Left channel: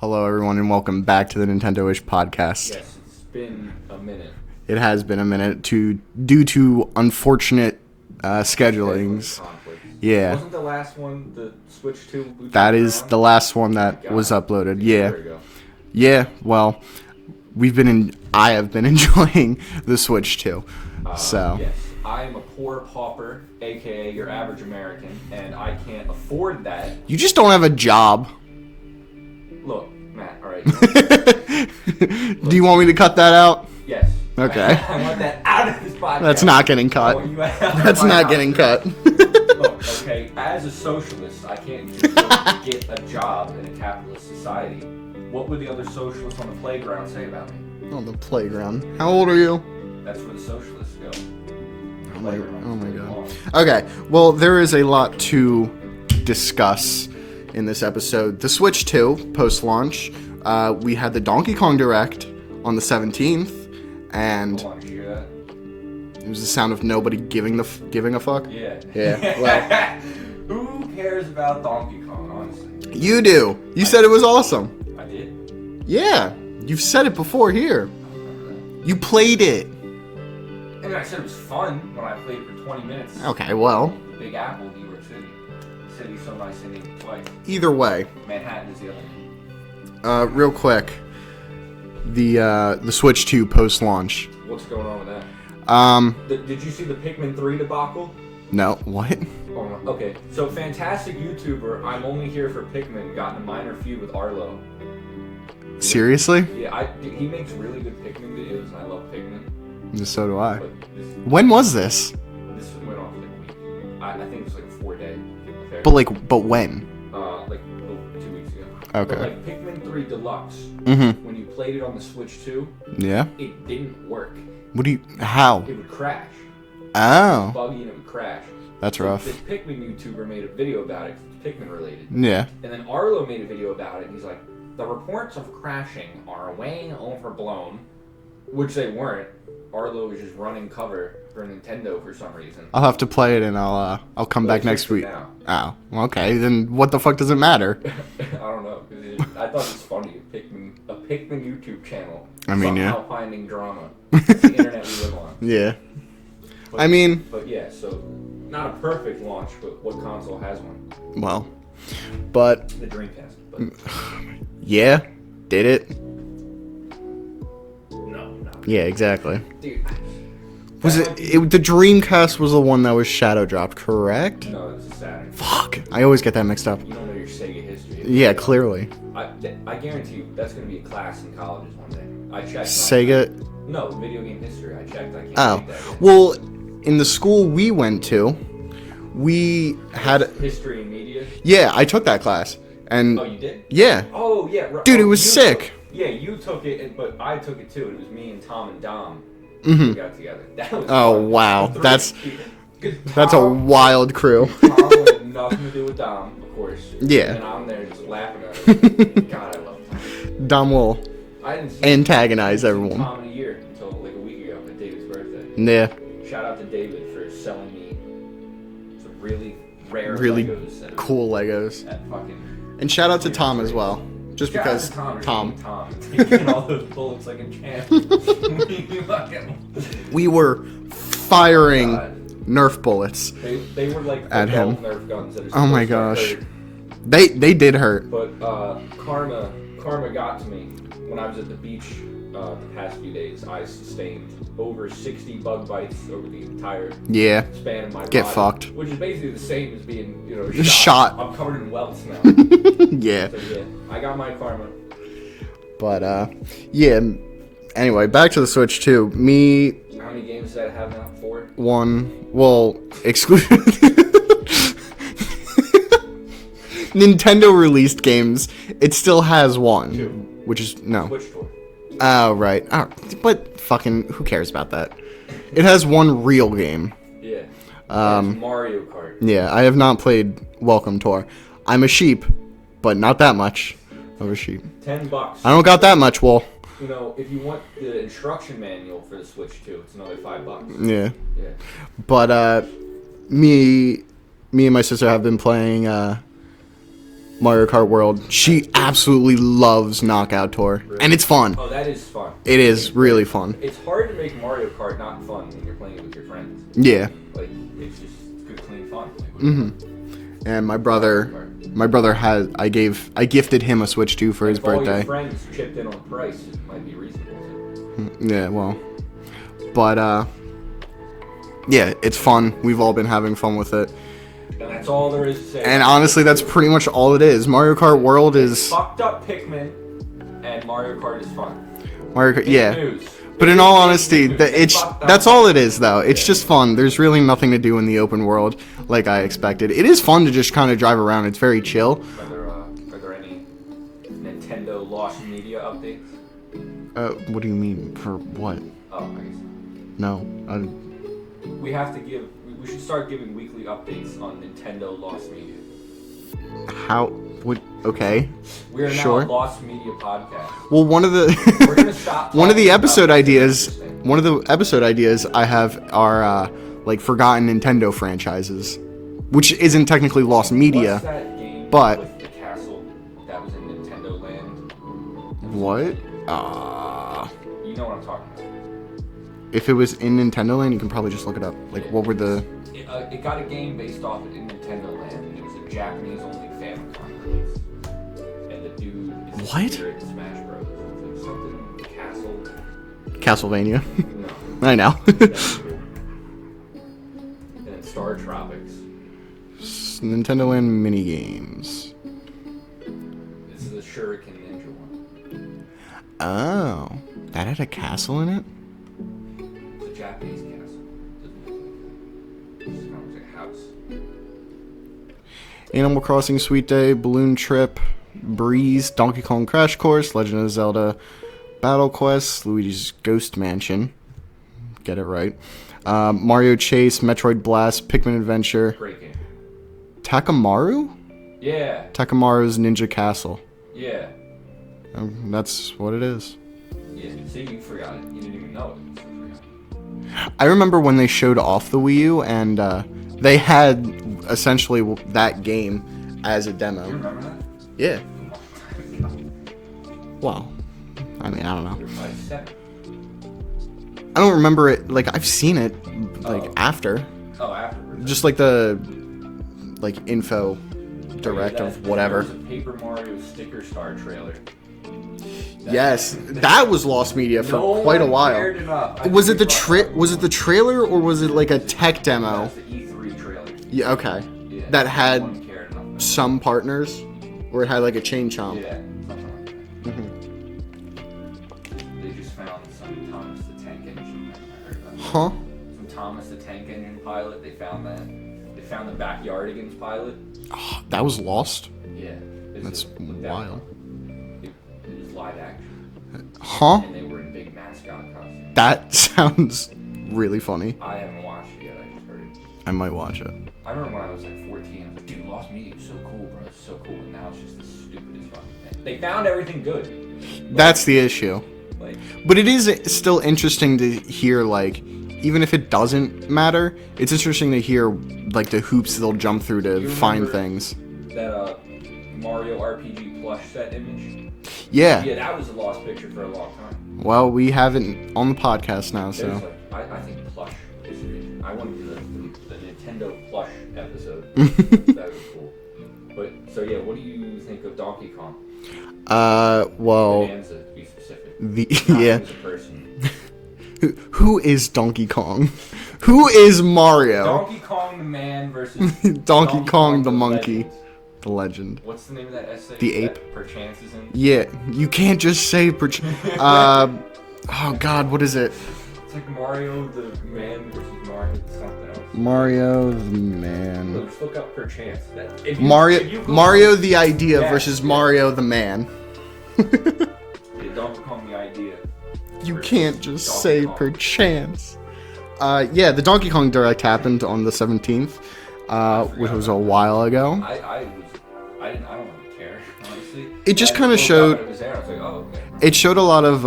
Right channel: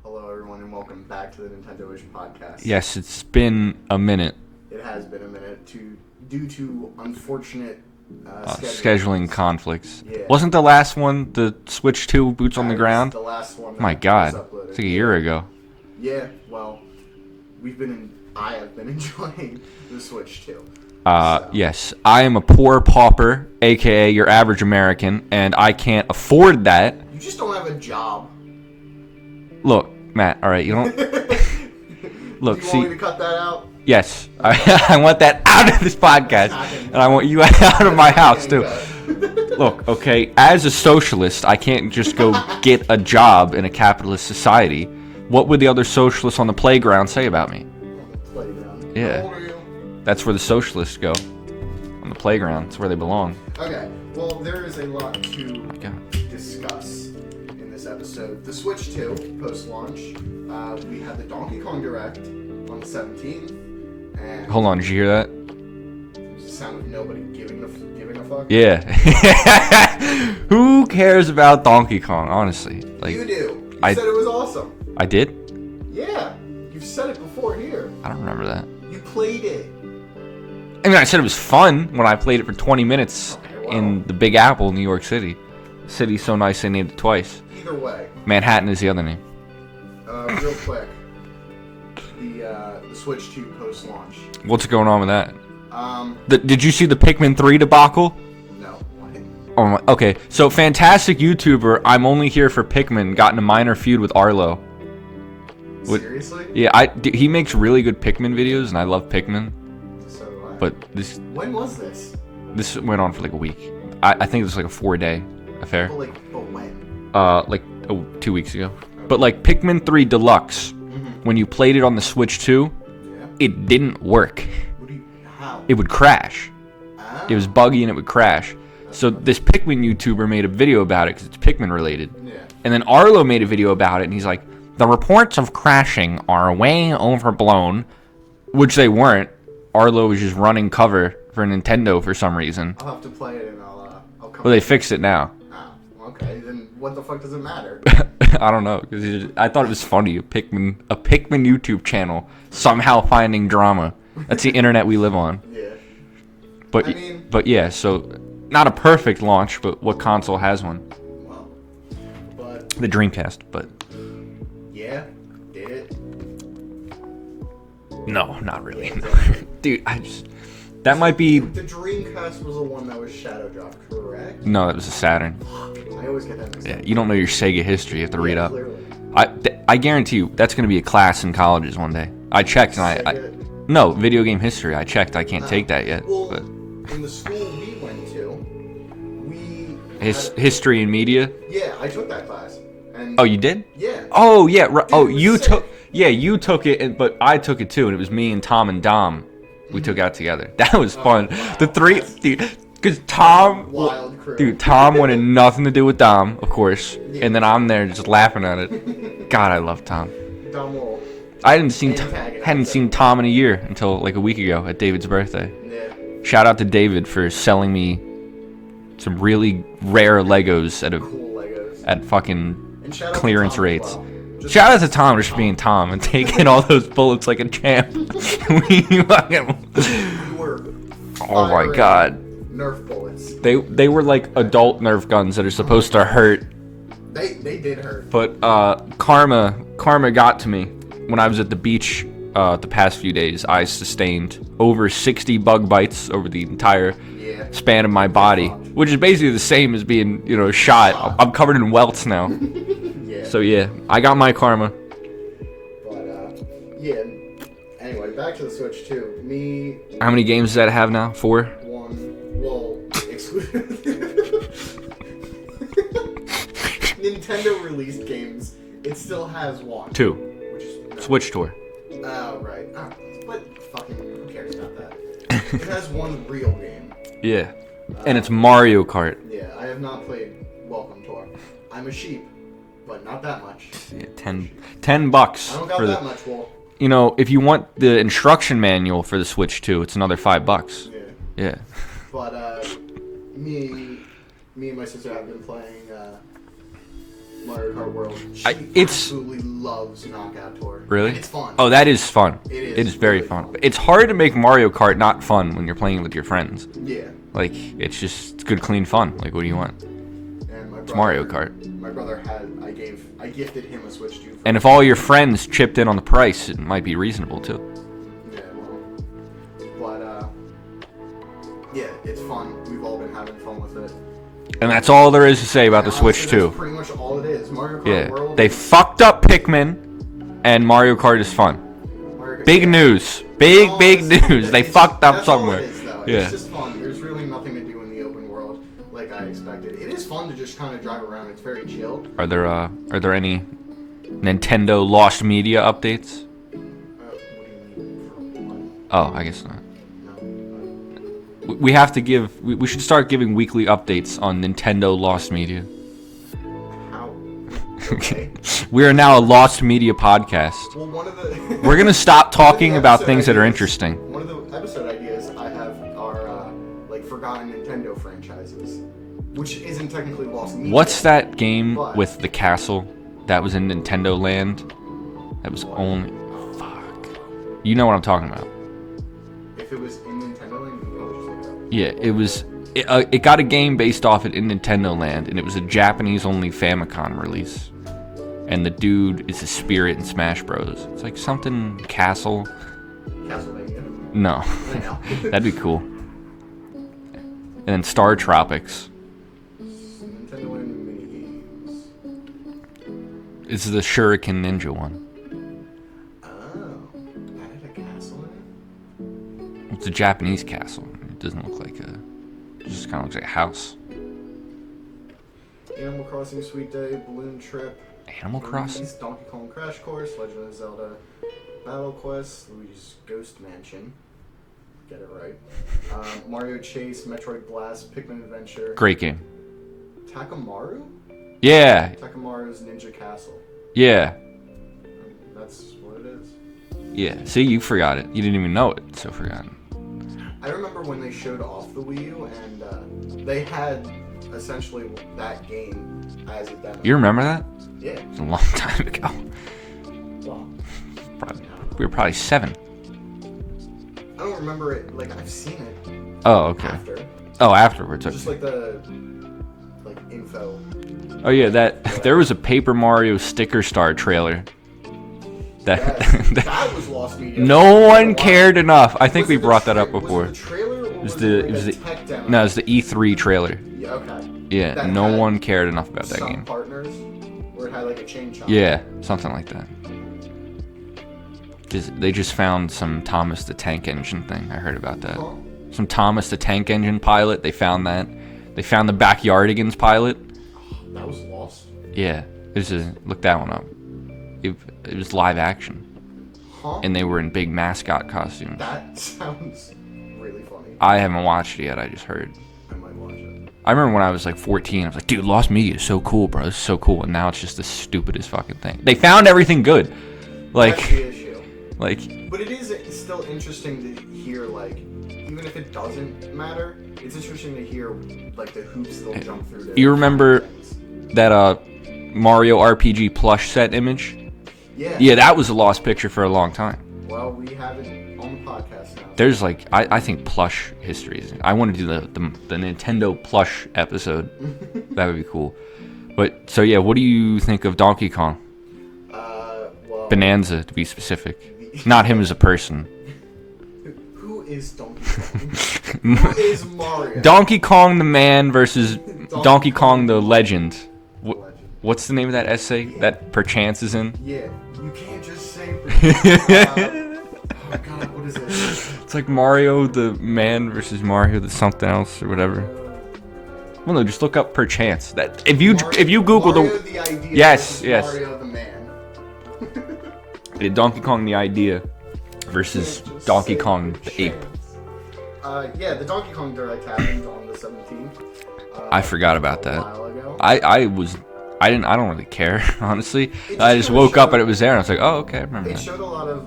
Hello, everyone, and welcome back to the Nintendoish podcast. Yes, it's been a minute. It has been a minute due to unfortunate scheduling conflicts. Yeah. Wasn't the last one the Switch 2 boots on the ground? That is the last one that was uploaded. It's a year ago. Yeah, well, I have been enjoying the Switch 2. Yes, I am a poor pauper, a.k.a. your average American, and I can't afford that. You just don't have a job. Look, Matt, all right, you don't... Do you want me to cut that out? Yes. Okay. I want that out of this podcast. That's not getting cut. I want you out of my house, getting cut. Look, okay, as a socialist, I can't just go get a job in a capitalist society. What would the other socialists on the playground say about me? On the playground? Yeah. How old are you? That's where the socialists go. On the playground. That's where they belong. Okay, well, there is a lot to discuss in this episode. The Switch 2, post-launch, we had the Donkey Kong Direct on the 17th, and... Hold on, did you hear that? It was the sound of nobody giving a fuck? Yeah. Who cares about Donkey Kong, honestly? You do. You said it was awesome. I did? Yeah. You've said it before here. I don't remember that. You played it. I mean, I said it was fun when I played it for 20 minutes. Okay, well. In the Big Apple, New York City. City's so nice they named it twice. Either way. Manhattan is the other name. Real quick. The Switch 2 post-launch. What's going on with that? Did you see the Pikmin 3 debacle? No. What? Oh my, okay, so fantastic YouTuber, I'm only here for Pikmin, got in a minor feud with Arlo. Seriously? Yeah, he makes really good Pikmin videos, and I love Pikmin. So do I. But when was this? This went on for like a week. I think it was like a 4-day affair. But when? 2 weeks ago. Okay. But like Pikmin 3 Deluxe, when you played it on the Switch 2, yeah, it didn't work. How? It would crash. Oh. It was buggy and it would crash. That's so rough. This Pikmin YouTuber made a video about it because it's Pikmin related. Yeah. And then Arlo made a video about it, and he's like, the reports of crashing are way overblown, which they weren't. Arlo was just running cover for Nintendo for some reason. I'll have to play it, and I'll come back next week. They fixed it now. Oh, okay. Then what the fuck does it matter? I don't know, because I thought it was funny. A Pikmin YouTube channel somehow yeah. finding drama. That's the internet we live on. Yeah. But but yeah, so not a perfect launch, but what console has one? Well, but the Dreamcast. But yeah, did it? No, not really. Yeah, exactly. Dude, the Dreamcast was the one that was shadow dropped, correct? No, that was a Saturn. Fuck, I always get that mixed up. You don't know your Sega history. Yeah, clearly. I guarantee you that's going to be a class in colleges one day. I checked. Sega. No, video game history. I checked. I can't take that yet. Well, in the school we went to, we had history and media. Yeah, I took that class. And oh, you did? Yeah. Oh, yeah. Dude, it was sick. You took it, but I took it too, and it was me and Tom and Dom who took out together. That was fun. Wow. The three, because Tom, that's a wild crew. Dude, Tom wanted nothing to do with Dom, of course. Yeah. And then I'm there just laughing at it. God, I love Tom. Dom will. I hadn't seen everyone. Tom in a year until like a week ago at David's birthday. Yeah. Shout out to David for selling me some really rare Legos at cool Legos at fucking and shout out clearance to Tom rates. As well. Shout out to Tom just being Tom and taking all those bullets like a champ. We were firing Nerf bullets. They were like adult Nerf guns that are supposed to hurt. They did hurt. But karma got to me when I was at the beach the past few days. I sustained over 60 bug bites over the entire span of my body, fucked. which is basically the same as being shot. I'm covered in welts now. Yeah. So yeah, I got my karma. But yeah. Anyway, back to the Switch 2. Me. How many games does that have now? 4? 1. Well, exclusive. Nintendo released games. It still has 1. 2. Which is no Switch Tour. Oh right. Oh, but fucking who cares about that? It has 1 real game. Yeah. And it's Mario Kart. Yeah, I have not played Welcome Tour. I'm a sheep, but not that much. Yeah, $10. I don't got that much, Will. If you want the instruction manual for the Switch 2, it's another $5. Yeah. Yeah. But me and my sister have been playing Mario Kart World. She absolutely loves Knockout Tour. Really? And it's fun. Oh, that is fun. It's really fun. It's hard to make Mario Kart not fun when you're playing with your friends. Yeah. Like, it's good, clean fun. Like, what do you want? And my brother, I gifted him a Switch 2 for his And if birthday. all your friends chipped in on the price, it might be reasonable too. Yeah, well. But, yeah, it's fun. We've all been having fun with it. And that's all there is to say about the honestly, Switch 2. that's pretty much all it is. Mario Kart World is... They fucked up Pikmin, and Mario Kart is fun. Big news. Big news. They fucked up That's all it somewhere. is, though. It's just fun. There's really nothing to do in the open world like I expected. It is fun to just kind of drive around. It's very chill. Are there any Nintendo lost media updates? What do you mean? For what? Oh, I guess not. No. We have to give... We should start giving weekly updates on Nintendo lost media. How... Okay. We are now a lost media podcast. Well, one of the... We're going to stop talking about things that are interesting. One of the episode ideas I have are, like, forgotten Nintendo franchises, which isn't technically lost media. What's that game with the castle that was in Nintendo Land? That was what? You know what I'm talking about. If it was in Nintendo Land, you can probably just look it up. Yeah, it was. It got a game based off it in Nintendo Land, and it was a Japanese-only Famicom release. And the dude is a spirit in Smash Bros. It's like something Castlevania. No. I know. That'd be cool. And then Star Tropics. Nintendo Land mini games. It's the Shuriken Ninja one. Oh, that had a castle in it? It's a Japanese castle. It doesn't look like it just kind of looks like a house. Animal Crossing Sweet Day, Balloon Trip, Breeze, Crossing. Donkey Kong Crash Course, Legend of Zelda, Battle Quest, Luigi's Ghost Mansion. Get it right. Mario Chase, Metroid Blast, Pikmin Adventure. Great game. Takamaru? Yeah. Takamaru's Ninja Castle. Yeah. That's what it is. Yeah. See, you forgot it. You didn't even know it, so forgotten. I remember when they showed off the Wii U, and they had essentially that game as a demo. You remember that? Yeah. It was a long time ago. Well, I mean, I don't know. We were probably 7. I don't remember it. Like, I've seen it after. Oh, afterwards. Just like the info. Oh yeah, there was a Paper Mario Sticker Star trailer. Yes, that was lost media. No one cared enough. I think we brought that up before. Was it the trailer or was it like a tech demo? No, it was the E3 trailer. Yeah, okay. Yeah, that no one cared enough about that. Some partners, where it had like a chain chomp. Yeah, something like that. They just found some Thomas the Tank Engine thing. I heard about that. Huh? Some Thomas the Tank Engine pilot. They found that. They found the Backyardigans pilot. Oh, that was lost? Yeah. Look that one up. It was live action. Huh? And they were in big mascot costumes. That sounds really funny. I haven't watched it yet. I just heard. I might watch it. I remember when I was like 14, I was like, dude, Lost Media is so cool, bro. It's so cool. And now it's just the stupidest fucking thing. They found everything good. That's the issue. But it is still interesting to hear, like, even if it doesn't matter, it's interesting to hear, like, the hoops they'll jump through to find things. That Mario RPG plush set image? Yeah. Yeah, that was a lost picture for a long time. Well, we have it on the podcast now. So. There's I think plush history. I want to do the Nintendo plush episode. That would be cool. But so yeah, what do you think of Donkey Kong? Well, Bonanza to be specific. Not him as a person. Who is Donkey Kong? Who is Mario? Donkey Kong the man versus Donkey Kong the legend. The legend. What's the name of that essay that Perchance is in? Yeah, you can't just say Perchance. Oh God, what is it? It's like Mario the man versus Mario the something else. Mario the man. Well, no, just look up Perchance. That if you Google Mario the idea versus Mario the man. Donkey Kong the idea versus can't just Donkey say Kong Perchance. Yeah, the Donkey Kong Direct happened on the 17th. I forgot about that a while ago. I don't really care, honestly. It just I just woke up and it was there and I was like, oh, okay. It showed a lot of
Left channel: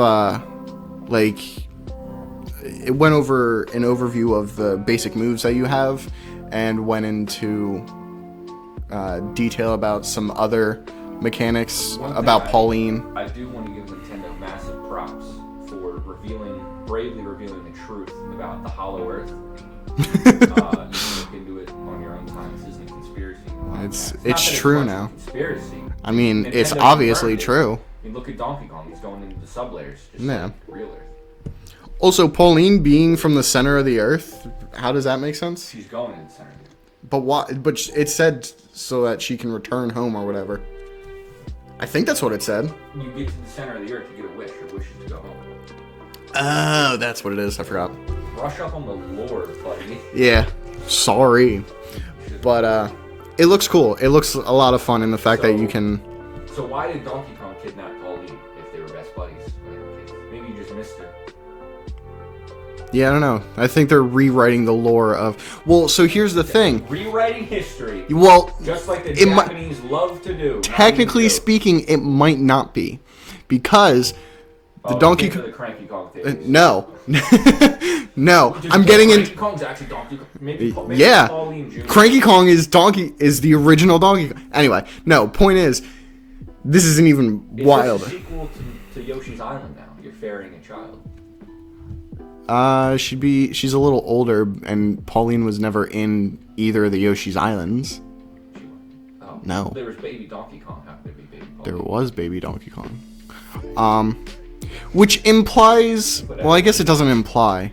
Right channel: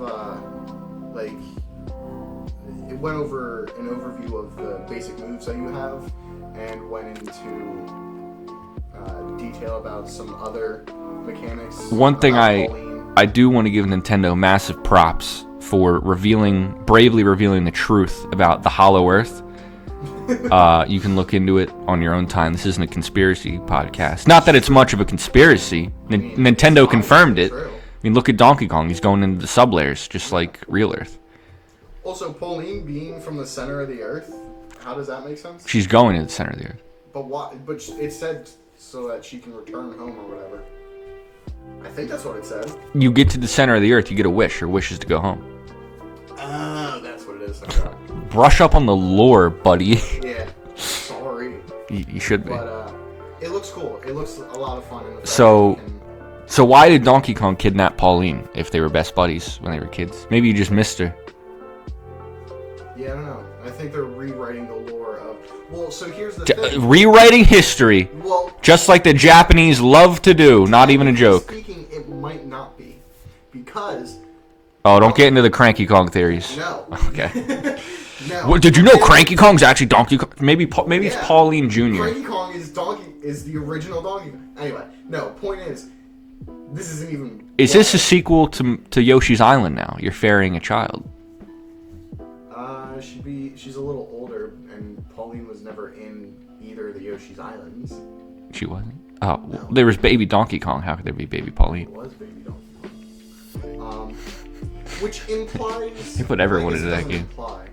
it went over an overview of the basic moves that you have and went into detail about some other mechanics. One thing about Pauline. I do want to give Nintendo massive props for bravely revealing the truth about the Hollow Earth. You can look into it on your own time. This isn't a conspiracy podcast. Not that it's much of a conspiracy. I mean, Nintendo it's confirmed it. True. I mean, look at Donkey Kong. He's going into the sublayers, just like real Earth. Also, Pauline being from the center of the Earth, how does that make sense? She's going to the center of the Earth. But why? But it said so that she can return home or whatever. I think that's what it said. You get to the center of the Earth, you get a wish. Your wish is to go home. Oh, that's what it is. I forgot. Brush up on the lore, buddy. Yeah. Sorry. You should. But it looks cool. It looks a lot of fun in the fact that you can... So why did Donkey Kong kidnap Pauline if they were best buddies when they were kids? Maybe you just missed her. Yeah, I don't know. I think they're rewriting the lore of... Well, so here's the thing. Rewriting history. Well... Just like the Japanese love to do. Not even a joke. Technically speaking, it might not be. Because... Oh, don't get into the Cranky Kong theories. No. Okay. No. Well, did you know Cranky Kong's actually Donkey Kong? Maybe yeah. Pauline Jr. Cranky Kong is the original Donkey Kong. Anyway, no, point is, this isn't even Is wild. this a sequel to Yoshi's Island now? You're ferrying a child. She's a little older, and Pauline was never in either of the Yoshi's Islands. She wasn't? Oh. No. There was baby Donkey Kong. How could there be baby Pauline? There was baby Donkey Kong. Which implies... Well, I guess it doesn't imply.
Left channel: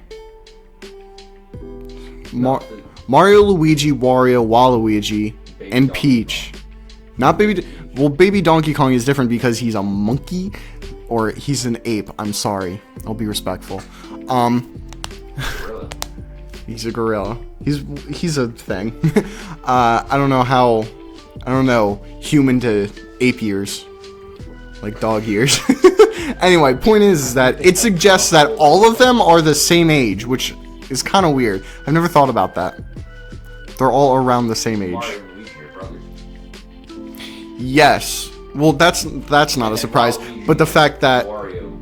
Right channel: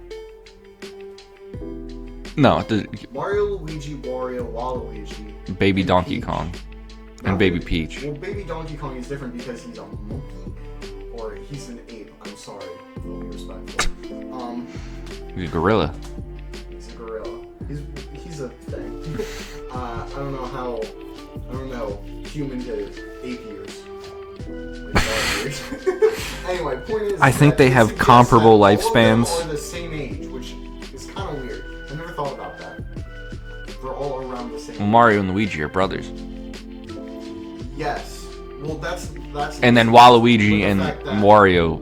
No. Mario, Luigi, Wario, Waluigi, baby and Donkey Peach. Kong. Not baby Peach. Well, baby Donkey Kong is different because he's a monkey, or he's an ape. I'm sorry. I'll be respectful. Gorilla. He's a gorilla. He's a thing. I don't know human to ape ears. Like dog ears. Anyway, point is that it suggests that all of them are the same age, which is kind of weird. I've never thought about that. They're all around the same age. Mario and Luigi are brothers. Yes. Well, that's not. And then surprise, Waluigi but the and fact that Wario,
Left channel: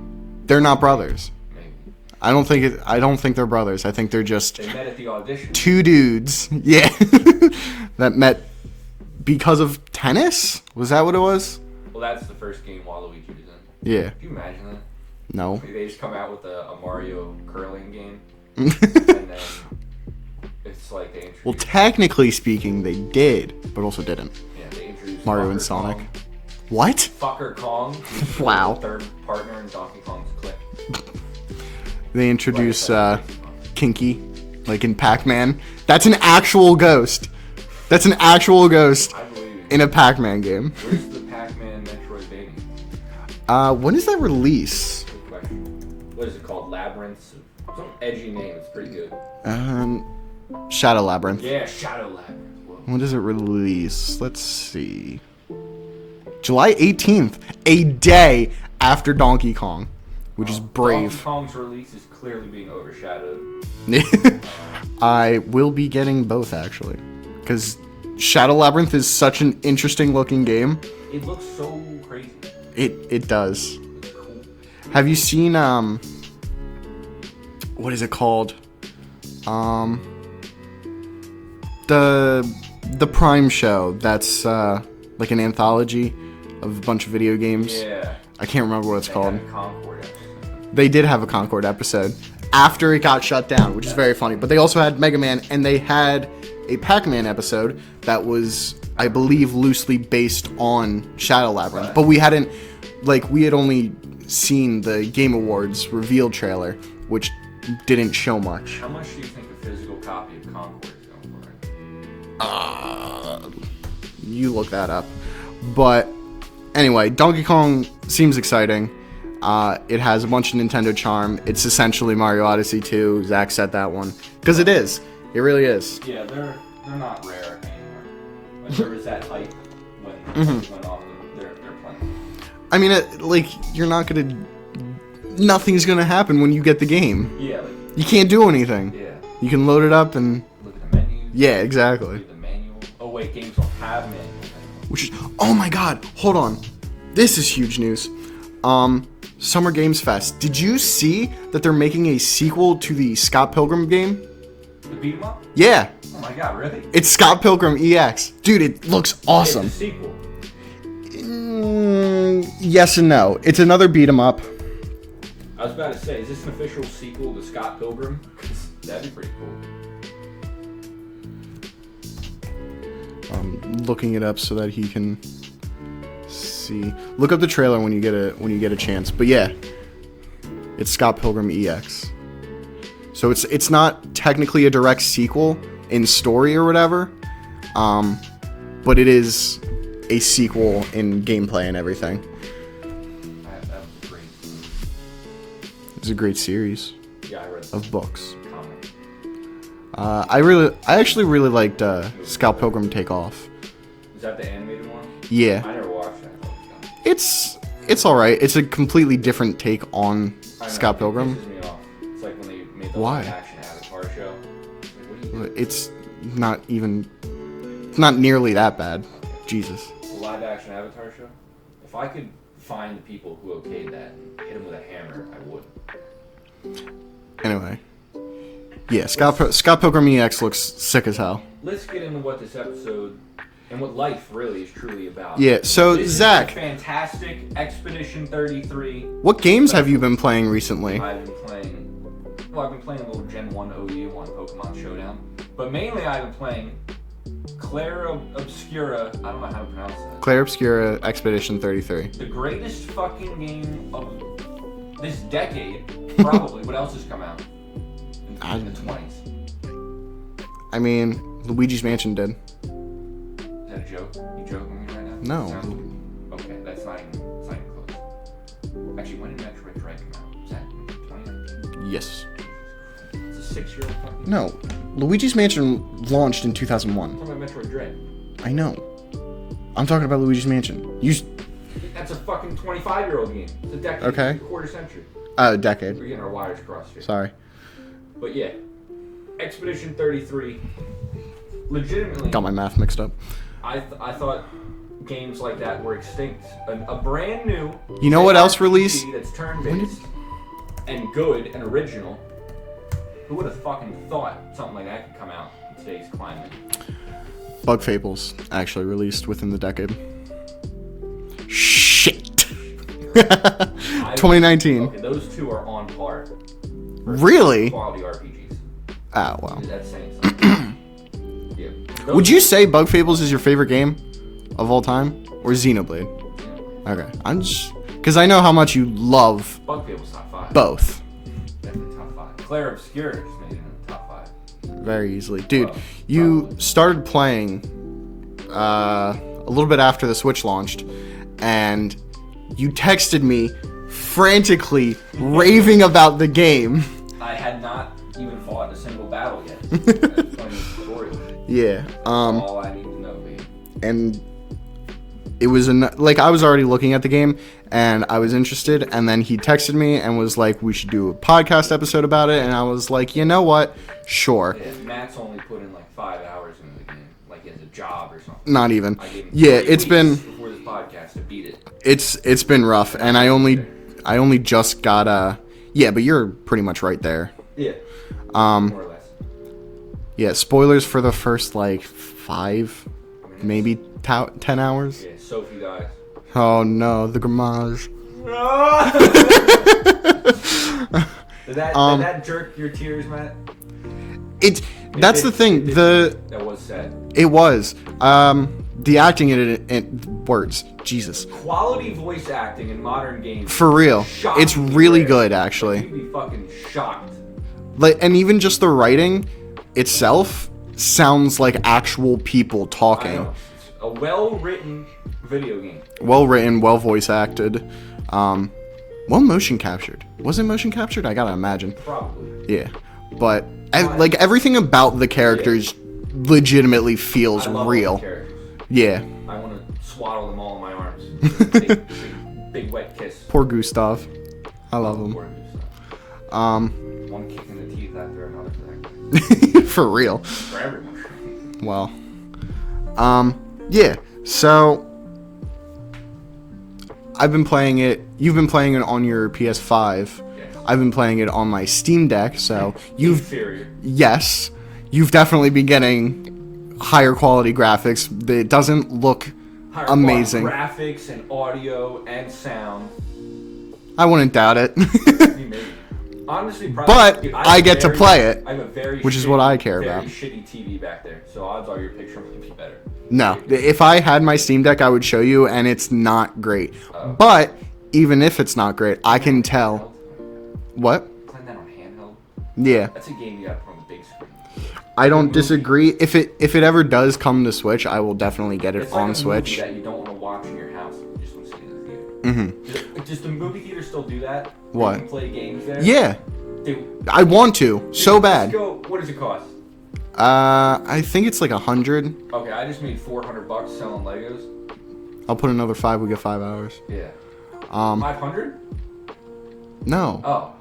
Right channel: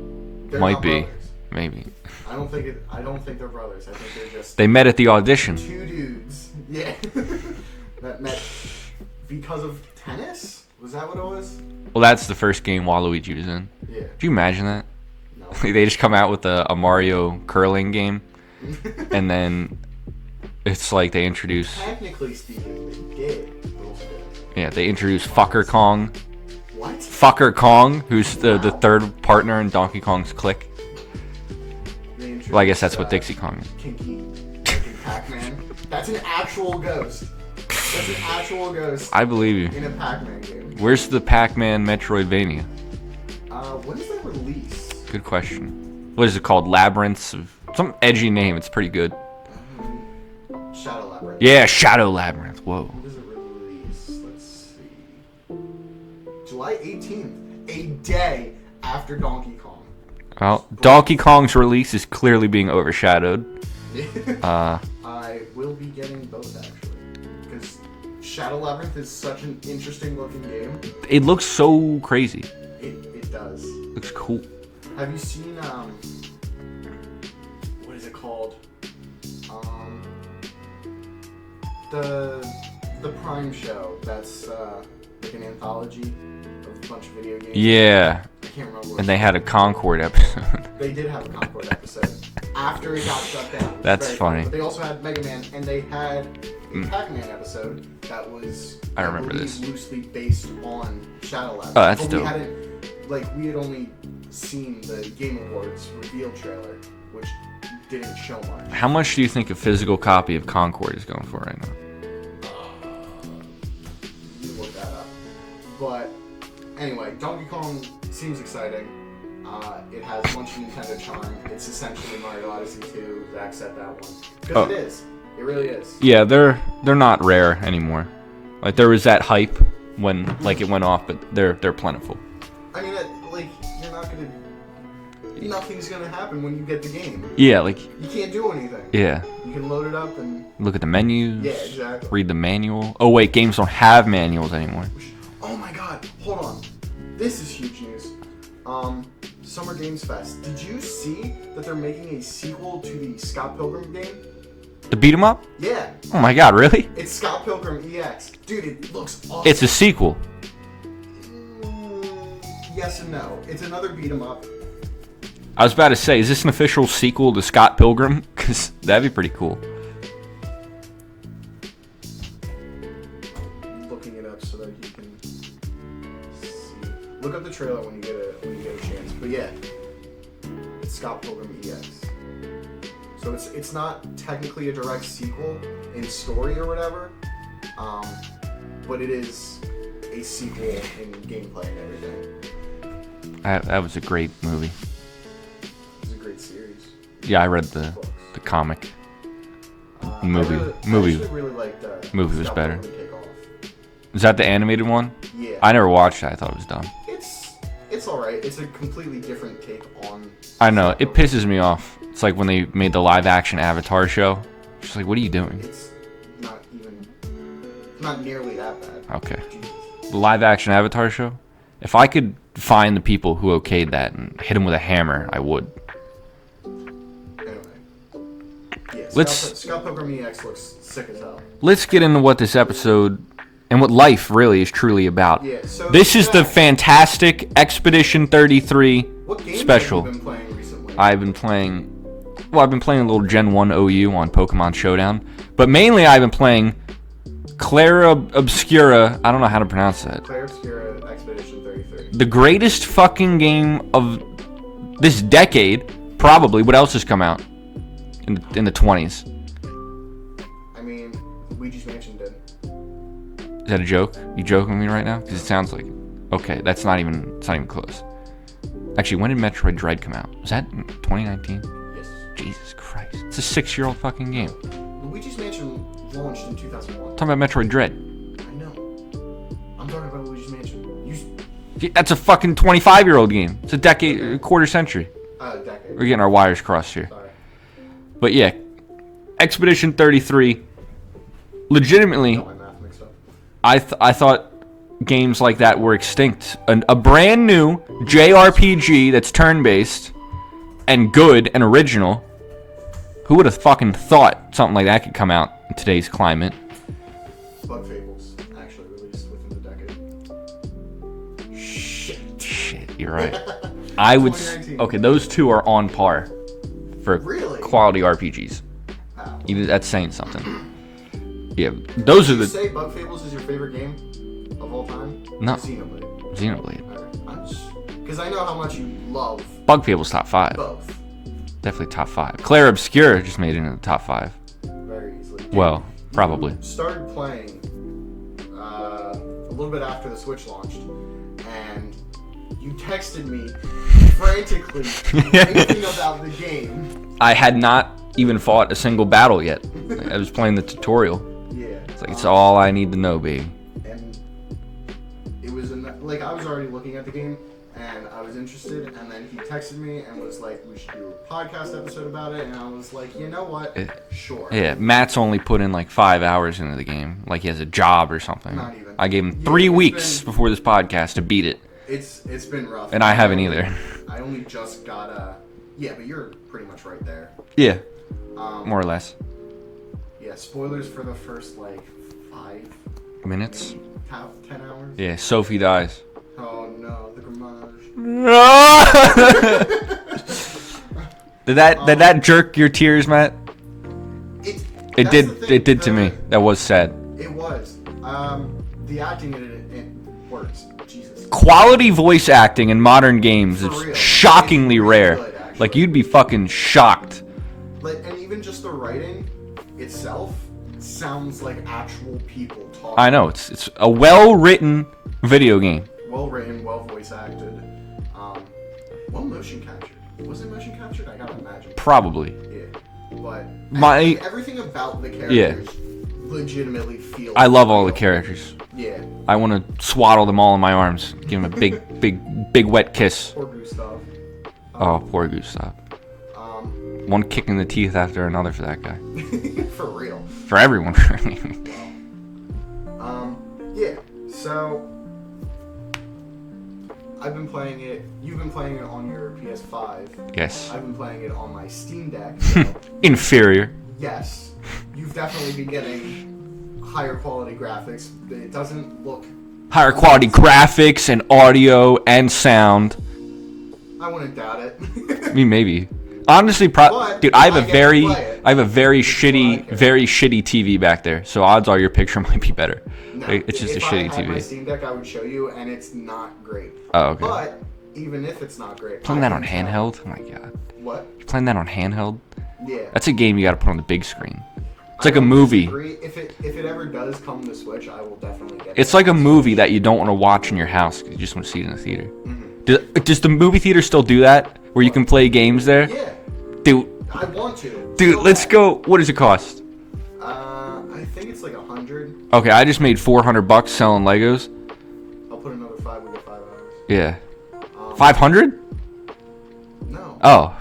they're not brothers. Maybe. I don't think they're brothers. I think they're just They met at the audition. two dudes. Yeah. That met because of tennis? Was that what it was? Well, that's the first game Waluigi was in. Yeah. Could you imagine that? No. They just come out with a Mario curling game, and then it's like they introduced... Well, technically speaking, they did, but also didn't. Yeah, they introduced Mario Fucker Kong. What? Fucker Kong, who's Wow. the third partner in Donkey Kong's clique. They introduced Well, I guess that's what Dixie Kong is. Kinky, like in Pac-Man. That's an actual ghost. That's an actual ghost I believe you. in a Pac-Man game. Where's the Pac-Man Metroidvania? When does that release? Good question. What is it called? Labyrinths? Some edgy name. It's pretty good. Shadow Labyrinth. Yeah, Shadow Labyrinth. Whoa. When does it release? Let's see. July 18th, a day after Donkey Kong. Well, Donkey Kong's release is clearly being overshadowed. I will be getting both, actually. Because Shadow Labyrinth is such an interesting looking game. It looks so crazy. It does. Looks cool. Have you seen, what is it called? The Prime show that's like an anthology of a bunch of video games. Yeah. I can't remember what it's called. And they had a Concord episode. They did have a Concord episode after it got shut down, which is very funny. But they also had Mega Man, and they had a Pac-Man episode that was, I believe, loosely based on Shadow Labyrinth. But we hadn't, we had only seen the Game Awards reveal trailer, which didn't show much. How much do you think a physical copy of Concord is going for right now? You look that up. But anyway, Donkey Kong seems exciting. It has a bunch of Nintendo charm. It's essentially Mario Odyssey 2. Zach said that one. Because it is. It really is. Yeah, they're not rare anymore. Like there was that hype when it went off, but they're plentiful. I mean, you're not gonna. Nothing's gonna happen when you get the game. Yeah, you can't do anything. Yeah. You can load it up and look at the menus. Yeah, exactly. Read the manual. Oh wait, games don't have manuals anymore. Oh my God! Hold on. This is huge news. Summer Games Fest. Did you see that they're making a sequel to the Scott Pilgrim game? The beat 'em up? Yeah. Oh my god, really? It's Scott Pilgrim EX. Dude, it looks awesome. It's a sequel. Yes and no. It's another beat 'em up. I was about to say, is this an official sequel to Scott Pilgrim? Because that'd be pretty cool. I'm looking it up so that he can see. Look up the trailer when you get a chance. But yeah, it's Scott Pilgrim EX. So it's not technically a direct sequel in story or whatever, but it is a sequel in gameplay and everything. That was a great movie. It was a great series. Yeah, I read the books, the comic. I actually really liked Scott Pilgrim Take Off. Is that the animated one? Yeah. I never watched it. I thought it was dumb. It's all right. It's a completely different take on. I know. Scott It Pilgrim. pisses me off. It's like when they made the live action Avatar show. It's like, what are you doing? It's not nearly that bad. Okay. Jesus. The live action Avatar show? If I could find the people who okayed that and hit them with a hammer, I would. Anyway. Yeah, Scott Pilgrim EX looks sick as hell. Let's get into what this episode and what life really is truly about. Yeah, so this Zach, is the fantastic Expedition 33. What games special. have you been playing recently? I've been playing a little Gen 1 OU on Pokemon Showdown, but mainly I've been playing Clair Obscura, I don't know how to pronounce that. Clair Obscur Expedition 33. The greatest fucking game of this decade, probably. What else has come out in the 20s? I mean, Luigi's Mansion did. Is that a joke? You joking with me right now? No. It sounds like. Okay, it's not even close. Actually, when did Metroid Dread come out? Was that in 2019? Yes. Jesus Christ. It's a 6-year-old fucking No. game. Luigi's Mansion launched in 2001. I'm talking about Metroid Dread. I know. I'm talking about Luigi's Mansion. That's a fucking 25-year-old game. It's a decade, Okay. a quarter century. Decade. We're getting our wires crossed here. Sorry. But yeah, Expedition 33, legitimately, Got my math mixed up. I thought games like that were extinct. A brand new You know what else JRPG released? that's turn-based and good and original. Who would have fucking thought something like that could come out in today's climate? Bug Fables actually released within the decade. Shit. You're right. 2019. Okay, those two are on par for Really? quality RPGs. Ah, well. That's saying something. Yeah, those Would you are say Bug Fables is your favorite game of all time? No. Or Xenoblade? Xenoblade. Okay. I'm just... Because I know how much you love Bug Fables top 5. both. Definitely top 5. Clair Obscur just made it into the top 5. Very easily. Dude, Well, you probably. started playing a little bit after the Switch launched, and you texted me frantically raving about the game. I had not even fought a single battle yet. I was playing the tutorial. Yeah. That's all I need to know, babe. And it was I was already looking at the game and I was interested, and then he texted me and was like, we should do a podcast episode about it, and I was like, you know what, sure. Yeah, Matt's only put in like 5 hours into the game, like he has a job or something. Not even. I gave him Yeah, 3 it's weeks before this podcast to beat it. It's been rough, And I haven't either. I only just got yeah, but you're pretty much right there. Yeah, more or less. Yeah, spoilers for the first like 5 Minutes, maybe 10 hours. Yeah, Sophie dies. Oh no, the Gramage. Did that jerk your tears, Matt? That's did, the thing. It did to me. That was sad. It was. The acting in it words. Jesus. Quality voice acting in modern games. For real. Shockingly it's really rare. good, actually. Like, you'd be fucking shocked. And even just the writing itself sounds like actual people talking. I know. It's a well-written video game. Well written, well voice acted. Well motion captured. Was it motion captured? I gotta imagine. Probably. Yeah. But My- everything about the characters legitimately feels I love real. all the characters. Yeah. I want to swaddle them all in my arms. Give them a big wet kiss. Poor Gustav. Oh, poor Gustav. One kick in the teeth after another for that guy. For real. For everyone. Well. Yeah. So I've been playing it. You've been playing it on your PS5. Yes. I've been playing it on my Steam Deck. So Inferior. yes. you've definitely been getting higher quality graphics. It doesn't look Higher amazing. quality graphics and audio and sound. I wouldn't doubt it. I mean, maybe. Honestly, probably. But dude, I get to play it. I have a very which is what I care about. shitty TV back there. So odds are your picture might be better. No, It's just if a I shitty had TV. my Steam Deck, I would show you, and it's not great. Oh, okay. But even if it's not great, I Playing that can on tell. Handheld? Oh my god. What? You're playing that on handheld? Yeah. That's a game you got to put on the big screen. It's I like don't a movie. disagree. If it ever does come to Switch, I will definitely get it. It's like on a movie Switch. that you don't want to watch in your house. You just want to see it in the theater. Mm-hmm. Does the movie theater still do that? Where you What? can play games there? Yeah, Dude, I want to so bad. let's go. What does it cost? I think it's like 100. Okay, I just made $400 selling Legos. I'll put another 5. We get 5 hours. Yeah. 500? No. Oh.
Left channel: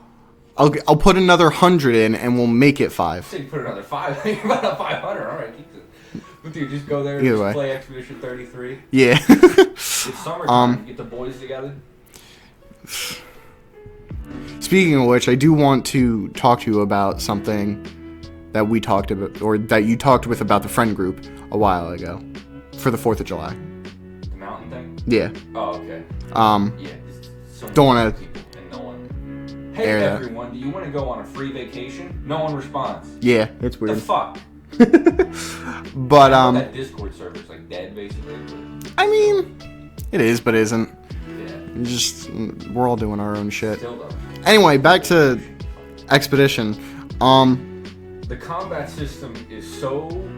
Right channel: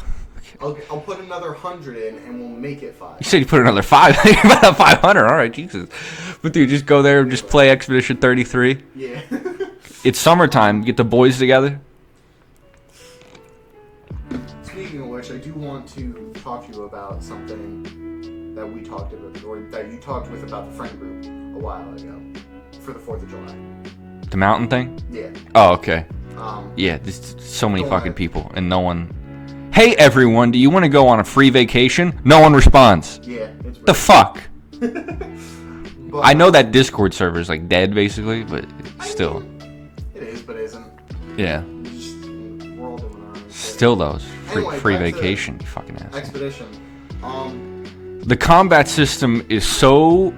I'll put another 100 in, and we'll make it 5. You said you put another 5. You're about 500. All right, Jesus. But dude, just go there and Either just way. play Expedition 33. Yeah. It's summertime. Get the boys together. Speaking of which, I do want to talk to you about something that we talked about, or that you talked with about the friend group a while ago, for the 4th of July. The mountain thing? Yeah. Oh, okay. Um. Yeah, there's so many Don't fucking wanna- people and no one. Hey, Yeah. everyone, do you want to go on a free vacation? No one responds. Yeah. It's weird. The fuck? But I know that Discord server is like dead, basically, but I still. mean, it is, but isn't. Yeah. It's just we're all doing our own shit. Still those. Anyway, Free back to vacation, you fucking ass. Expedition. The combat system is so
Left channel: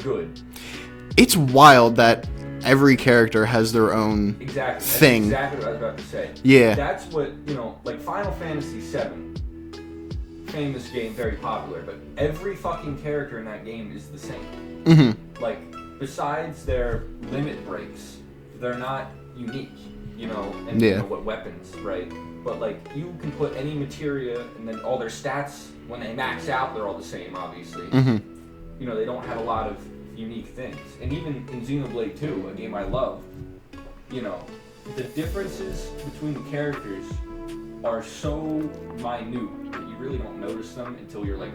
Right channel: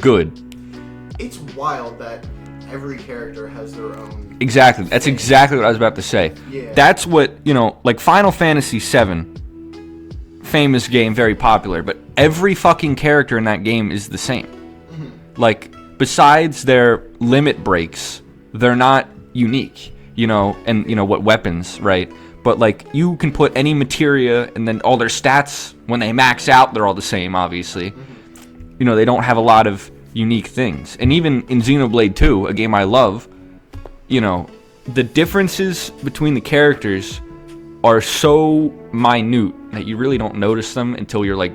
good. It's wild that every character has their own. Exactly. That's thing. exactly what I was about to say. Yeah. That's what, like Final Fantasy VII, famous game, very popular, but every fucking character in that game is the same. Mm-hmm. Like, besides their limit breaks, they're not unique, and, Yeah. what weapons, right? But, like, you can put any materia, and then all their stats, when they max out, they're all the same, obviously. Mm-hmm. They don't have a lot of unique things. And even in Xenoblade 2, a game I love, the differences between the characters are so minute that you really don't notice them until you're like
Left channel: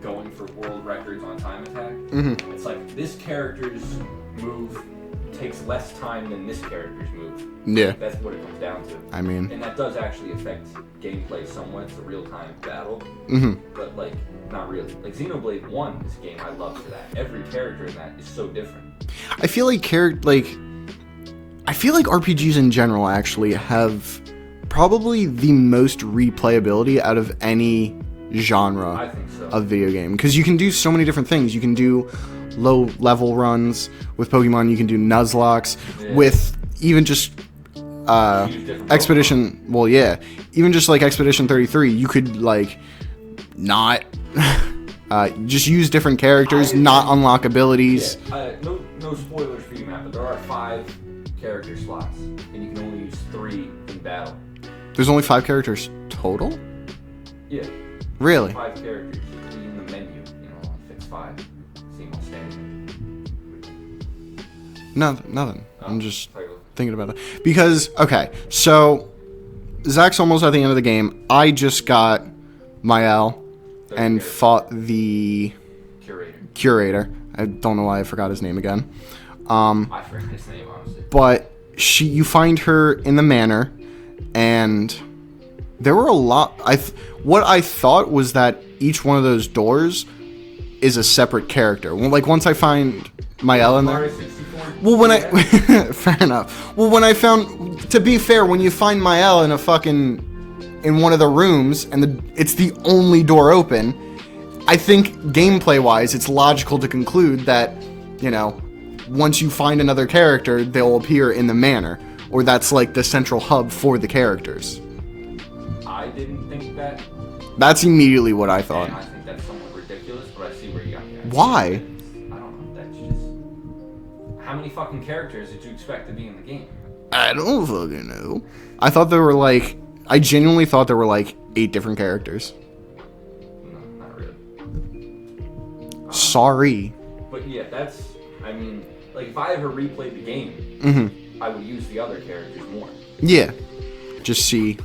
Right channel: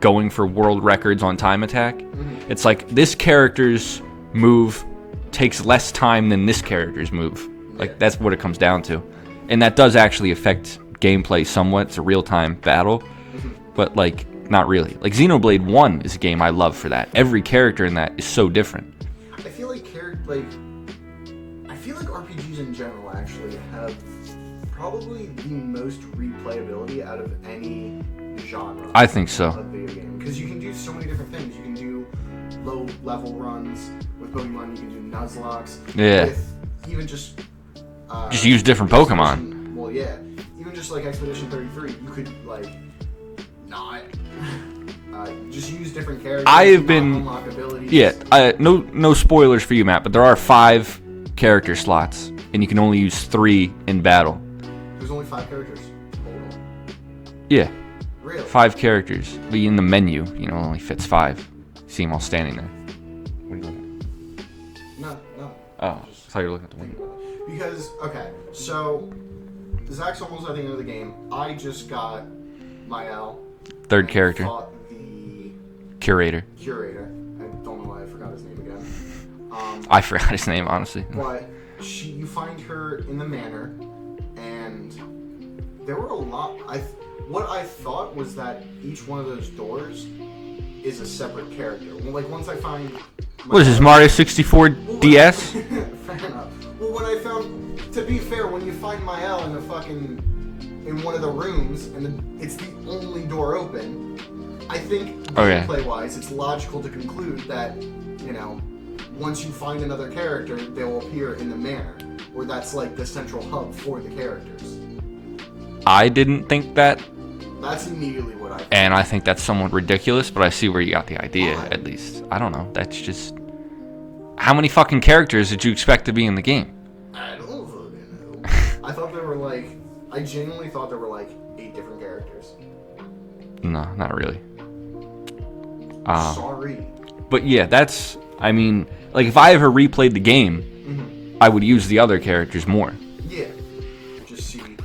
going for world records on time attack. Mm-hmm. It's like this character's move takes less time than this character's move. Yeah. Like, that's what it comes down to. I mean. And that does actually affect gameplay somewhat. It's a real-time battle. Mm-hmm. But like not really. Like Xenoblade 1 is a game I love for that. Every character in that is so different. I feel like RPGs in general actually have probably the most replayability out of any genre. I think so. Of video game, because you can do so many different things. You can do low level runs with Pokemon. You can do Nuzlocke with even just use different Expedition. Well, yeah, even just like Expedition 33, you could like not just use different characters, unlock abilities. Yeah, no spoilers for you, Matt, but there are 5 character slots, and you can only use 3 in battle. There's only 5 characters total? Yeah. Really? 5 characters. Be in the menu, only fits 5. See them all standing there. Nothing. Oh, I'm just that's how you're looking. thinking about that. Because, okay, so Zach's almost at the end of the game. I just got Mael. Third and character. Fought the Curator. I don't know why I forgot his name again. I forgot his name, honestly. But you find her in the manor, and there were a lot. What I thought was that each one of those doors is a separate character. Well, like once I find What is this, Mario 64 DS? Fair enough. Well, when I found, to be fair, when you find Mael in in one of the rooms and it's the only door open, I think gameplay-wise, it's logical to conclude that, once you find another character, they'll appear in the manor, or that's like the central hub for the characters. I didn't think that. That's immediately what I thought. And I think that's somewhat ridiculous, but I see where you got the idea. Why? At least. I don't know. That's just... How many fucking characters did you expect to be in the game? I don't fucking know. I genuinely thought there were like 8 different characters. No, not really. Sorry. But yeah, that's... I mean, like if I ever replayed the game, I would use the other characters more. Yeah. Just see.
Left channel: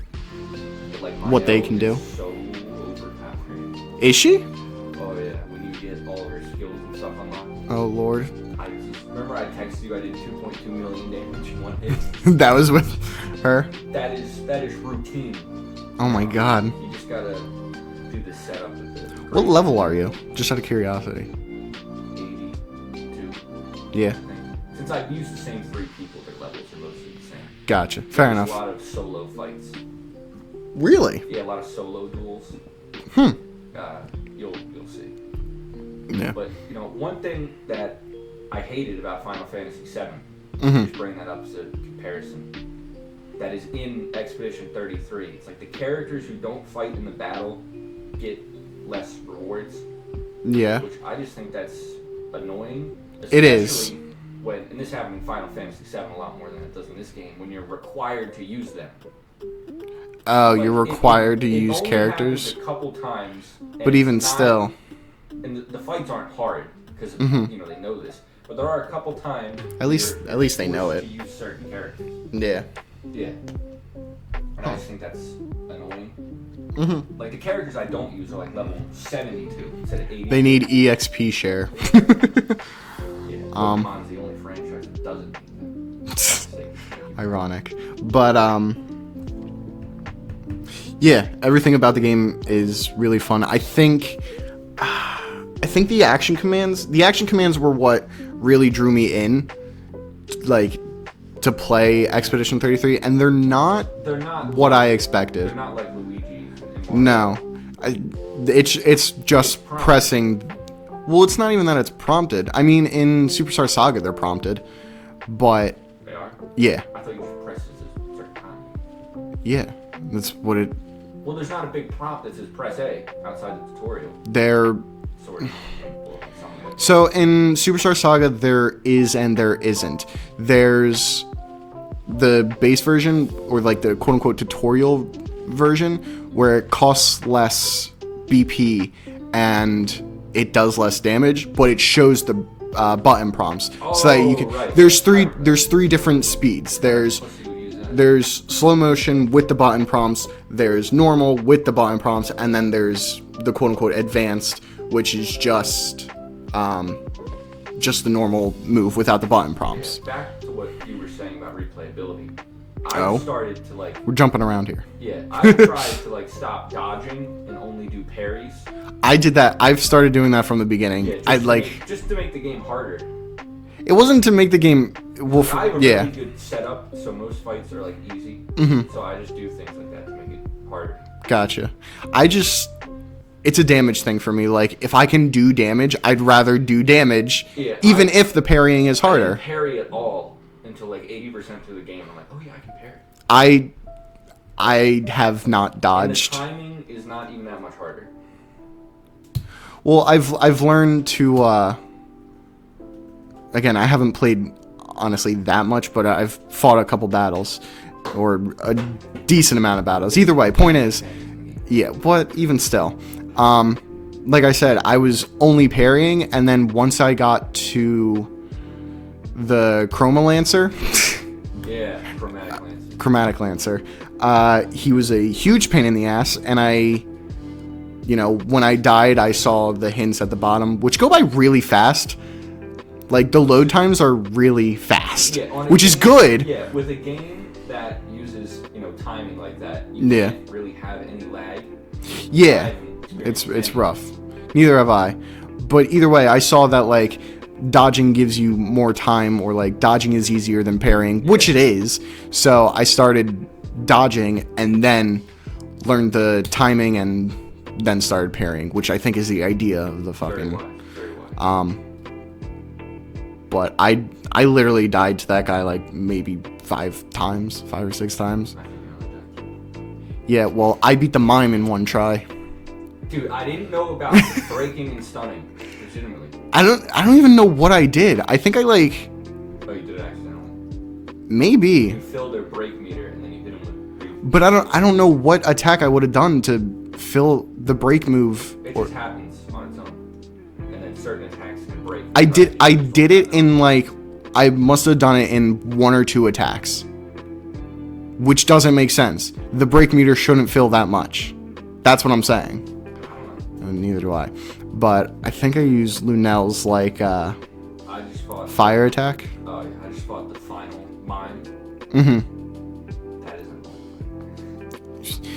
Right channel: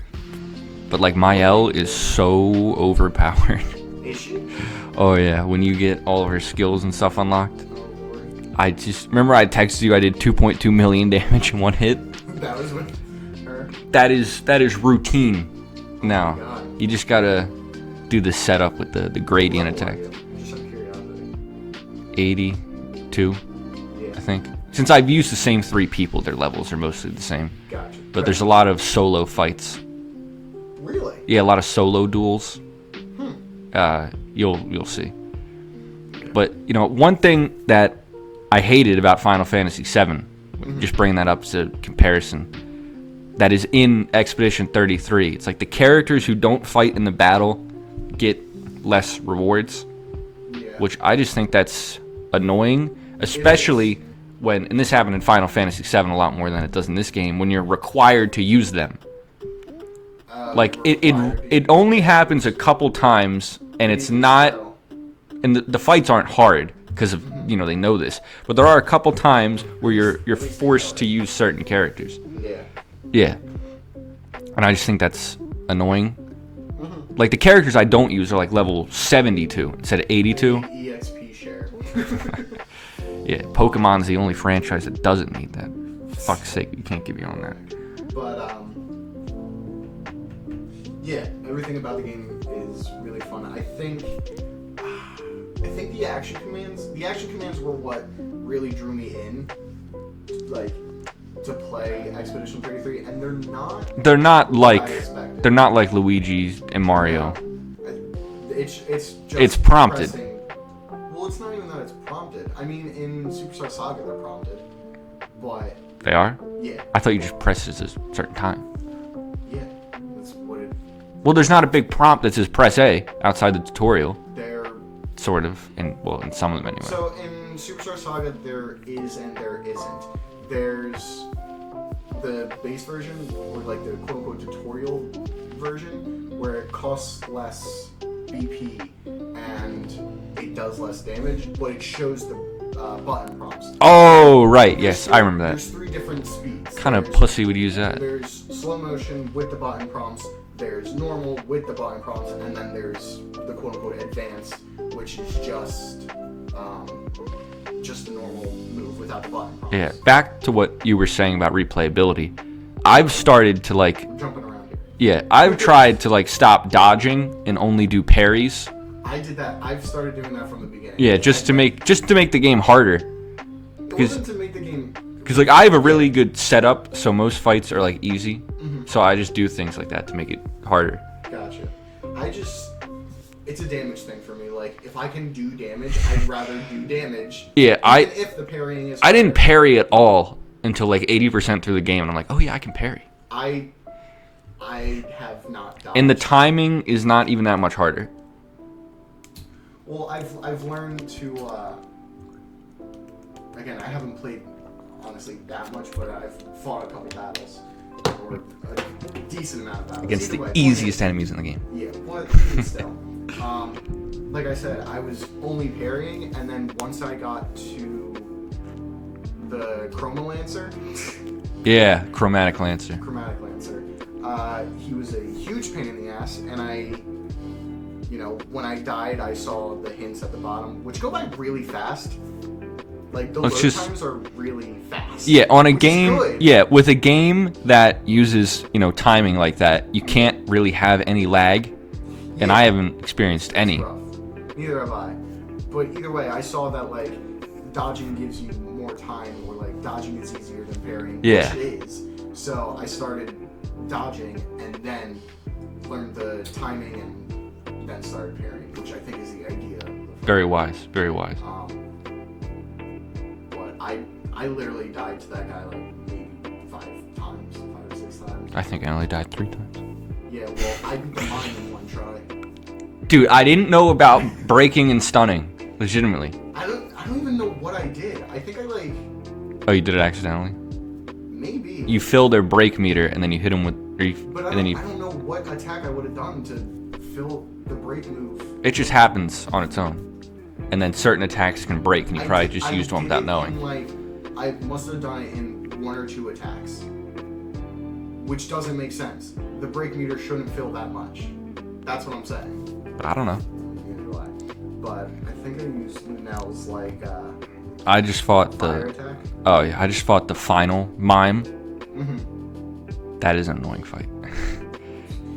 But like Mael can is do. so overpowered. Is she? Oh yeah, when you get all of her skills and stuff unlocked. Oh lord. I just remember I texted you I did 2.2 million damage in one hit. That was with her? That is routine. Oh now. My god. You just gotta do the setup with the What gradient level attack. are you? Just out of curiosity. 82, Yeah. I think. Since I've used the same 3 people, their levels are mostly the same. Gotcha. But Fair there's enough. a lot of solo fights. Really? Yeah, a lot of solo duels. You'll see. Yeah. But one thing that I hated about Final Fantasy VII, just bringing that up as a comparison, that is in Expedition 33. It's like the characters who don't fight in the battle get less rewards. Yeah. Which I just think that's annoying, especially when, and this happened in Final Fantasy VII a lot more than it does in this game, when you're required to use them. You're required to use it only characters? happens a couple times, and But it's even not. still. And the fights aren't hard because of they know this, but there are a couple times where least you're they know forced it. to use certain characters. Yeah. Yeah, and I just think that's annoying. Like the characters I don't use are like level 72 instead of 82. They need EXP share. Yeah, Pokemon's the only franchise that doesn't need that. For fuck's sake, you can't give me Ironic. But yeah, everything about the game is really fun. I think the action commands were what really drew me in, like, to play Expedition 33, and they're not what like I expected. They're not like Luigi and Mario. No, it's just It's prompted. pressing. Well, it's not even that it's prompted. I mean, in Superstar Saga, they're prompted, but They are? yeah, I thought you just pressed it at a certain time. yeah, that's what it. Well, there's not a big prompt that says press A outside the tutorial. They're Sort of. In some of them anyway. so in Superstar Saga, there is and there isn't. There's the base version, or like the quote-unquote tutorial version, where it costs less BP and it does less damage, but it shows the button prompts. Oh, right. There's yes, I remember that. There's 3 different speeds. What kind of pussy would use that? There's slow motion with the button prompts, there's normal with the button prompts, and then there's the quote-unquote advanced, which is just the normal move without the button prompts. Yeah, back to what you were saying about replayability. I've started to We're jumping around here. Yeah, I've tried to stop dodging and only do parries. I did that. I've started doing that from the beginning. Yeah, just to make the game harder. It wasn't to make the game. Because I have a really good setup, so most fights are easy. So I just do things like that to make it harder. Gotcha. It's a damage thing for me. Like, if I can do damage, I'd rather do damage. Yeah, even if the parrying is harder. I didn't parry at all until 80% through the game, and I'm like, oh yeah, I can parry. I have not dodged. And the timing is not even that much harder. Well, I've learned to. Again, I haven't played honestly that much, but I've fought a couple battles, or a decent amount of battles. Either way, point is, enemies in the game. yeah. But even still, like I said, I was only parrying, and then once I got to the Chroma Lancer. Yeah, Chromatic Lancer. He was a huge pain in the ass, and when I died, I saw the hints at the bottom, which go by really fast. Like, the load times are really fast. Yeah, on a which game, is good. Yeah, with a game that uses, timing like that, you can't really have any lag. Yeah. And I haven't experienced any. It's rough. Neither have I. But either way, I saw that, dodging gives you more time, or, dodging is easier than parrying, which it is. So I started dodging, and then learned the timing, and then started parrying, which I think is the idea of the fucking... Very wise. But I literally died to that guy maybe 5 or 6 times. I think I only died 3 times. Yeah, well, I beat the mime in 1 try. Dude, I didn't know about breaking and stunning. Legitimately. I don't even know what I did. I think I Oh, you did it accidentally? maybe. You filled their break meter and then you hit them with... But I don't know what attack I would have done to fill the break move. It just happens on its own. And then certain attacks can break. I did it in I must have done it in 1 or 2 attacks, which doesn't make sense. The break meter shouldn't fill that much. That's what I'm saying. But I don't know. Neither do I. but I think I used Lunel's like I just fought fire attack. Oh yeah, I just fought the final mime. Mm-hmm. That is an annoying fight.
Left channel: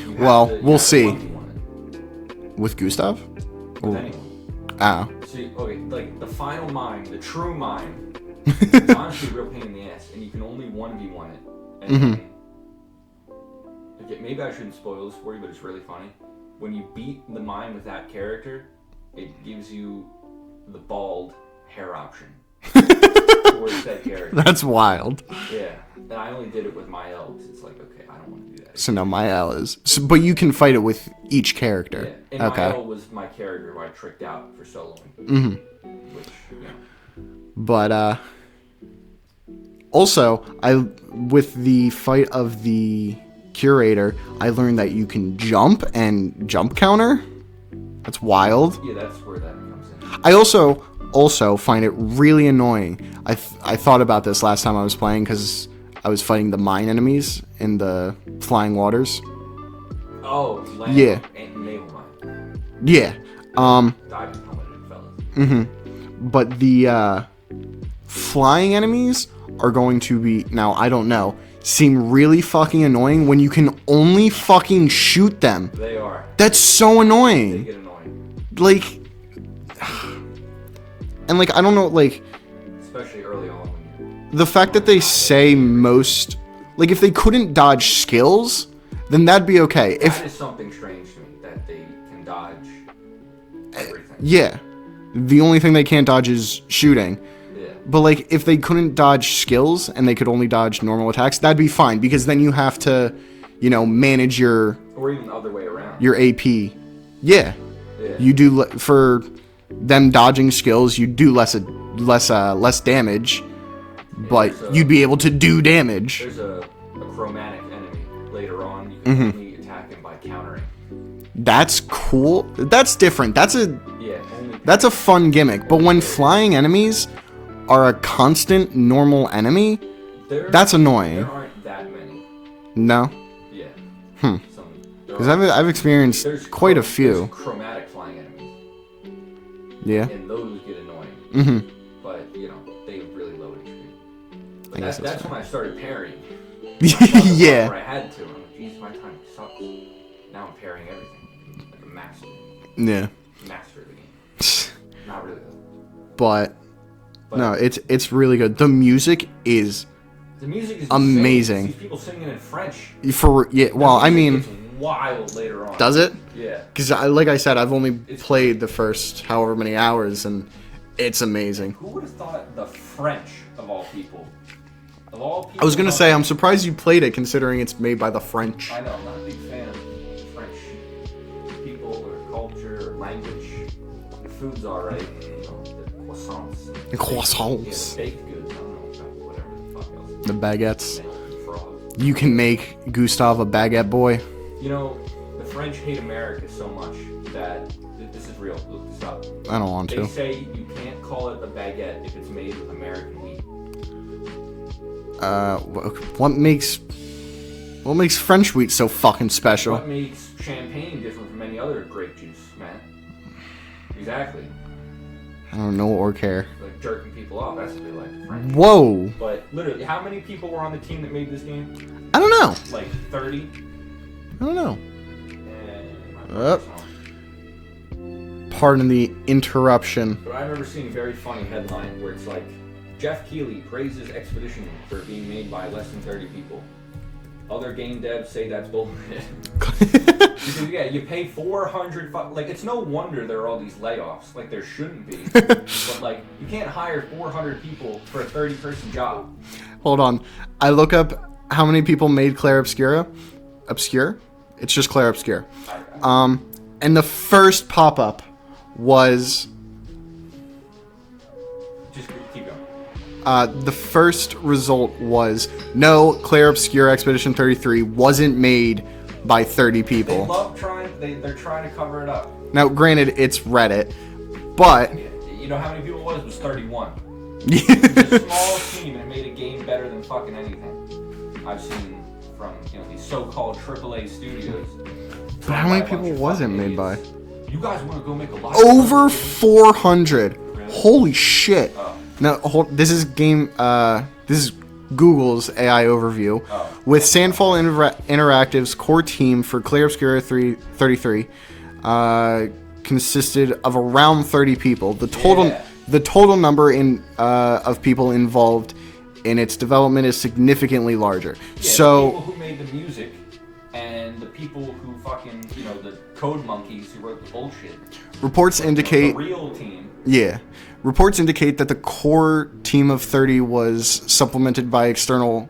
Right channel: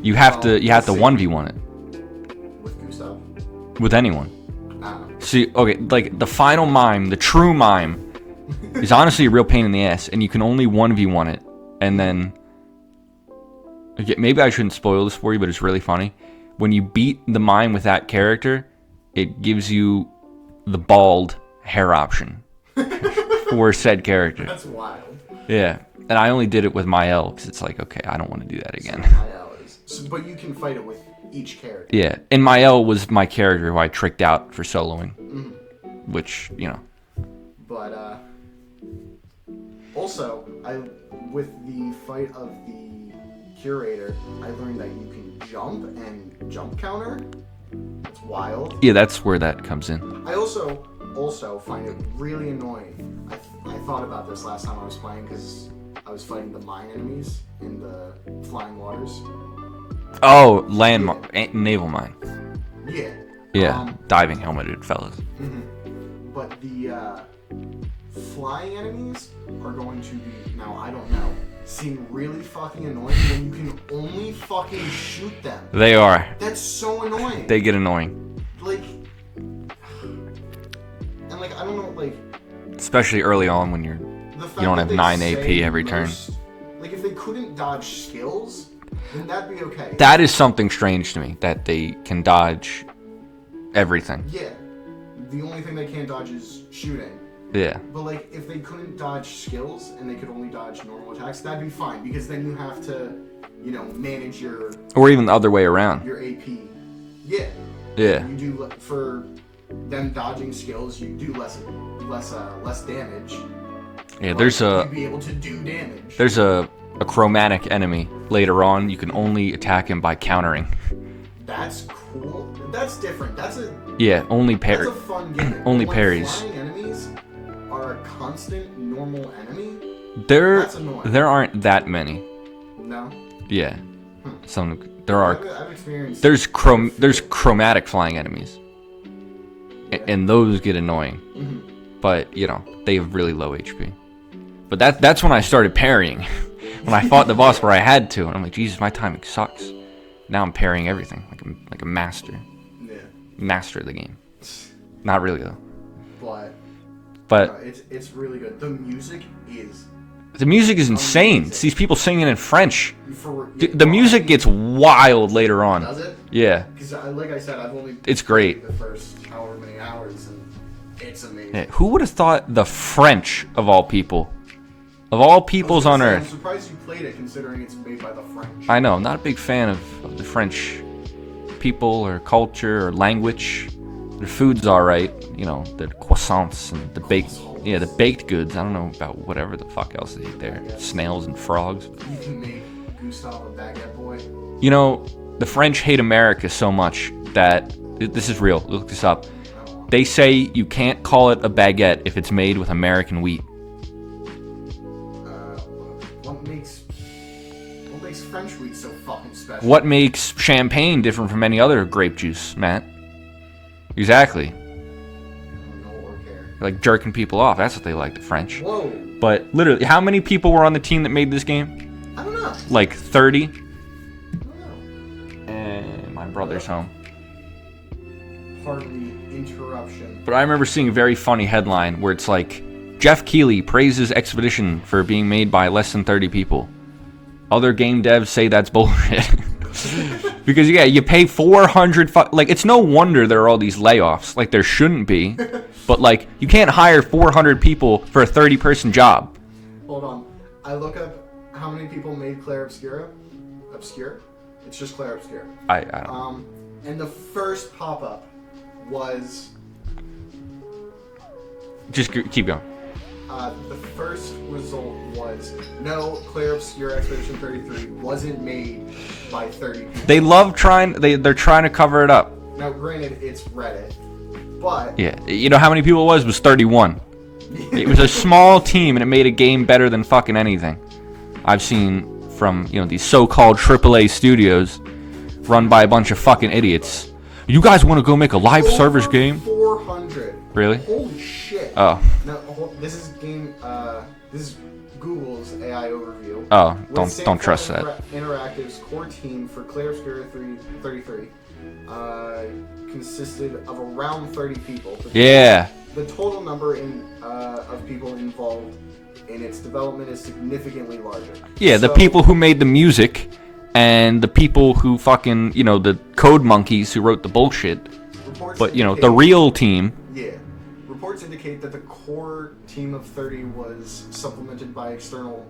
You have to 1v1 it. With Gustav? With anyone. Oh. See, okay, like the final mime, the true mime, is honestly a real pain in the ass, and you can only 1v1 it. And then, okay, maybe I shouldn't spoil this for you, but it's really funny. When you beat the mime with that character, it gives you the bald hair option for said character. That's wild. Yeah, and I only did it with Mael because it's like, okay, I don't want to do that again. So no, Mael is. So, but you can fight it with each character. Yeah, and Mael was my character who I tricked out for soloing. Which, you know. But also, with the fight of the curator, I learned that you can jump and jump counter. That's wild. Yeah, that's where that comes in. I also find it really annoying. I thought about this last time I was playing because I was fighting the mine enemies in the flying waters. Oh, naval mine. Yeah. Yeah, diving helmeted fellas. But the flying enemies are going to be, now I don't know, seem really fucking annoying when you can only fucking shoot them. They are. That's so annoying. They get annoying. Like, and like, I don't know, like, especially early on when you're the fact that they say most turn. Like if they couldn't dodge skills, then that'd be okay. That is something strange to me, that they can dodge everything. Yeah. The only thing they can't dodge is shooting. Yeah. But like if they couldn't dodge skills and they could only dodge normal attacks, that'd be fine because then you have to, you know, manage your, or even the other way around. Your AP. Yeah. Yeah. You do for them dodging skills, you do less damage. Yeah, but you'd be able to do damage. There's a chromatic enemy later on. You can only attack him by countering. That's cool. That's different. That's only parry. That's a fun gimmick. Only but when parries. Flying enemies are a constant normal enemy, that's annoying. There aren't that many. No. Yeah. There are. I've experienced. There's quite a few. There's chromatic flying enemies. Yeah. And those get annoying. But you know they have really low HP. But that's when I started parrying. When I fought the boss where I had to, and I'm like, Jesus, my timing sucks. Now I'm parrying everything like a master. Yeah. Master of the game. Not really though. But no, it's really good. The music is insane. Amazing. It's these people singing in French. The music gets wild later on. Does it? Yeah. Because like I said, I've only played great. the first however many hours, and it's amazing. Man, who would have thought the French of all people? Of all peoples on Earth. I was going to say, I'm surprised you played it considering it's made by the French. I know. I'm not a big fan of the French people or culture or language. Their food's all right. You know, the croissants. And the baked goods. I don't know about whatever the fuck else. The baguettes. Snails and frogs. You can make Gustav a baguette boy. You know, the French hate America so much that... This is real. Look this up. I don't want to. They say you can't call it a baguette if it's made with American wheat. What makes French wheat so fucking special? What makes champagne different from any other grape juice, Matt? Exactly. I don't know or care. Like jerking people off. That's what they like, the French. Whoa. But literally, how many people were on the team that made this game? I don't know. Like 30? I don't know. And my brother's home. Pardon the interruption. But I remember seeing a very funny headline where it's like, Jeff Keighley praises Expedition for being made by less than 30 people. Other game devs say that's bullshit. Because, you pay 400... Like, it's no wonder there are all these layoffs. Like, there shouldn't be. But, like, you can't hire 400 people for a 30-person job. Hold on. I look up how many people made Clair Obscura. Obscure? It's just Clair Obscur. And the first pop-up was... Just keep going. The first result was, no, Clair Obscur Expedition 33 wasn't made by 30 people. They love they're trying to cover it up. Now, granted, it's Reddit, but... Yeah, you know how many people it was? It was 31. It was a small team, and it made a game better than fucking anything I've seen from, these so-called AAA studios run by a bunch of fucking idiots. You guys want to go make a live Over service game? 400. Really? Holy shit. Oh. No, this is Google's AI overview. Oh, With don't Sandfall trust that. Interactive's core team for Clair Obscur 33 consisted of around 30 people. The total number of people involved in its development is significantly larger. Yeah, so, the people who made the music and the people who fucking, the code monkeys who wrote the bullshit. Reports indicate the real team. Yeah. Reports indicate that the core team of 30 was supplemented by external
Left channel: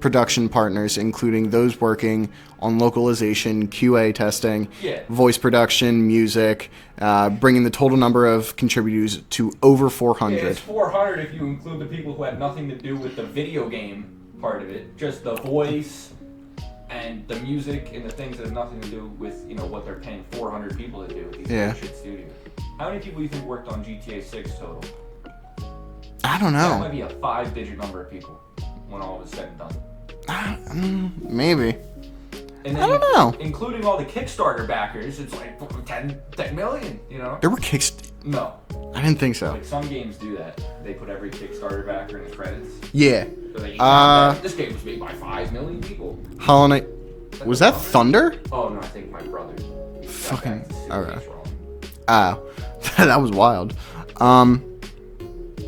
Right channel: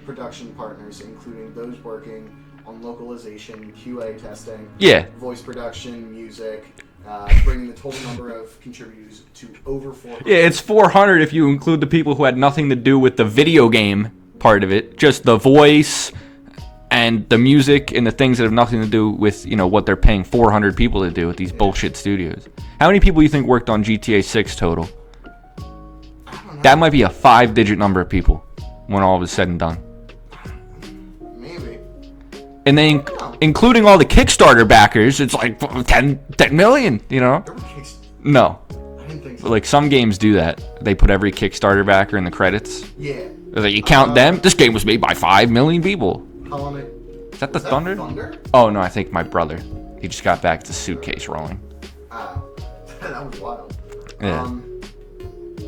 production partners, including those working on localization, QA testing, voice production, music, bringing the total number of contributors to over 400. Yeah, it's 400 if you include the people who had nothing to do with the video game part of it, just the voice and the music and the things that have nothing to do with, what they're paying 400 people to do at these bullshit studios. How many people do you think worked on GTA 6 total? I don't know. That might be a 5-digit number of people when all of is said and done. Maybe. And then including all the Kickstarter backers, it's like 10 million, There were No. I didn't think so. Like, some games do that. They put every Kickstarter backer in the credits. Yeah. Like, you count them. This game was made by 5 million people. Hollow Knight. Was that Thunder? Oh, no, I think my brother. He just got back to suitcase rolling. Oh. That was wild. Yeah.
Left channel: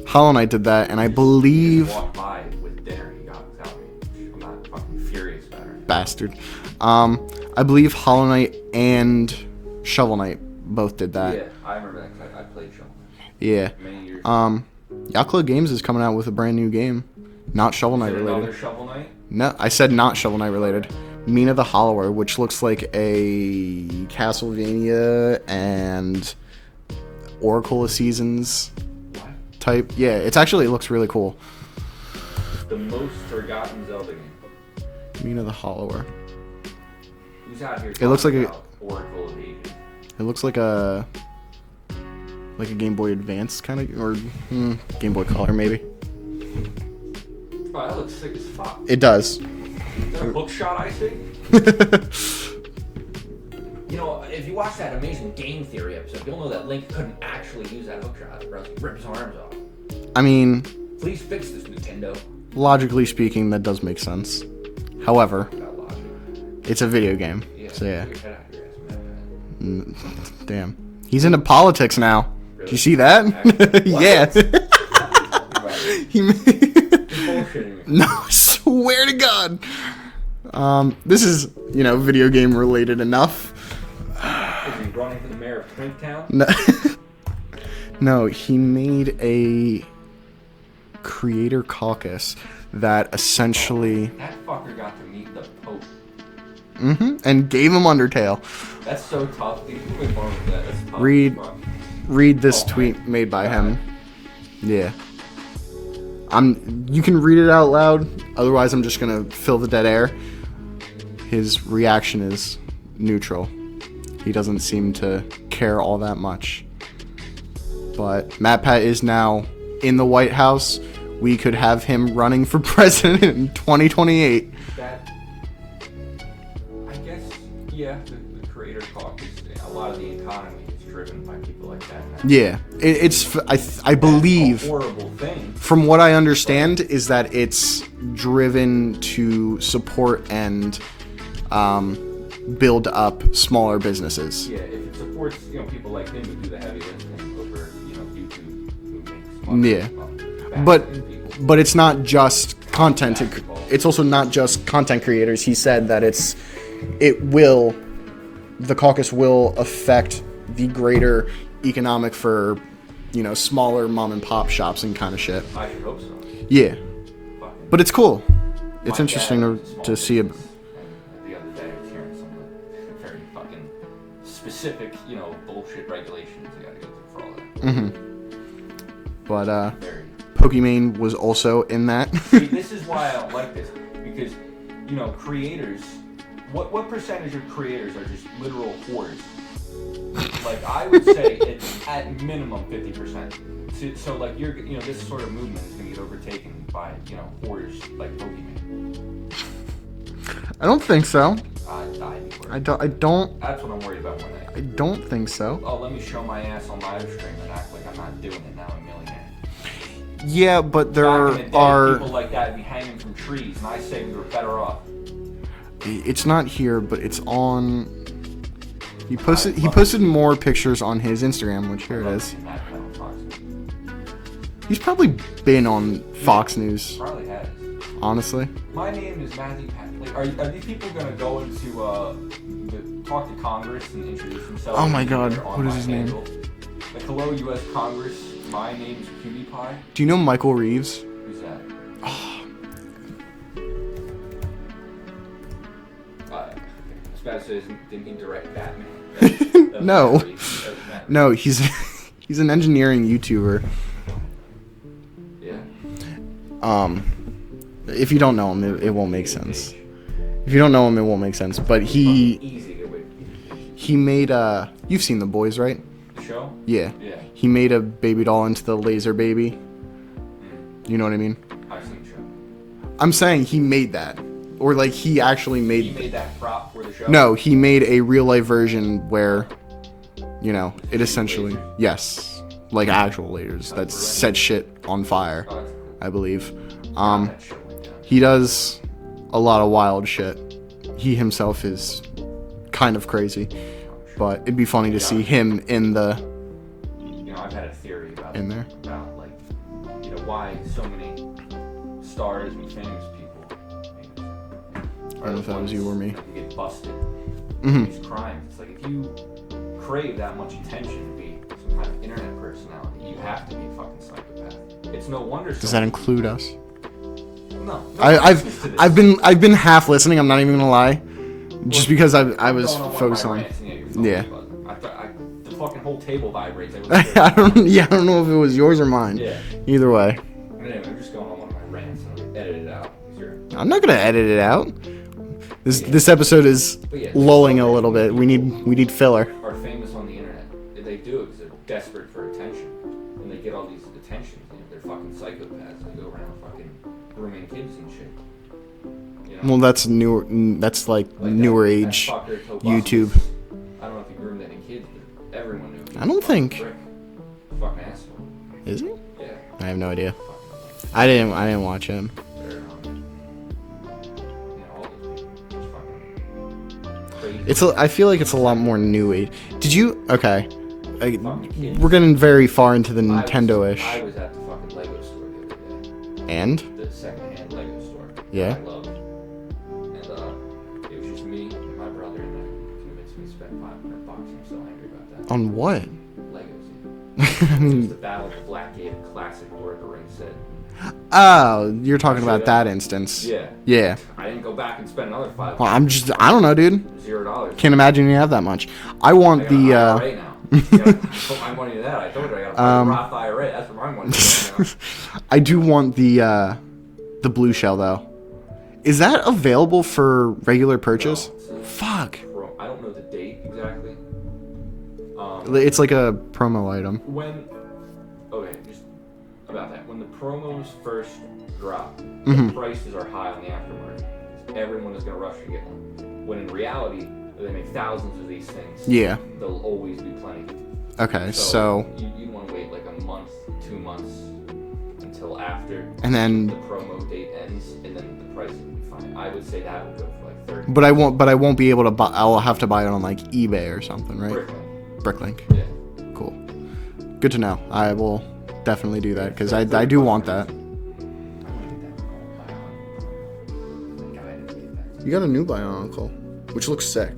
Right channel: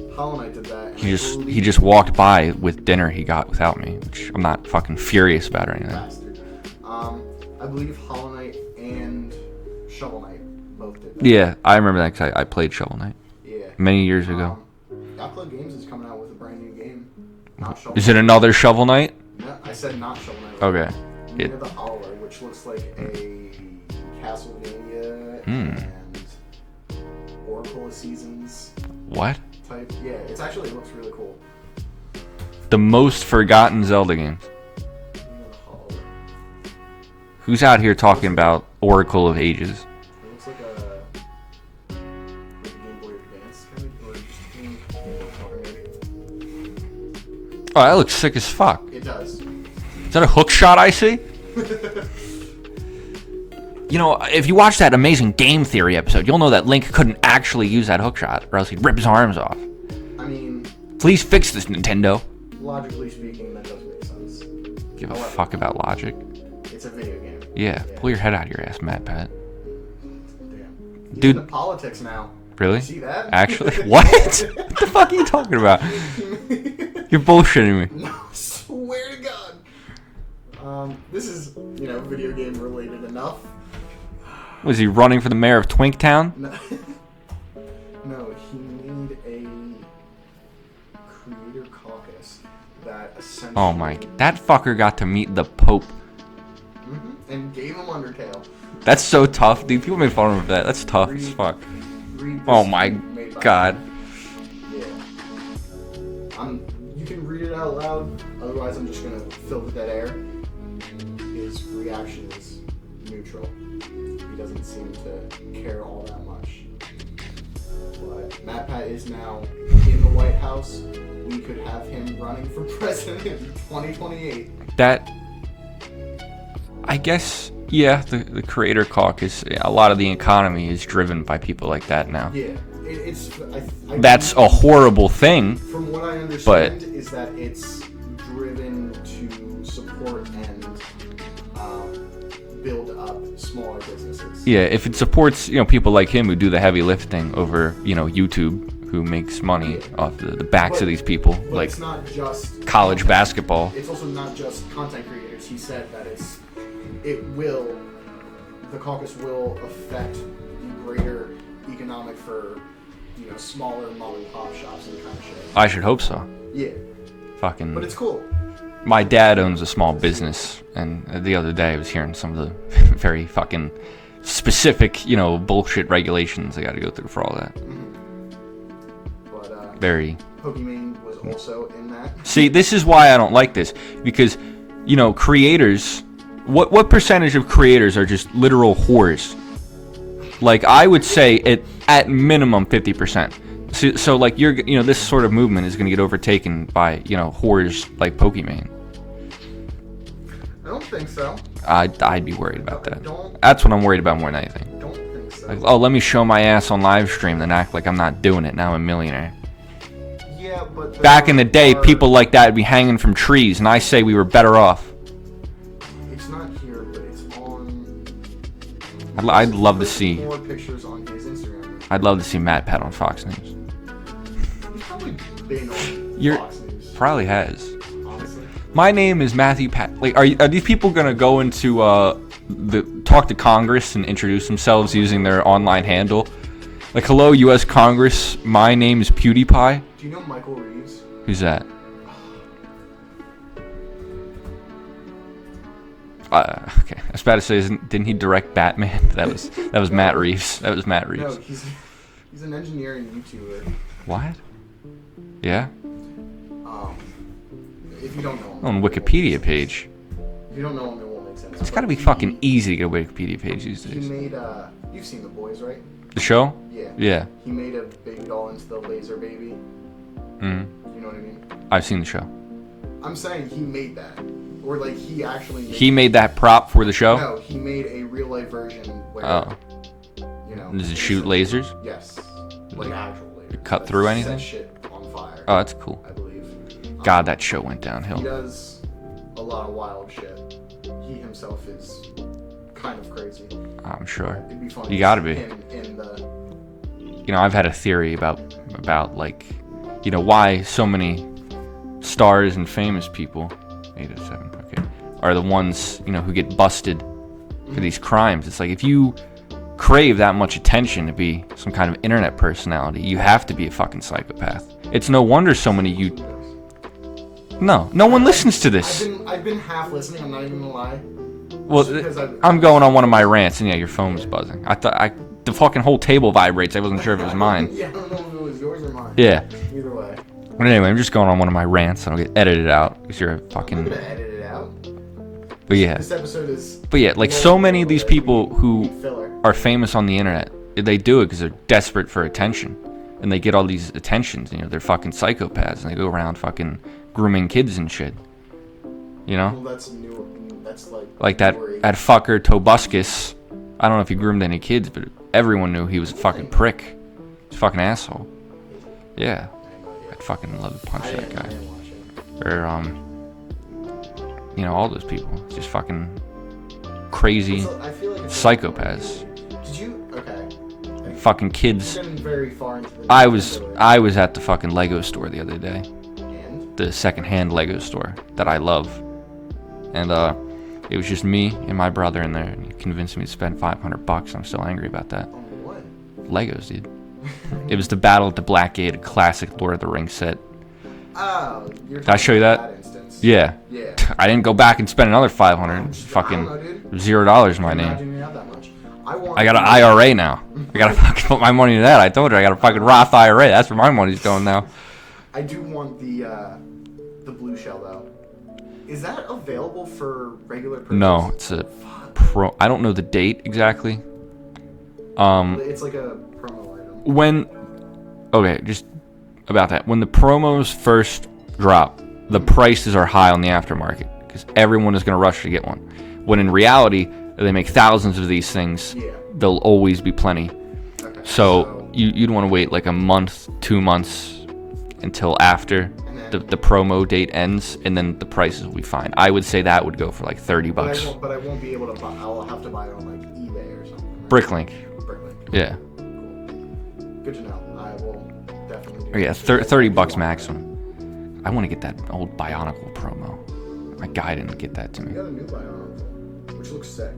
Hollow Knight did that, and I believe... He just walked by with dinner he got without me, which I'm not fucking furious about or anything. Bastard. I believe Hollow Knight and Shovel Knight both did that. Yeah, I remember that because I played Shovel Knight. Yeah. Many years ago. Yacht Games is coming out with a brand new game. Not Shovel Knight. Is it another Shovel Knight? No, I said not Shovel Knight related. Okay. Mina the Hollower, which looks like a Castlevania and Oracle of Seasons. What? Type. Yeah, it looks really cool. The most forgotten Zelda game. Mina the Hollower. Who's out here talking about Oracle of Ages? It looks like a Game Boy Advance kind of, or Game Boy Color maybe. Oh, that looks sick as fuck. It does. Is that a hook shot I see? If you watch that amazing Game Theory episode, you'll know that Link couldn't actually use that hook shot, or else he'd rip his arms off. I mean... Please fix this, Nintendo. Logically speaking, that does make sense. However... Fuck about logic. It's a video game. Yeah, so pull your head out of your ass, Matt Pat. Damn. He's into politics now. Really? You see that? Actually? What? Yeah. What the fuck are you talking about? You're bullshitting me. No, I swear to God. This is, video game related enough. Was he running for the mayor of Twinktown? No, no, he made a creator caucus that essentially... That fucker got to meet the Pope. And gave him Undertale. That's so tough, dude. People make fun of that. That's tough as fuck. Read this tweet made by him. Yeah. You can read it out loud. Otherwise, I'm just going to fill the dead air. His reaction is neutral. He doesn't seem to care all that much. But MatPat is now in the White House. We could have him running for president in 2028. I guess, yeah, the creator caucus, a lot of the economy is driven by people like that now. Yeah, I believe... That's a horrible thing. From what I understand is that it's driven to support and build up smaller businesses. Yeah, if it supports, people like him who do the heavy lifting over, YouTube, who makes money off the backs of these people. But it's not just college content. basketball. It's also not just content creators. He said that the caucus will affect the greater economic for, smaller mom and pop shops and kind of shit. I should hope so. Yeah. Fucking. But it's cool. My dad owns a small business, and the other day I was hearing some of the very fucking specific, bullshit regulations I got to go through for all that. Mm-hmm. But very. Pokimane was also in that. See, this is why I don't like this, because creators. What percentage of creators are just literal whores? Like, I would say at minimum 50%. So like this sort of movement is going to get overtaken by whores like Pokimane. I don't think so. I'd be worried. I don't. That's what I'm worried about more than anything. I don't think so. Oh, let me show my ass on live stream, then act like I'm not doing it. Now I'm a millionaire. Yeah, but back in the day, people like that would be hanging from trees, and I say we were better off. It's not here, but it's on. He I'd posted more pictures on his Instagram, which I'd love to see Matt Pat on Fox News. He's probably been on Fox News. Probably has. Honestly. My name is Matthew Pat. Like, are these people gonna go into talk to Congress and introduce themselves using their online handle? Like, hello, U.S. Congress. My name is PewDiePie. Do you know Michael Reeves? Who's that? Okay, I was about to say, didn't he direct Batman? That was No. Matt Reeves. That was Matt Reeves. No, he's an engineering YouTuber. What? Yeah. If you don't know him, On it won't make Wikipedia sense. page. If you don't know him, it won't make sense. It's but gotta be fucking easy to get Wikipedia pages. He made you've seen The Boys, right? The show? Yeah. Yeah. He made a baby doll into the laser baby. Mm. You know what I mean? I've seen the show. I'm saying he made that. Or like he actually made He made that prop for the show? No, he made a real life version where you know, does it shoot essentially lasers? Yes. Like actual lasers. Cut that through anything? set shit on fire. Oh, that's cool. I believe. God, that show went downhill. He does a lot of wild shit. He himself is kind of crazy. I'm sure. But it'd be funny He to gotta see be. him in the You know, I've had a theory about In there? like, you know, why so many stars and famous people, 8 or 7, okay, are the ones, you know, who get busted for these crimes. It's like, if you crave that much attention to be some kind of internet personality, you have to be a fucking psychopath. It's no wonder so Does that many include us? No one listens to this. I've been half listening. I'm not even gonna lie. Just because I'm going on one of my rants, and yeah, your phone was buzzing. The fucking whole table vibrates. I wasn't sure if it was mine. Yeah, I don't know if it was yours or mine. Yeah. Either way. But anyway, I'm just going on one of my rants, and I'll get edited out because you're. I'm not gonna edit it out. Yeah. This episode is. But yeah, like so lulling a many of little these bit. people we need filler. are famous on the internet. They do it because they're desperate for attention, and they get all these attentions. You know, they're fucking psychopaths, and they go around fucking grooming kids and shit. You know. Well, that's newer. That's like that newer age. that fucker Tobuscus. I don't know if he groomed any kids, but everyone knew he was a fucking prick. He's a fucking asshole. Is he? Yeah. I have no idea. Fucking love it. I didn't watch him. Or you know, all those people just fucking crazy. I feel like it's a lot more psychopaths. new age. Did you? Okay. Fucking kids. We're getting very far into the Nintendoish. I was at the fucking Lego store the other day. And? The secondhand Lego store Yeah. that I love. And it was just me and my brother in there. And he convinced me to spend $500. I'm still angry about that. On what? Legos, dude. It was the Battle at the Blackgate, a classic Lord of the Rings set. Oh, you're Did I talking show you about that? instance. Yeah. Yeah. I didn't go back and spend another $500. I don't know, dude. $0. Can't imagine you have that much. I got an IRA now. I gotta fucking put my money into that. I told you I got a fucking Roth IRA. That's where my money's going now. I do want the blue shell though. Is that available for regular purchase? No, it's a Fuck. I don't know the date exactly. It's like a promo item. Just about that. When the promos first drop, the prices are high on the aftermarket because everyone is going to rush to get one. When in reality, they make thousands of these things. Yeah. There'll always be plenty. Okay. So you'd want to wait like a month, 2 months until after And then- the promo date ends, and then the prices will be fine. I would say that would go for like $30. But I won't be able to buy. I'll have to buy it on like eBay or something, right? Bricklink. Bricklink. Yeah. Cool. Good to know. I will definitely do that. Yeah, 'cause $30 I do bucks want maximum. I want to get that old Bionicle promo. My guy didn't get that to that. me. You got a new Bionicle, which looks sick.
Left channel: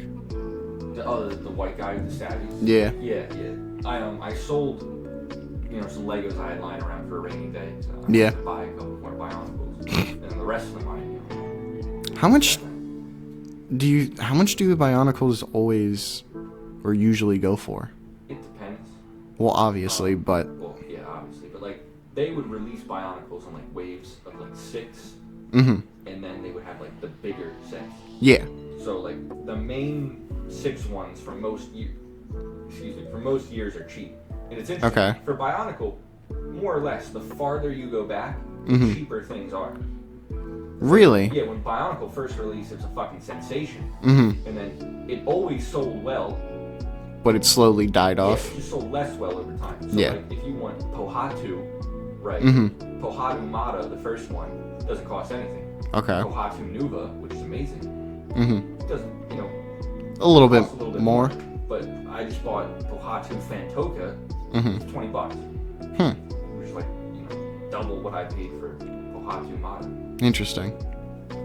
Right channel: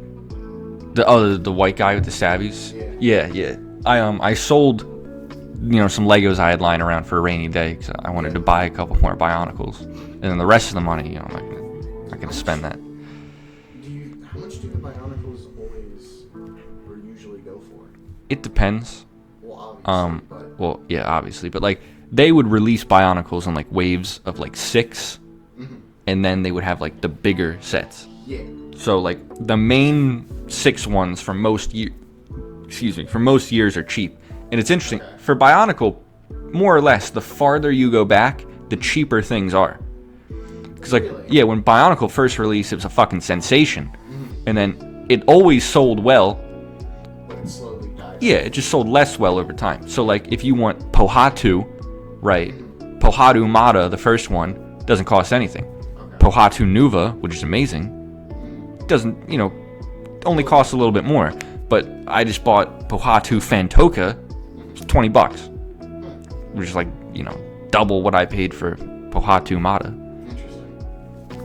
The white guy with the stabbies. Yeah. Yeah. I sold, some Legos I had lying around for a rainy day because I wanted to buy a couple more Bionicles, and then the rest of the money, I'm not gonna How much spend that. How much do Bionicles always or usually go for? It depends. Well, obviously, but Well, yeah, obviously, but like they would release Bionicles in like waves of like 6, and then they would have like the bigger sets. yeah. So like the main 6 ones for most years are cheap. And it's interesting. Okay. For Bionicle, more or less, the farther you go back, the cheaper things are. Really? Like, yeah, when Bionicle first released, it was a fucking sensation. Mm-hmm. And then it always sold well. But it slowly died off. Yeah, it just sold less well over time. So, Yeah. like, if you want Pohatu, right? Mm-hmm. Pohatu Mata, the first one, doesn't cost anything. Okay. Pohatu Nuva, which is amazing, doesn't, only costs a little bit more. But I just bought Pohatu Fantoka, it's $20. Which is like, double what I paid for Pohatu Mata. Interesting.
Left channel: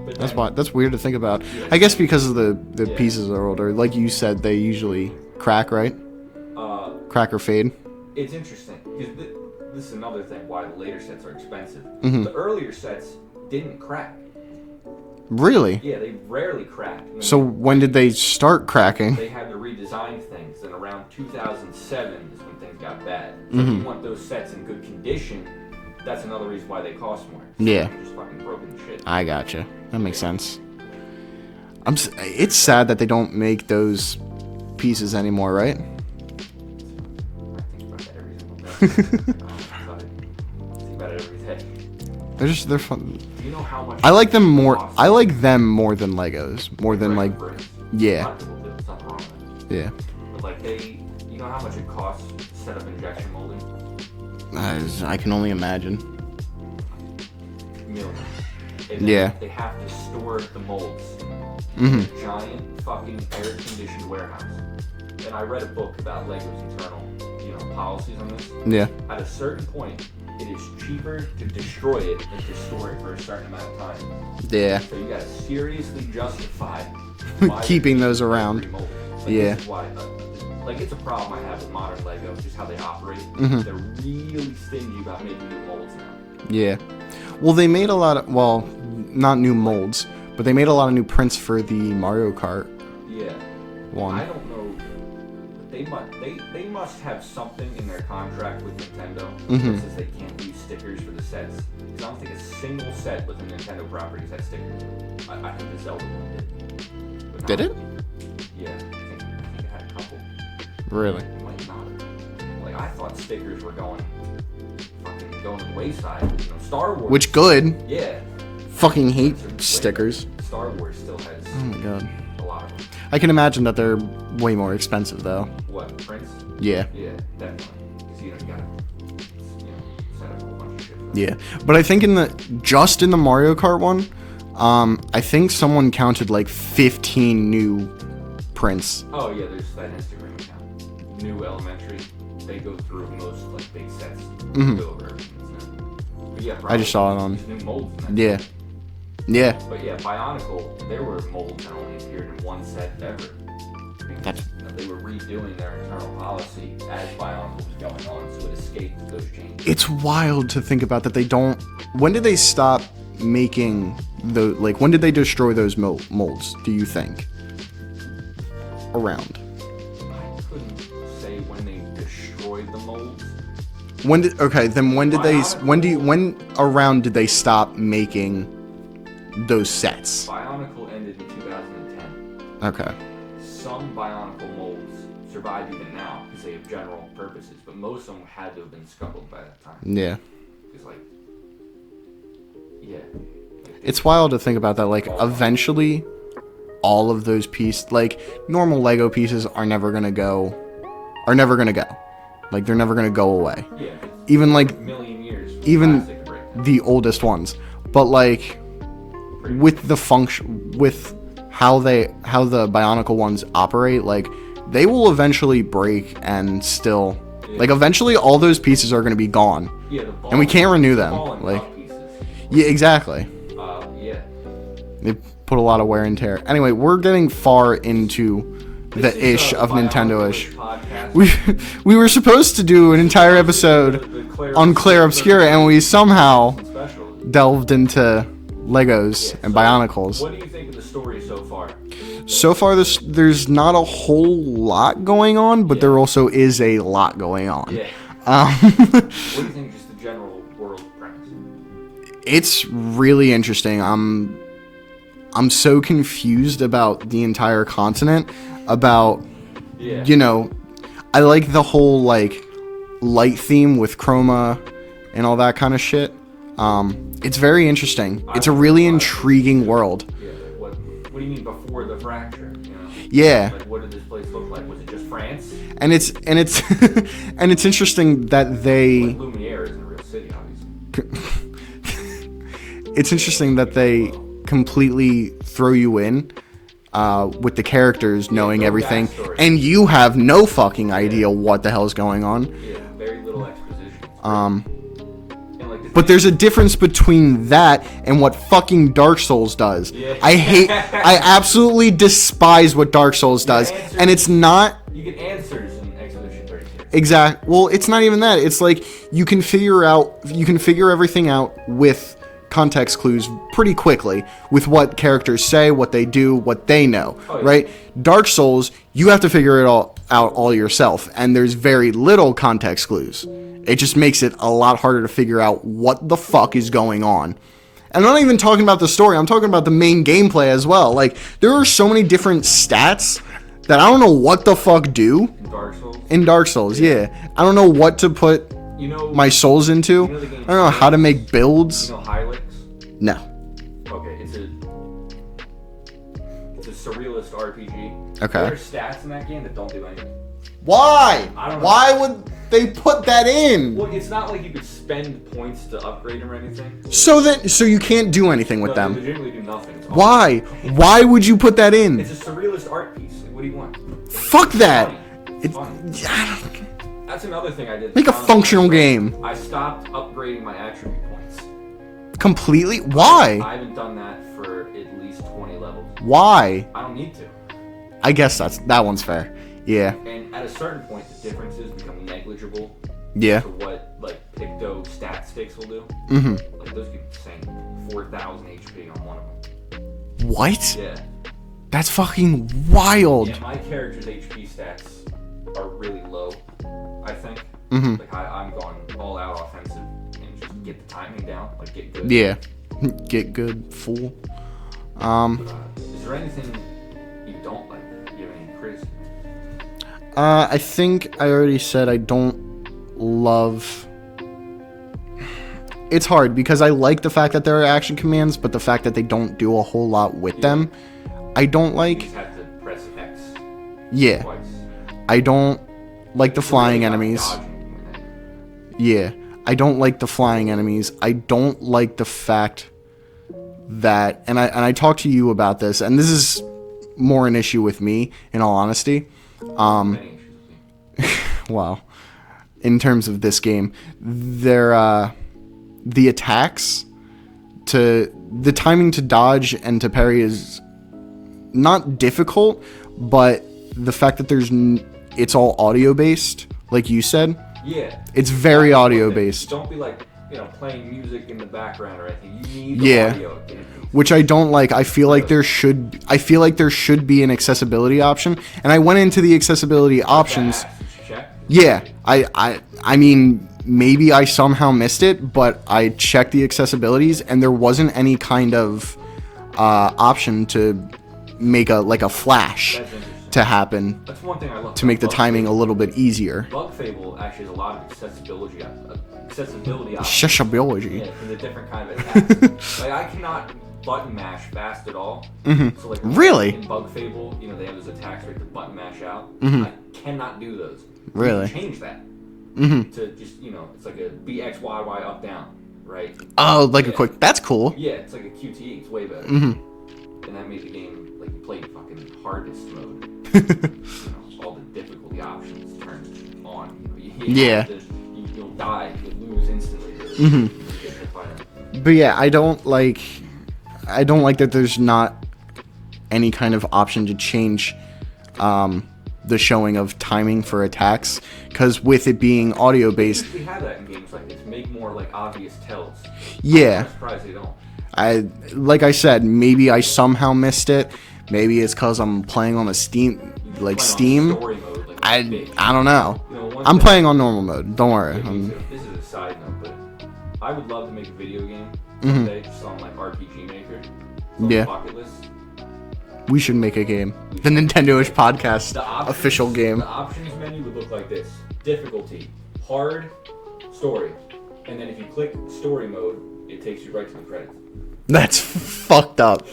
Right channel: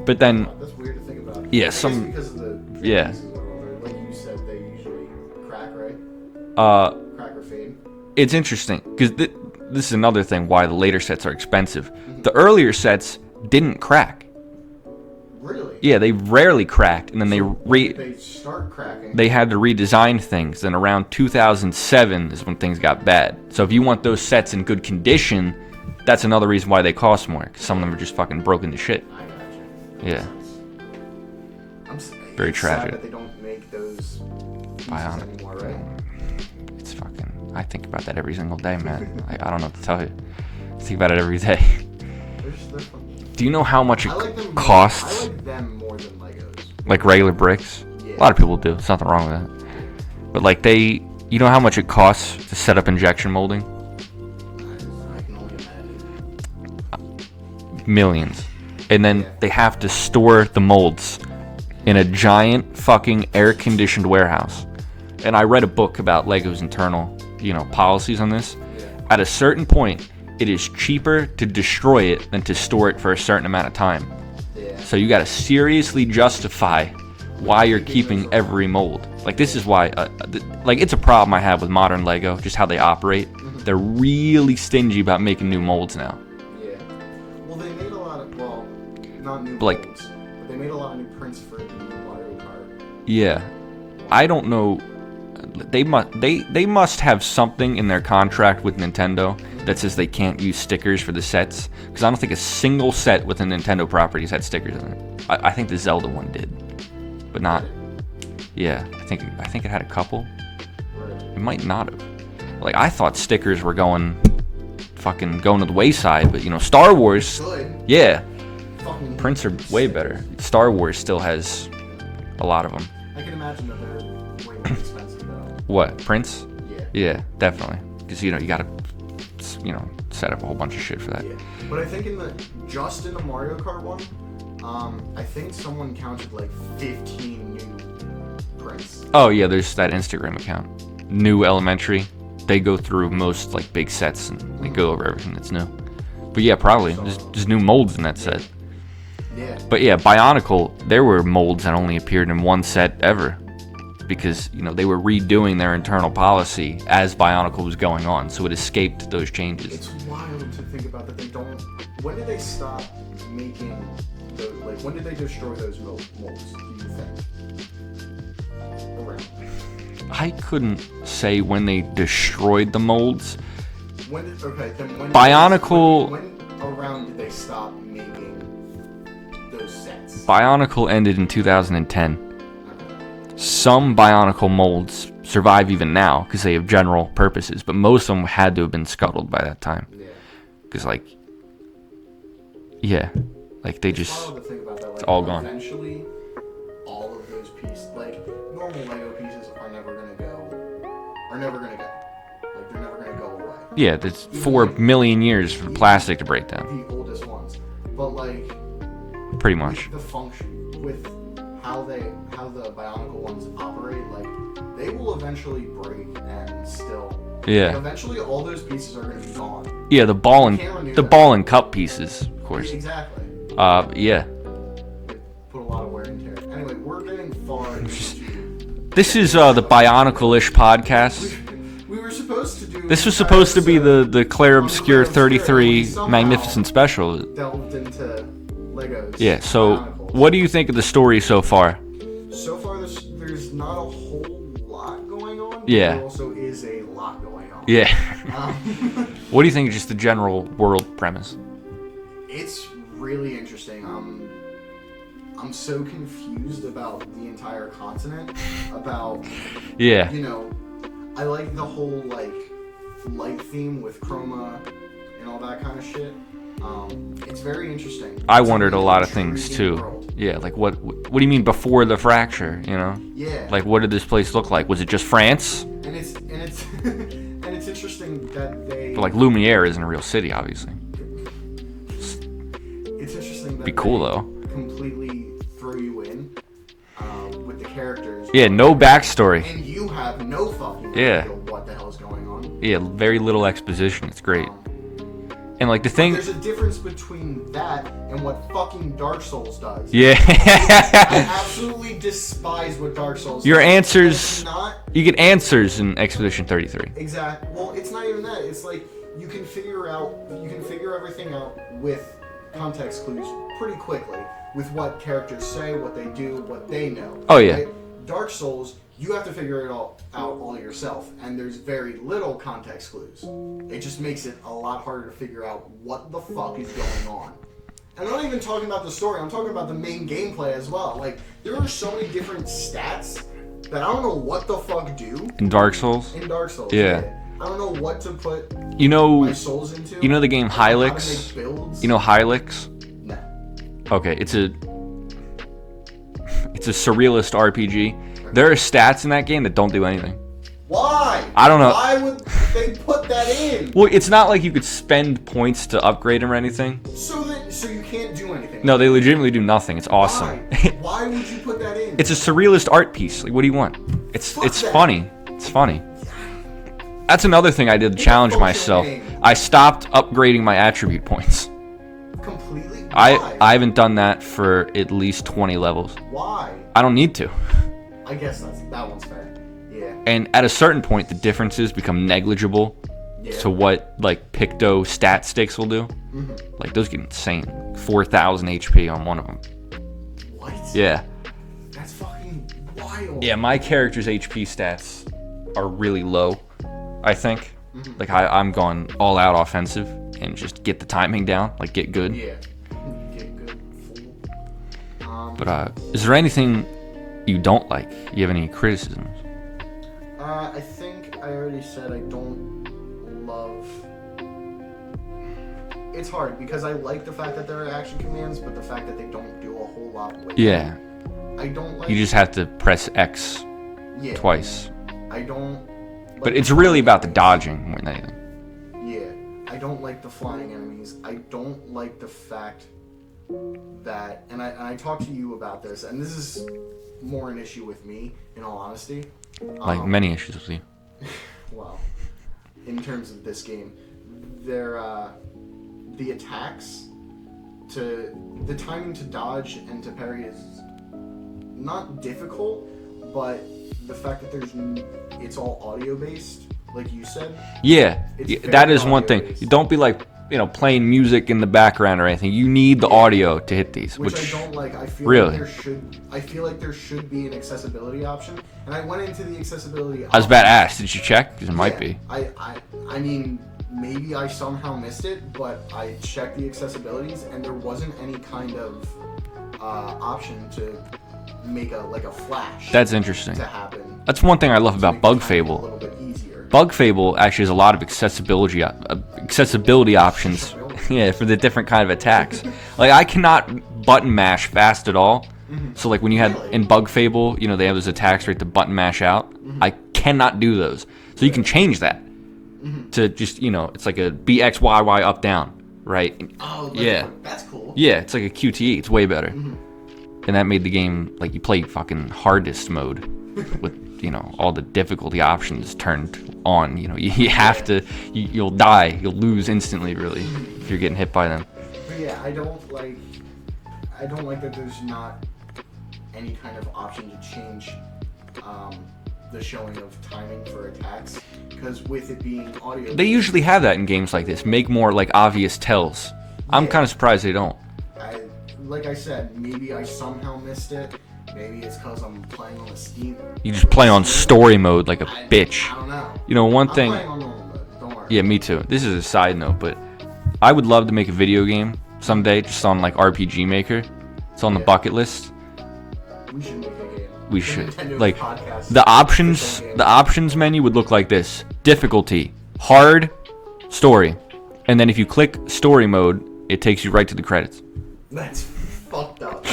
But then... That's weird to think about. Yeah, I guess because of the Yeah. pieces are older. Like you said, they usually crack, right? Crack or fade. It's interesting, because this is another thing why the later sets are expensive. The earlier sets didn't crack. Really? Yeah, they rarely cracked. And then So when did they start cracking? They had to redesign things. Then around 2007 is when things got bad. So if you want those sets in good condition, that's another reason why they cost more. Because some of them are just fucking broken to shit. I gotcha. That makes Yeah. sense. It's sad that they don't make those pieces anymore, right? It's fucking... I think about that every single day, man. Like, I don't know what to tell you. I think about it every day. They're fun. Do you know how much I like them more. costs? I like them more than Legos. More like than regular bricks? Yeah. A lot of people do. There's nothing wrong with that. Yeah. But like you know how much it costs to set up injection molding? I can only imagine. Millions. And then they have to store the molds in a giant fucking air-conditioned warehouse. And I read a book about Lego's internal, policies on this. Yeah. At a certain point, it is cheaper to destroy it than to store it for a certain amount of time. Yeah. So you got to seriously justify why you're Keeping those keeping around. every mold. Like this is why, it's a problem I have with modern Lego, just how they operate. They're really stingy about making new molds now. Yeah. Well, they made a lot of not new molds, but they made a lot of new prints for the Mario Kart. Yeah. One. I don't know. They must have something in their contract with Nintendo that says they can't use stickers for the sets. Because I don't think a single set with a Nintendo properties had stickers in it. I think the Zelda one did, but not. Did it? Yeah, I think it had a couple. Really? It might not have. Like I thought stickers were going to the wayside, but Star Wars. Which good? Yeah. Fucking hate Prints are way stickers. better. Star Wars still has Oh, God. a lot of them. I can imagine that they're way more expensive though. What, prints? Yeah. Yeah, definitely. Because you gotta, set up a whole bunch of shit for that. Yeah. But I think in the Mario Kart one, I think someone counted like 15 new prints. Oh yeah, there's that Instagram account. New Elementary. They go through most like big sets and go over everything that's new. But yeah, probably just new molds in that set. Yeah. But yeah, Bionicle, there were molds that only appeared in one set ever. Because, they were redoing their internal policy as Bionicle was going on, so it escaped those changes. It's wild to think about that they don't... When did they stop making when did they destroy those molds, do you think? Around. I couldn't say when they destroyed the molds. When did Bionicle... when around did they stop making those sets? Bionicle ended in 2010. Okay. Some Bionicle molds survive even now because they have general purposes, but most of them had to have been scuttled by that time. Yeah. Because, It's wild to think about that. Eventually, all of those pieces, normal Lego pieces, are never gonna go. They're never gonna go away. Yeah, there's even 4 million years for plastic to break down. The oldest ones, but pretty much with the function, with how the Bionicle ones operate, they will eventually break and still. Yeah. Eventually, all those pieces are gonna be gone. Yeah, the ball. And we can't renew the them. ball and cup pieces. Yeah, exactly. Yeah. They put a lot of wear and tear. Anyway, we're getting far into. This is the Bionicle-ish podcast. We were supposed to do an entire episode the Clair on Clair Obscur, and we somehow special delved into Legos and Bionicles. What do you think of the story so far? So far, there's not a whole lot going on, but there also is a lot going on. Yeah. What do you think of just the general world premise? It's really interesting. I'm so confused about the entire continent. About I like the whole light theme with chroma and all that kind of shit. It's very interesting. I It's a wondered really lot of things, intriguing too. world. Yeah, like what do you mean before the fracture? You know? Yeah. Like what did this place look like? Was it just France? And it's and it's interesting that they Like Lumiere isn't a real city, obviously. it's interesting that Be they cool, completely throw you in with the characters Yeah, knowing no everything, backstory. and you have no fucking idea Yeah. what the hell's going on. Yeah, very little exposition. It's great. And like the But thing, there's a difference between that and what fucking Dark Souls does. Yeah. I absolutely despise what Dark Souls Your does. answers- And it's not you get answers in Expedition 33. exact. Well, it's not even that. It's like you can figure everything out with context clues pretty quickly with what characters say, what they do, what they know. Oh, yeah. Right? Dark Souls, you have to figure it all out all yourself, and there's very little context clues. It just makes it a lot harder to figure out what the fuck is going on. And I'm not even talking about the story, I'm talking about the main gameplay as well. Like, there are so many different stats that I don't know what the fuck do In Dark Souls? in Dark Souls, Yeah. yeah. I don't know what to put You know my souls into. You know the game I don't know how to Hylix? make builds. You know Hylix? No. Okay, it's a surrealist RPG. Okay. There are stats in that game that don't do anything. Why? I don't know. Why would they put that in? Well, it's not like you could spend points to upgrade them or anything. So you can't do anything with No, them. they legitimately do nothing. It's awesome. Why? Why would you put that in? It's a surrealist art piece. Like, what do you want? Fuck it's that. Funny. It's funny. That's another thing I did to Make a challenge functional myself. game. I stopped upgrading my attribute points. Completely? Why? I haven't done that for at least 20 levels. Why? I don't need to. I guess that one's fair. Yeah. And at a certain point, the differences become negligible Yeah. to what like Picto stat sticks will do. Mm-hmm. Like those get insane. 4,000 HP on one of them. What? Yeah. That's fucking wild. Yeah, my character's HP stats are really low, I think. Mm-hmm. Like I'm going all out offensive and just get the timing down, like get good. Yeah. Get good, fool. But is there anything you don't like? You have any criticisms? I think I already said I don't love... It's hard because I like the fact that there are action commands, but the fact that they don't do a whole lot with them, I don't like. You just have to press X twice. I don't like But the it's flying really about enemies. the dodging more than anything. Yeah. I don't like the flying enemies. I don't like the fact that, and I talked to you about this, and this is more an issue with me, in all honesty. Like many issues with you. Wow. In terms of this game, the attacks the timing to dodge and to parry is not difficult, but the fact that it's all audio based, like you said. Yeah, It's that very is audio one thing. based. Don't be like playing music in the background or anything. You need the Yeah. audio to hit these, Which I don't like. I feel like Really? I feel like there should be an accessibility option, and I went into the accessibility That's options. badass. Did you check? 'Cause it Yeah, might be. I mean, maybe I somehow missed it, but I checked the accessibilities, and there wasn't any kind of option to make a flash That's interesting. to happen That's one thing I love to about make the Bug timing Fable. a little bit easier. Bug Fable actually has a lot of accessibility options. Accessibility. Yeah, for the different kind of attacks. Like I cannot button mash fast at all. Mm-hmm. So like when you Really? have, in Bug Fable, they have those attacks right to button mash out. Mm-hmm. I cannot do those. So you can Really? change that to just it's like a BXYY up down, right? Oh, like Yeah. a quick. That's cool. Yeah, it's like a QTE. It's way better. Mm-hmm. And that made the game like you play fucking hardest mode. All the difficulty options turned on. You have to. You'll die. You'll lose instantly. Really, if you're getting hit by them. But yeah, I don't like that there's not any kind of option to change the showing of timing for attacks, because with it being audio They based, usually have that in games like this. Make more like obvious tells. Yeah. I'm kind of surprised they don't. like I said, maybe I somehow missed it. Maybe it's because I'm playing on a Steam. You just play on Steam. story mode like a I bitch. I don't know. One I'm thing. playing on normal mode. Don't worry. Yeah, me too. This is a side note, but I would love to make a video game someday, just on like RPG Maker. It's on the Yeah. bucket list. We should make a game. We the should. Nintendoish Like, podcast. The options, official game. the options menu would look like this: difficulty, hard, story, and then if you click story mode, It takes you right to the credits. That's fucked up.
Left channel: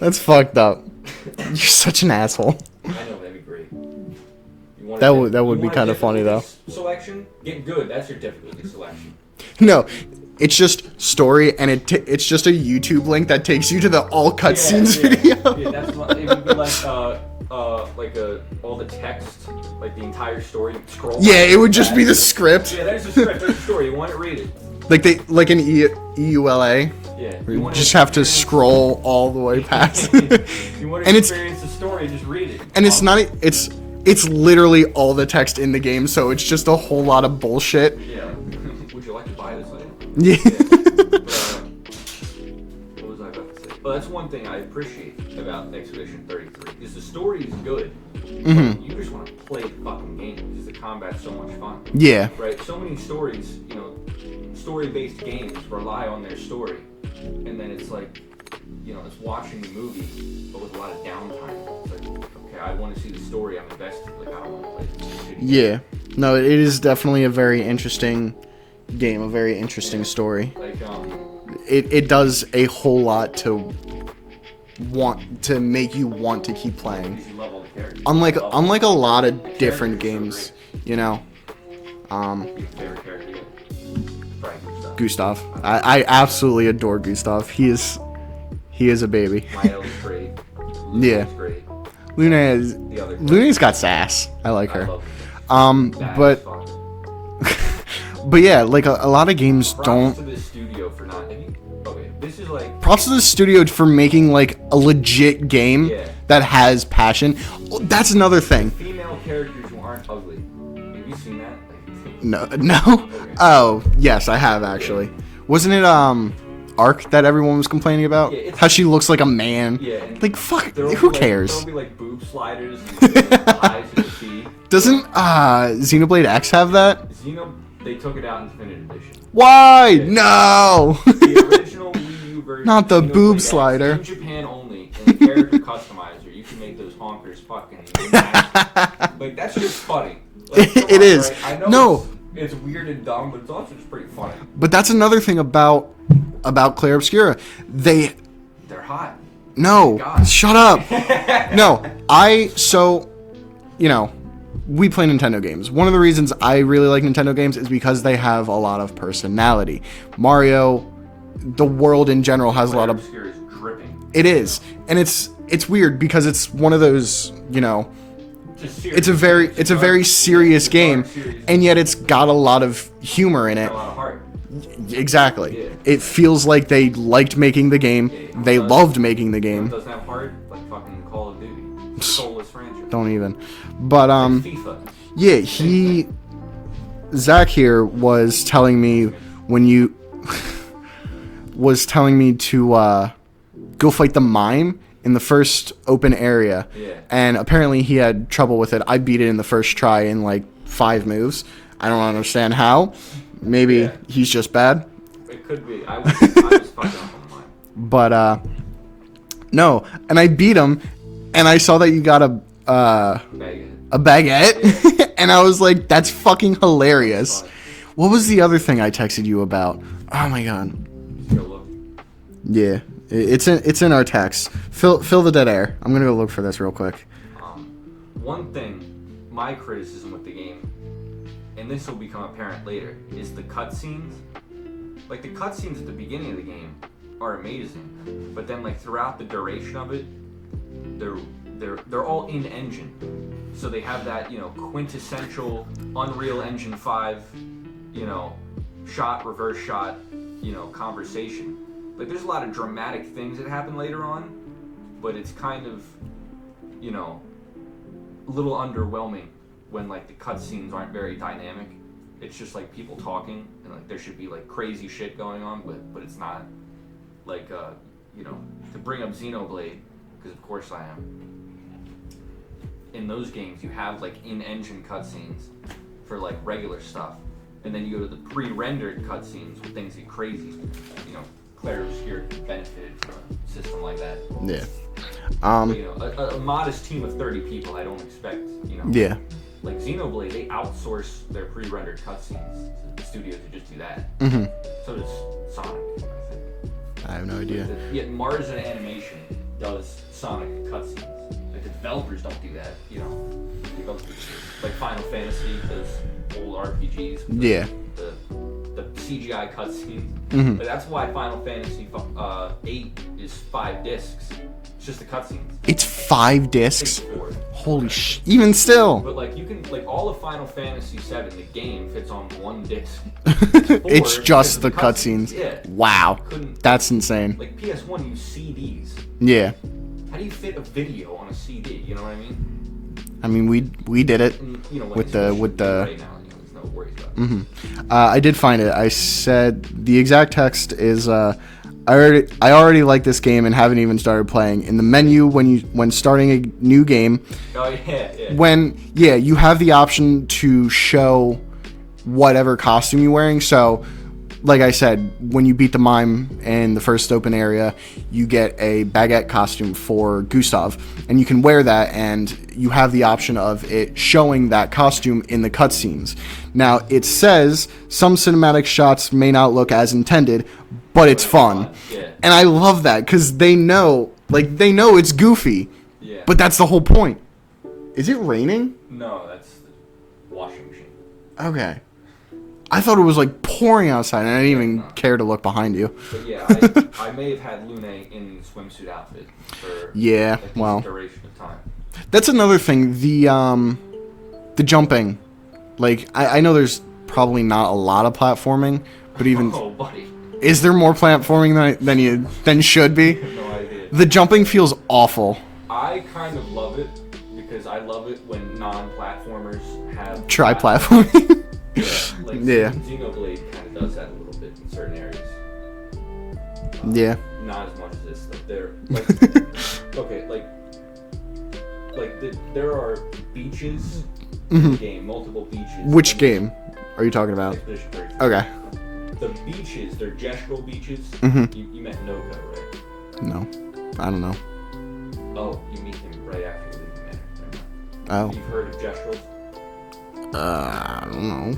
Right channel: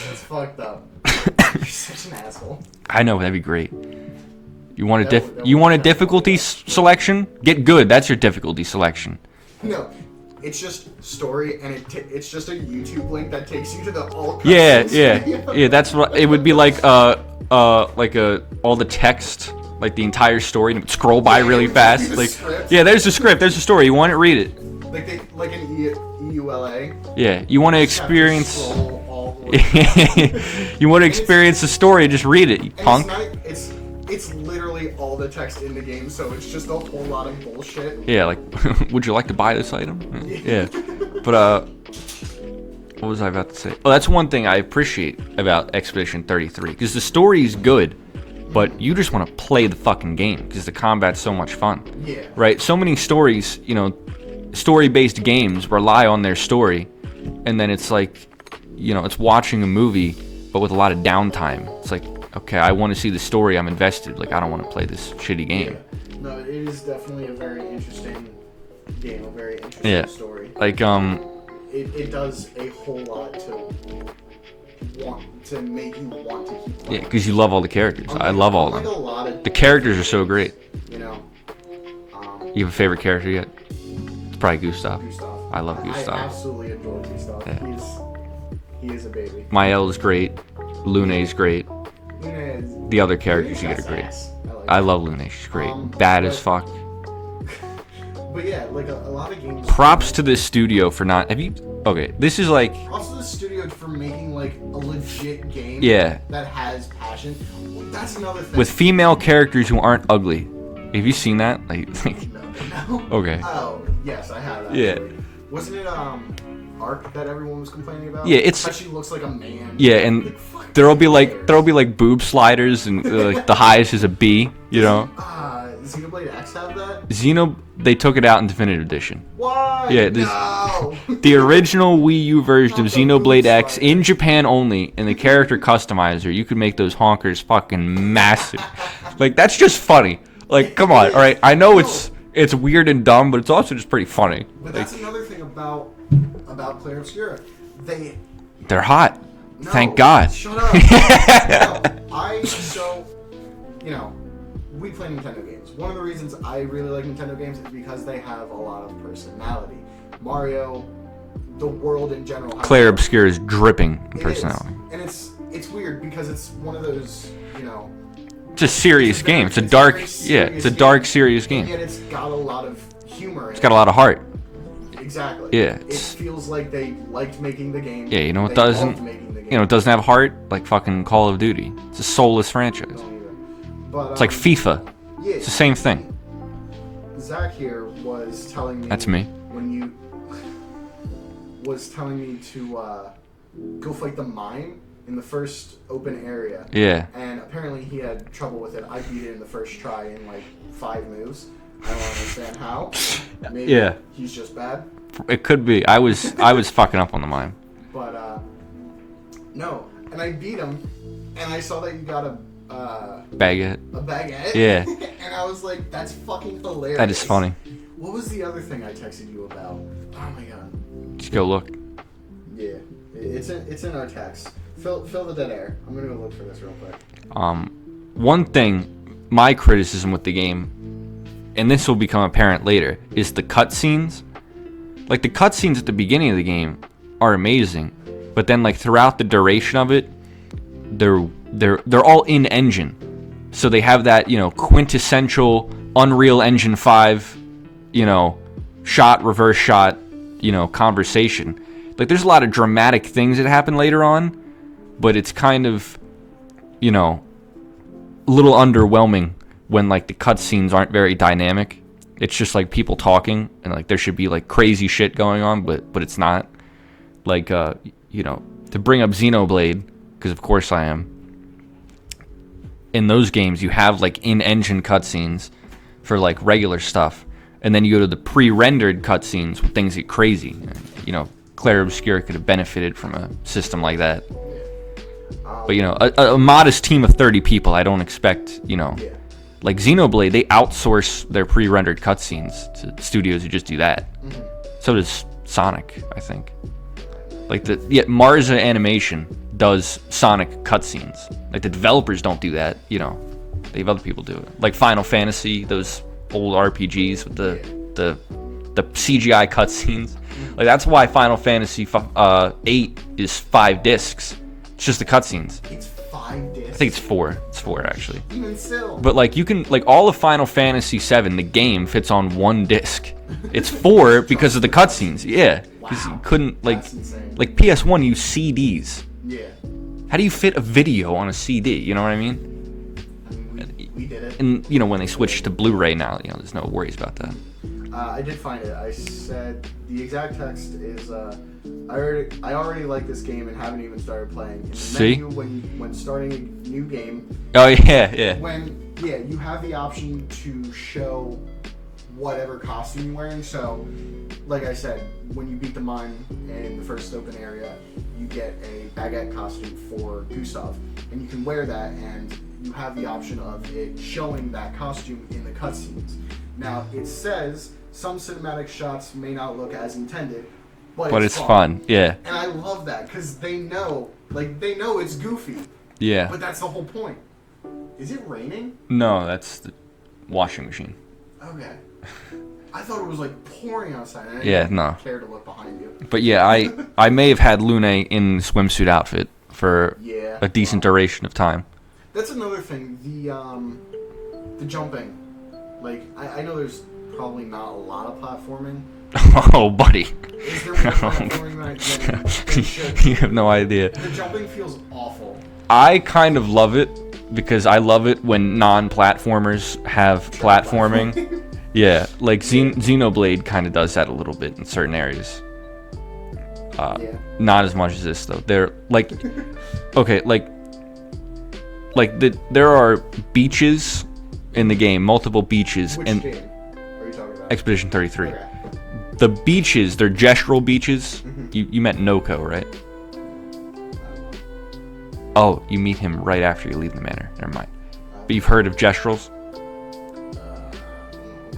That's fucked up. You're such an asshole. I know, that'd be great. You want That a, would you be want a kinda difficulty funny, selection? Get good. That's your difficulty selection. No, it's just story, and it's just a YouTube link that takes you to the all cutscenes video. Yeah. That's what it would be like. All the text, like the entire story, and scroll by really it would fast. just be the like, script. Yeah, there's the script. There's the story. You want it? Read it. Like an EULA. Yeah, you want to Just have to scroll all the way past. You want to experience the story? Just read it. And it's not. It's literally all the text in the game, so it's just a whole lot of bullshit. Yeah, like, would you like to buy this item? Yeah. But what was I about to say? Oh, that's one thing I appreciate about Expedition 33, because the story is good, but you just want to play the fucking game because the combat's so much fun. Yeah. Right. So many stories, story-based games rely on their story, and then it's like, it's watching a movie, but with a lot of downtime. It's like, okay, I want to see the story. I'm invested. Like, I don't want to play this shitty game. Yeah. No, it is definitely a very interesting game, a very interesting story. Like, it does a whole lot to make you want to keep playing. because you love all the characters. Unlike I love all a lot of the characters are games, so great. You You have a favorite character yet? It's probably Gustav. Gustav. I absolutely adore Gustav. He is a baby. Mael is great. Lune's great. Lune is The other character. Lune's got sass. I like her. I love Lune. She's great. Bad as fuck. But yeah, like a lot of games. Props to this studio for not. Have you? Okay, this is like. Props to the studio for making like a legit game. Yeah. That has passion. That's another thing. With female characters who aren't ugly. Have you seen that? Like No. Okay. Oh yes, I have actually. Yeah. Wasn't it Ark that everyone was complaining about? Yeah, it's how she looks like a man. Yeah, and like fuck. There'll be cares? like boob sliders, and the highest is a B. Doesn't Xenoblade X have that? They took it out in Definitive Edition. Why? Yeah, no. The original Wii U version Not of the Xenoblade boob X slider. in Japan only, and the character customizer, you could make those honkers fucking massive. Like, that's just funny. Like, come on, is. right? I know it's weird and dumb, but it's also just pretty funny. But that's another thing about Clair Obscura. They're hot. No. Thank God. Shut up. No. We play Nintendo games. One of the reasons I really like Nintendo games is because they have a lot of personality. Mario, the world in general has Clair a lot of... Obscur is dripping. It is. And it's weird because it's one of those, It's a serious game. It's a very serious game. It's a dark, serious game. And yet it's got a lot of humor in it. It's got a lot of heart. Exactly. Yeah. It feels like they liked making the game. Yeah, they loved making the game. It doesn't have heart, like fucking Call of Duty. It's a soulless franchise. Don't even. But it's like FIFA. Yeah, it's the same thing. Zach here was telling me, That's me. When you was telling me to go fight the mime in the first open area. Yeah. And apparently he had trouble with it. I beat it in the first try in like 5 moves. I don't understand how. Maybe he's just bad. It could be. I was fucking up on the mime. But no, and I beat him, and I saw that you got a baguette. A baguette. Yeah. And I was like, that's fucking hilarious. That's funny. What was the other thing I texted you about? Oh my god. Just go look. Yeah, it's in our text. Fill the dead air. I'm gonna go look for this real quick. One thing, my criticism with the game, and this will become apparent later, is the cutscenes. Like, the cutscenes at the beginning of the game are amazing, but then like throughout the duration of it, they're all in engine, so they have that quintessential Unreal Engine 5, shot reverse shot, conversation. Like, there's a lot of dramatic things that happen later on, but it's kind of a little underwhelming when like the cutscenes aren't very dynamic. It's just like people talking, and like there should be like crazy shit going on, but it's not. Like to bring up Xenoblade, because of course I am. In those games, you have like in-engine cutscenes for like regular stuff, and then you go to the pre-rendered cutscenes where things get crazy. Clair Obscur could have benefited from a system like that. Yeah. But a modest team of 30 people, I don't expect. Yeah. Like Xenoblade, they outsource their pre-rendered cutscenes to studios who just do that. Mm-hmm. So does Sonic, I think. I have no idea. Like Marza Animation does Sonic cutscenes. Like the developers don't do that, you know. They have other people do it. Like Final Fantasy, those old RPGs with the CGI cutscenes. Mm-hmm. Like that's why Final Fantasy 8 is 5 discs. It's just the cutscenes. It's 5 discs? I think it's 4. It's 4 actually. Even still. But like you can all of Final Fantasy 7, the game fits on 1 disc. It's 4 It's because of the cutscenes. Yeah. Wow. Couldn't. That's insane. Like PS1 used CDs. Yeah. How do you fit a video on a CD? You know what I mean? I mean, we did it. And you know when they switched to Blu-ray now, you know there's no worries about that. Mm-hmm. I did find it. I said the exact text is I already like this game and haven't even started playing. In the menu when starting a new game. Oh yeah. You have the option to show whatever costume you're wearing. So, like I said, when you beat the mime in the first open area, you get a baguette costume for Gustav, and you can wear that, and you have the option of it showing that costume in the cutscenes. Now, it says some cinematic shots may not look as intended, but it's fun. Yeah. And I love that, because they know it's goofy. Yeah. But that's the whole point. Is it raining? No, that's the washing machine. Okay. I thought it was like pouring outside, and I didn't even care to look behind you. But yeah, I may have had Lune in the swimsuit outfit for a decent duration of time. That's another thing. The jumping, like I know there's probably not a lot of platforming. But even, buddy, is there more platforming than you should be? You have no idea. The jumping feels awful. I kind of love it because I love it when non-platformers have platforming. Yeah, like Xenoblade kind of does that a little bit in certain areas. Not as much as this though. They're like, okay, there are beaches in the game, multiple beaches. Which game are you talking about? Expedition 33. Okay. The beaches, they're gestural beaches. You met Noko, right? No, I don't know. Oh, you meet him right after you leave the manor. Never mind. Oh. But you've heard of gestrals? I don't know.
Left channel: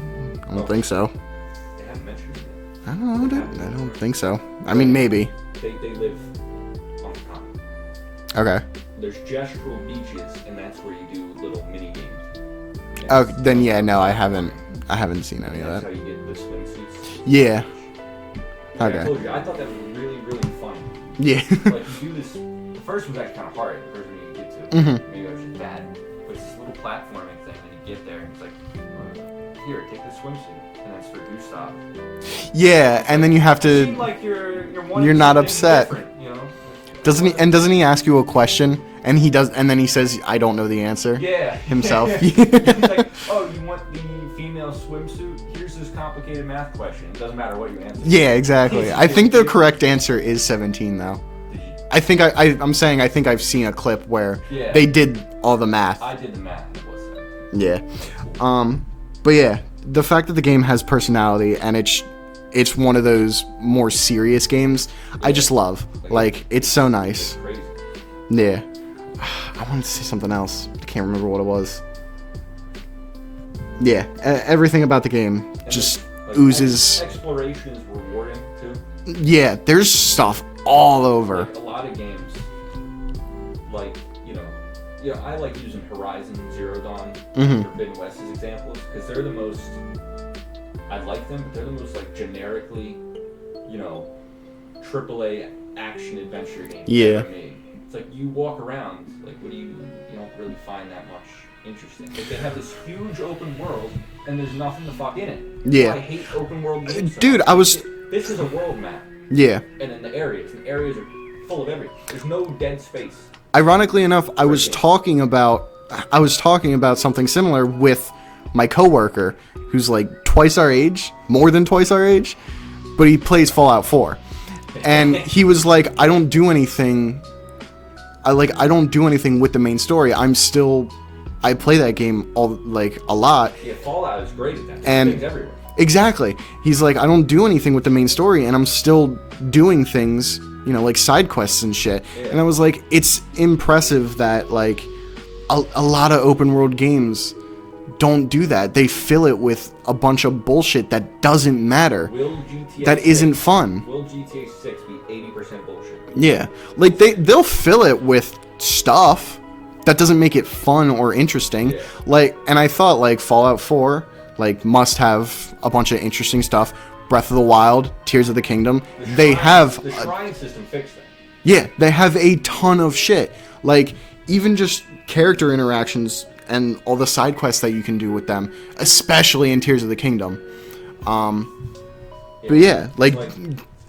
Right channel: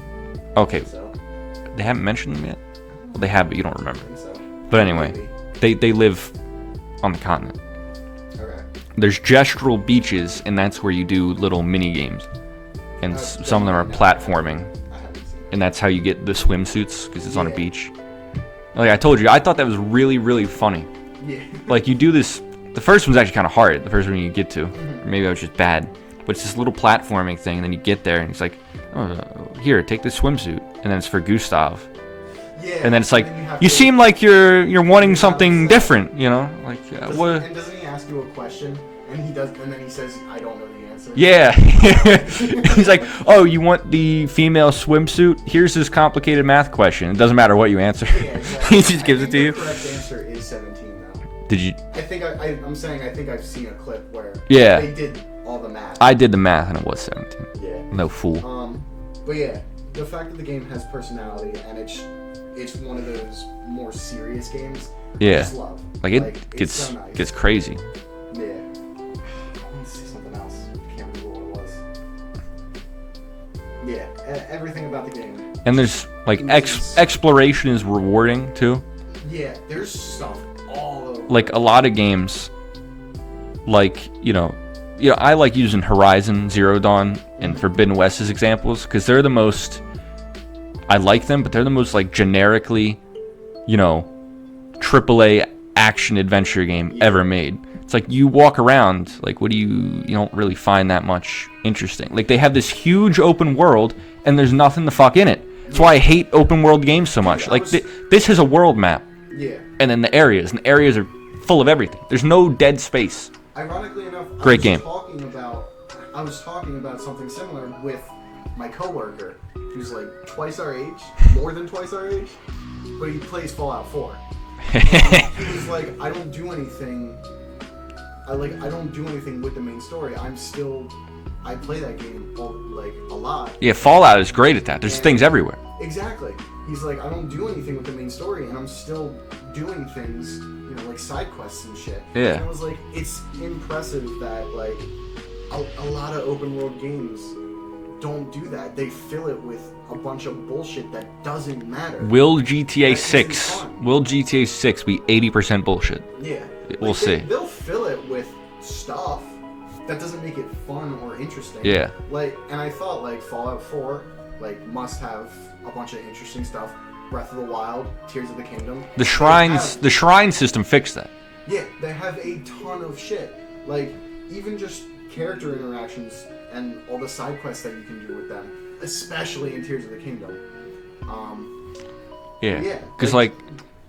I don't think so. They haven't mentioned them yet? I don't know. They have, but you don't remember. I think so. But anyway, maybe. They live on the continent. Okay. There's gestural beaches, and that's where you do little mini games. And some are platforming. I haven't seen it. And that's how you get the swimsuits, because it's on the beach. Like I told you, I thought that was really, really funny. Yeah. Like you do this. The first one's actually kind of hard. The first one you get to. Maybe I was just bad. But it's this little platforming thing, and then you get there, and it's like, oh, here, take this swimsuit, and then it's for Gustav. Yeah, and then, then you have to. You seem like you're wanting something different, you know? Like, doesn't he ask you a question, and he does, and then he says, "I don't know the answer." Yeah. He's like, "Oh, you want the female swimsuit? Here's this complicated math question. It doesn't matter what you answer." Yeah, exactly. I think the correct answer is 17, though. Did you? I think I'm saying I think I've seen a clip where they did all the math. I did the math and it was 17. Yeah. No fool. But yeah, the fact that the game has personality and it's one of those more serious games, I just love. Like it's so nice. It's crazy. Yeah. I wanted to say something else. I can't remember what it was. Yeah, everything about the game. And there's like exploration is rewarding too. Yeah, there's stuff all over. Like a lot of games, like I like using Horizon Zero Dawn and Forbidden West as examples because they're the most. I like them, but they're the most like generically, AAA action adventure game ever made. It's like you walk around, like you don't really find that much interesting. Like they have this huge open world and there's nothing the fuck in it. That's why I hate open world games so much. This is a world map. Yeah. And then the areas are full of everything. There's no dead space. Ironically enough, I was talking about something similar with my coworker who's like twice our age, more than twice our age, but he plays Fallout 4. And he was like, I don't do anything with the main story. I play that game a lot. Yeah, Fallout is great at that. There's things everywhere. Exactly. He's like, I don't do anything with the main story, and I'm still doing things, like side quests and shit. Yeah. And I was like, it's impressive that like a lot of open world games don't do that. They fill it with a bunch of bullshit that doesn't matter. Will GTA that 6 isn't fun. Will GTA 6 be 80% bullshit? Yeah. Like they'll fill it with stuff that doesn't make it fun or interesting. Yeah. Like, and I thought like Fallout 4 like must have a bunch of interesting stuff. Breath of the Wild, Tears of the Kingdom. The shrine system fixed that. Yeah, they have a ton of shit. Like, even just character interactions and all the side quests that you can do with them, especially in Tears of the Kingdom. But yeah, like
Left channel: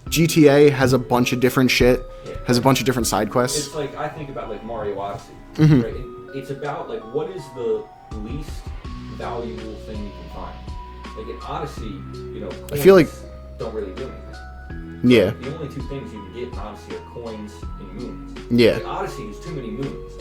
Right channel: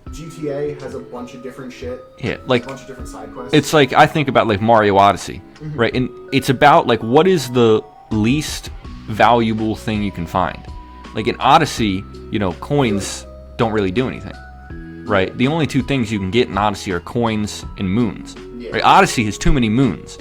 GTA has a bunch of different shit. Yeah, like a bunch of different side quests. It's like, I think about like Mario Odyssey, right? And it's about like, what is the least valuable thing you can find? Like in Odyssey, you know, coins don't really do anything. Right? Yeah. The only two things you can get in Odyssey are coins and moons. Yeah. Right? Odyssey has too many moons.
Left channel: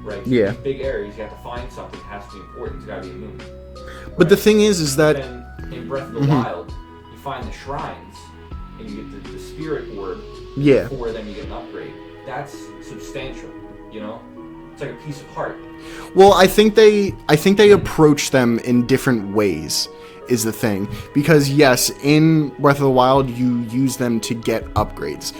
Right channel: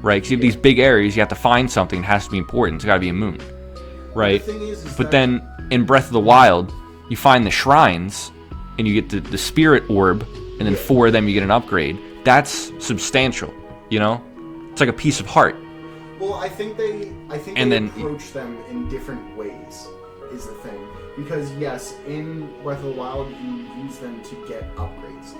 Right? Because you have these big areas, you have to find something that has to be important. It's got to be a moon. Right? But the thing is that... But then in Breath of the Wild, you find the shrines, and you get the spirit orb, and then 4 of them you get an upgrade. That's substantial, you know? It's like a piece of heart. Well, I think they approach them in different ways, is the thing. Because yes, in Breath of the Wild, you use them to get upgrades.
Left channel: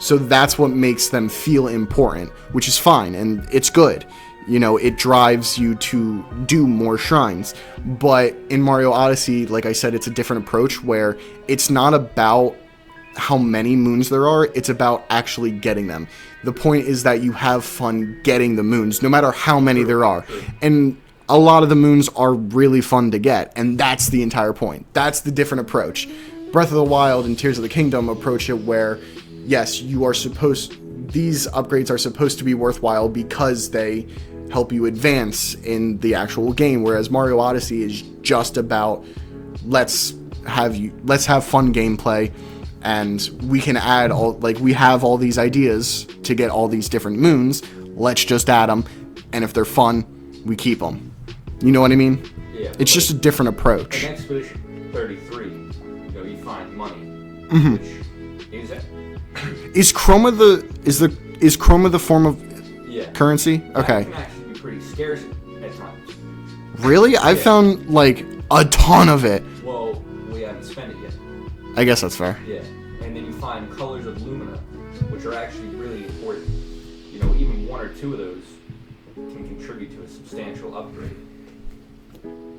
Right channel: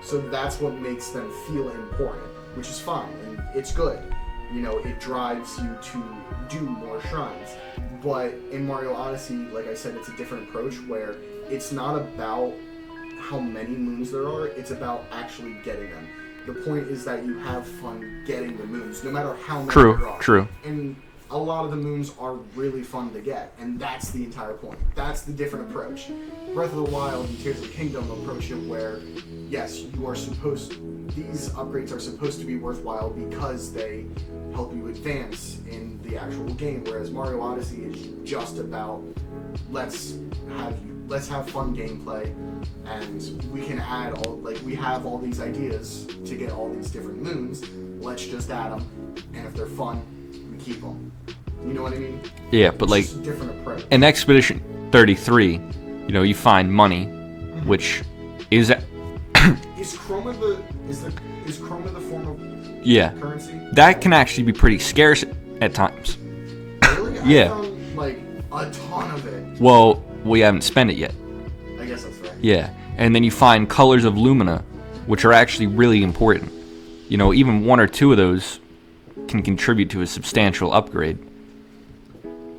So that's what makes them feel important, which is fine, and it's good. You know, it drives you to do more shrines. But in Mario Odyssey, like I said, it's a different approach where it's not about how many moons there are, it's about actually getting them. The point is that you have fun getting the moons, no matter how many there are. True. And a lot of the moons are really fun to get, and that's the entire point. That's the different approach. Breath of the Wild and Tears of the Kingdom approach it where, yes, these upgrades are supposed to be worthwhile because they help you advance in the actual game, whereas Mario Odyssey is just about let's have fun gameplay, and we can add we have all these ideas to get all these different moons. Let's just add them, and if they're fun, we keep them. You know what I mean? Yeah, but it's just a different approach. In Expedition 33, you know, you find money, which is Chroma the form of currency? That can actually be pretty scarce at times. Really? I found like a ton of it. Well, we haven't spent it yet. I guess that's fair. Yeah. And then you find colors of Lumina, which are actually really important. You know, even 1 or 2 of those can contribute to a substantial upgrade.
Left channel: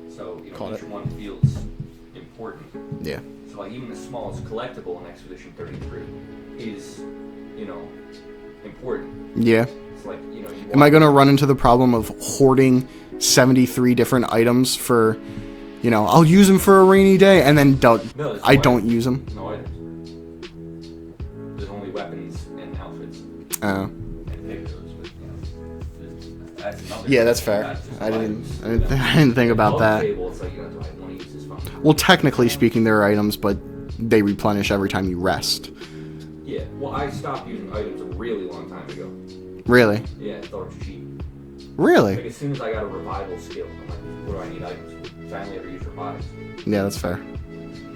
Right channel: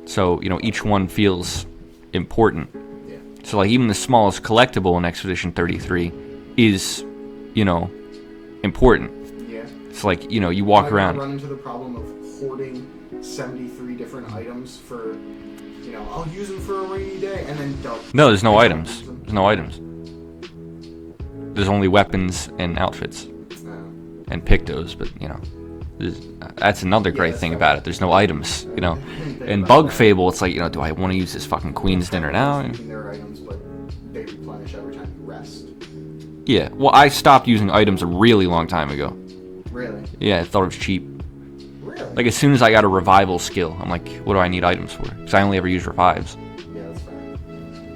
So, you know, each one feels important. Yeah. So, like, even the smallest collectible in Expedition 33 is, you know, important. Yeah. It's like, you know, you walk around. Am I going to run into the problem of hoarding 73 different items for, you know, I'll use them for a rainy day, and then don't. No, there's no items. I don't use them. There's no items. There's only weapons and outfits. Oh. And pictos, but, you know, that's another great thing about it. There's no items, you know. I didn't think about Bug that. Fable, it's like, you know, do I want to use this fucking queen? Well, technically speaking, there are items, but they replenish every time you rest. Yeah. Well, I stopped using items a really long time ago. Really? Yeah, I thought it was cheap. Really? Like, as soon as I got a revival skill, I'm like, what do I need items for? Because I only ever use revives. Yeah, that's fair.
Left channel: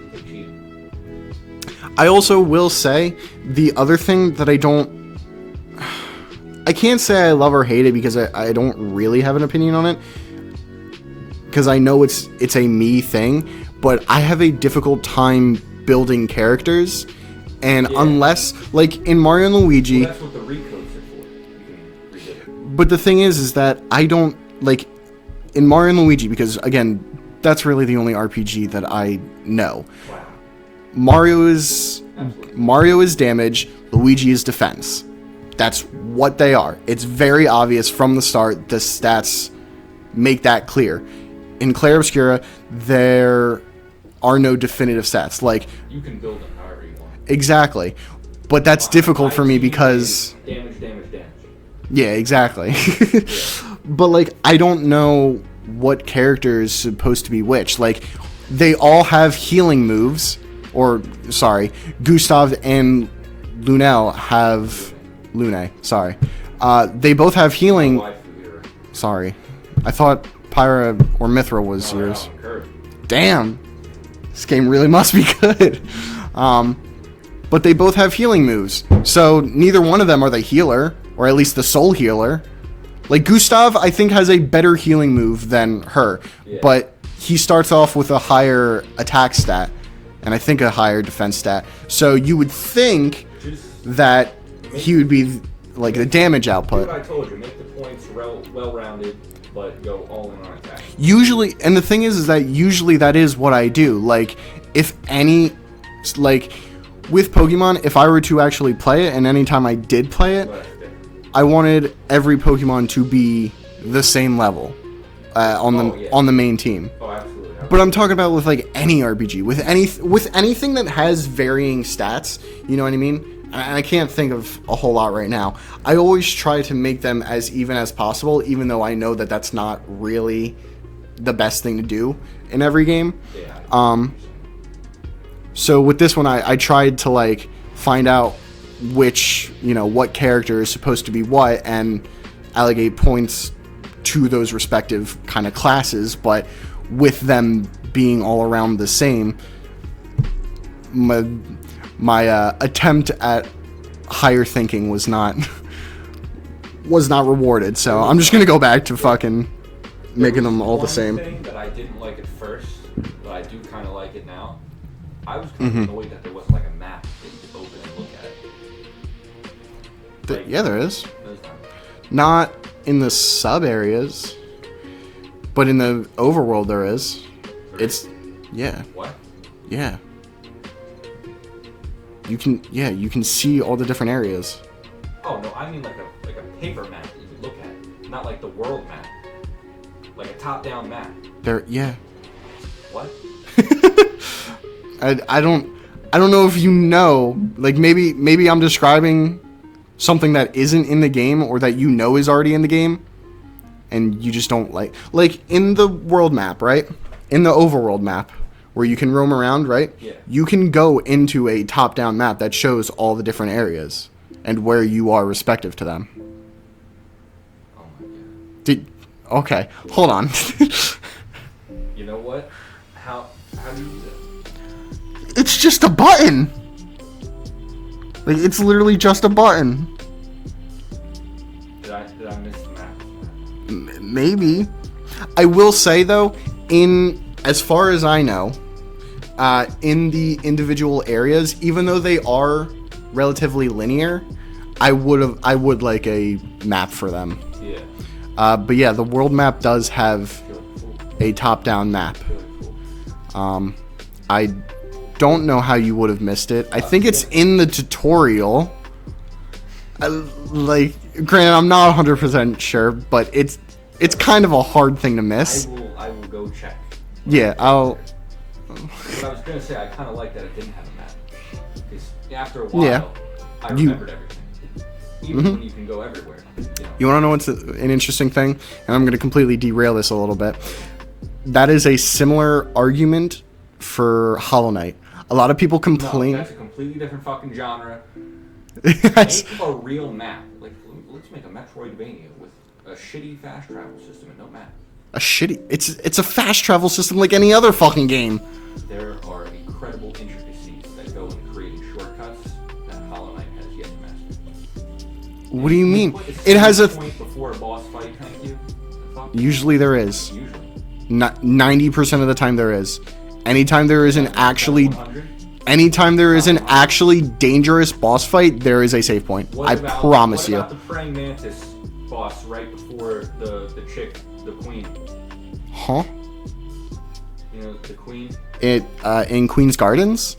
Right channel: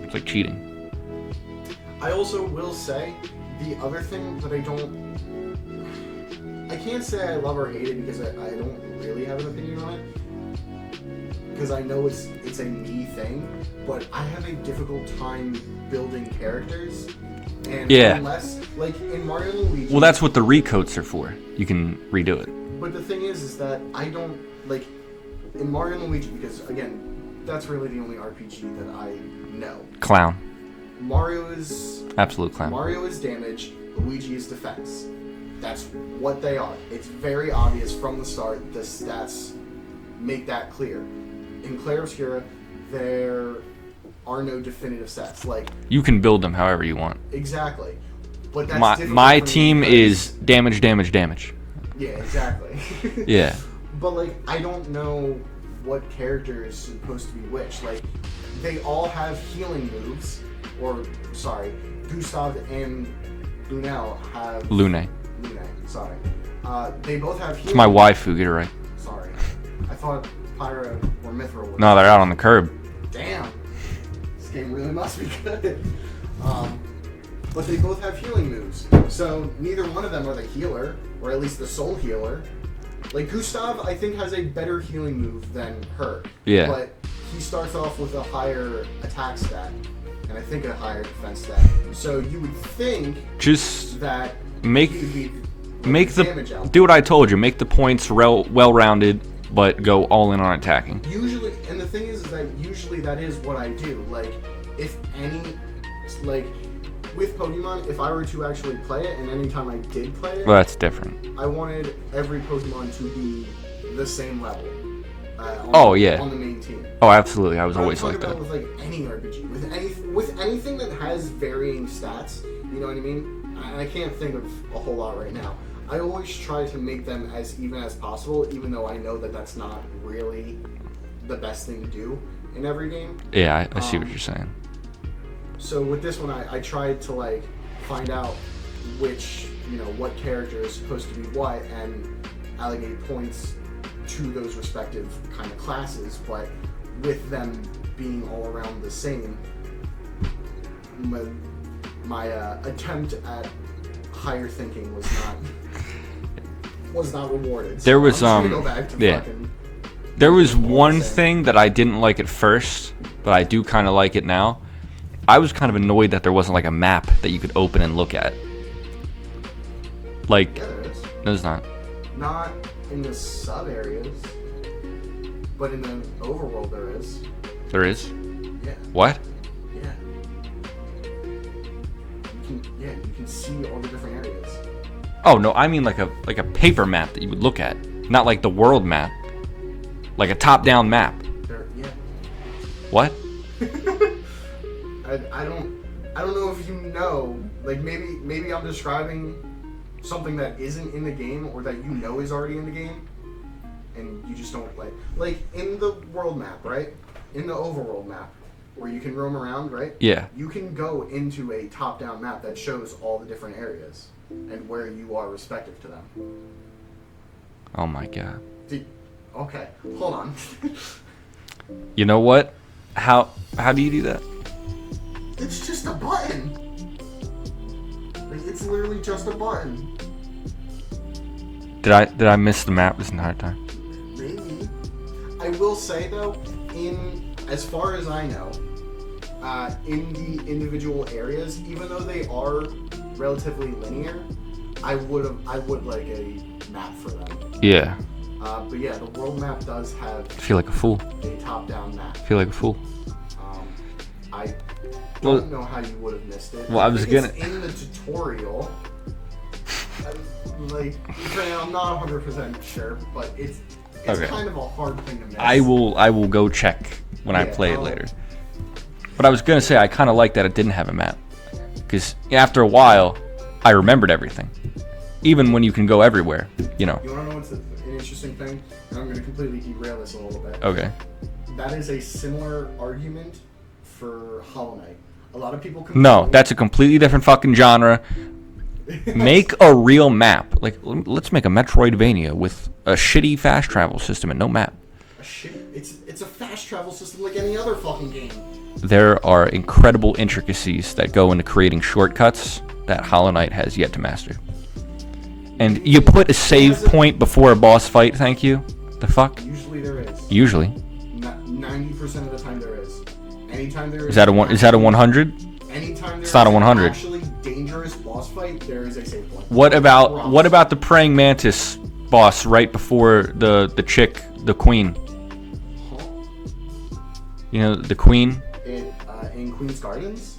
It's like cheating. I also will say, the other thing that I can't say I love or hate it because I don't really have an opinion on it. Because I know it's a me thing, but I have a difficult time building characters. And unless, like, in Mario and Luigi... Well, that's what the recoats are for. You can redo it. But the thing is that I don't, like, in Mario and Luigi, because, again, that's really the only RPG that I know. Clown. Mario is... Absolute clown. Mario is damage, Luigi is defense. That's what they are. It's very obvious from the start. The stats make that clear. In Clair Obscura, there are no definitive stats. Like, you can build them however you want. Exactly. But that's difficult for me because... My team is damage, damage, damage. Yeah, exactly. Yeah. But, like, I don't know what character is supposed to be which. Like, they all have healing moves. Or, sorry, Gustav and Lunel have... Lune, sorry. They both have healing... My waifu, get it right. Sorry. I thought Pyra or Mithra was... No, they're out on the curb. Damn. This game really must be good. But they both have healing moves. So neither one of them are the healer, or at least the soul healer. Like, Gustav, I think, has a better healing move than her. Yeah. But he starts off with a higher attack stat, and I think a higher defense stat. So you would think that he would be, like, a damage output. Do what I told you. Make the points well-rounded, but go all in on attacking. Usually, and the thing is that usually that is what I do. Like, if any... Like, with Pokemon, if I were to actually play it, and anytime I did play it... Well, that's different. I wanted every Pokemon to be the same level on the main team. Oh, absolutely. But I'm talking about with like any RPG, with anything that has varying stats. You know what I mean? I can't think of a whole lot right now. I always try to make them as even as possible, even though I know that that's not really the best thing to do in every game. Yeah, I see what you're saying. So with this one, I tried to like find out which, what character is supposed to be what, and allocate points to those respective kind of classes, but with them being all around the same, my attempt at higher thinking was not rewarded. So I'm just gonna go back to fucking. There was one thing that I didn't like at first, but I do kind of like it now. I was kind of annoyed that there wasn't like a map that you could open and look at. Like, yeah, there is. There's not. Not in the sub areas, but in the overworld there is. There is? Yeah. What? Yeah. You can see all the different areas. Oh no, I mean like a paper map that you would look at, not like the world map, like a top-down map. Yeah. What? I don't know if you know. Like maybe I'm describing something that isn't in the game, or that is already in the game, and you just don't like in the world map, right? In the overworld map, where you can roam around, right? Yeah. You can go into a top-down map that shows all the different areas and where you are respective to them. Oh my god. Okay, hold on. You know what? How do you do that? It's just a button. Like, it's literally just a button. Did I miss the map this entire time? Maybe. I will say though, as far as I know, in the individual areas, even though they are relatively linear, I would like a map for them. Yeah. But yeah, the world map does have. I feel like a fool. A top-down map. I feel like a fool. I don't know how you would have missed it. Well, I think it's in the tutorial. Granted, I'm not 100% sure, but it's kind of a hard thing to miss. I will go check when I play it later. But I was gonna say I kind of like that it didn't have a map, because after a while, I remembered everything, even when you can go everywhere. You want to know what's an interesting thing? And I'm gonna completely derail this a little bit. Okay. That is a similar argument for Hollow Knight. A lot of people complain. No, that's a completely different fucking genre. Make a real map. Like, let's make a Metroidvania with a shitty fast travel system and no map. It's a fast travel system like any other fucking game. There are incredible intricacies that go into creating shortcuts that Hollow Knight has yet to master. What do you mean? You put a save point before a boss fight, thank you? The fuck? Usually there is. Usually. 90% of the time there is. Anytime there is that a 100? Anytime there is an actually dangerous boss fight, there is a save point. What about the praying mantis boss right before the chick, the queen? Huh? The queen? In Queen's Gardens?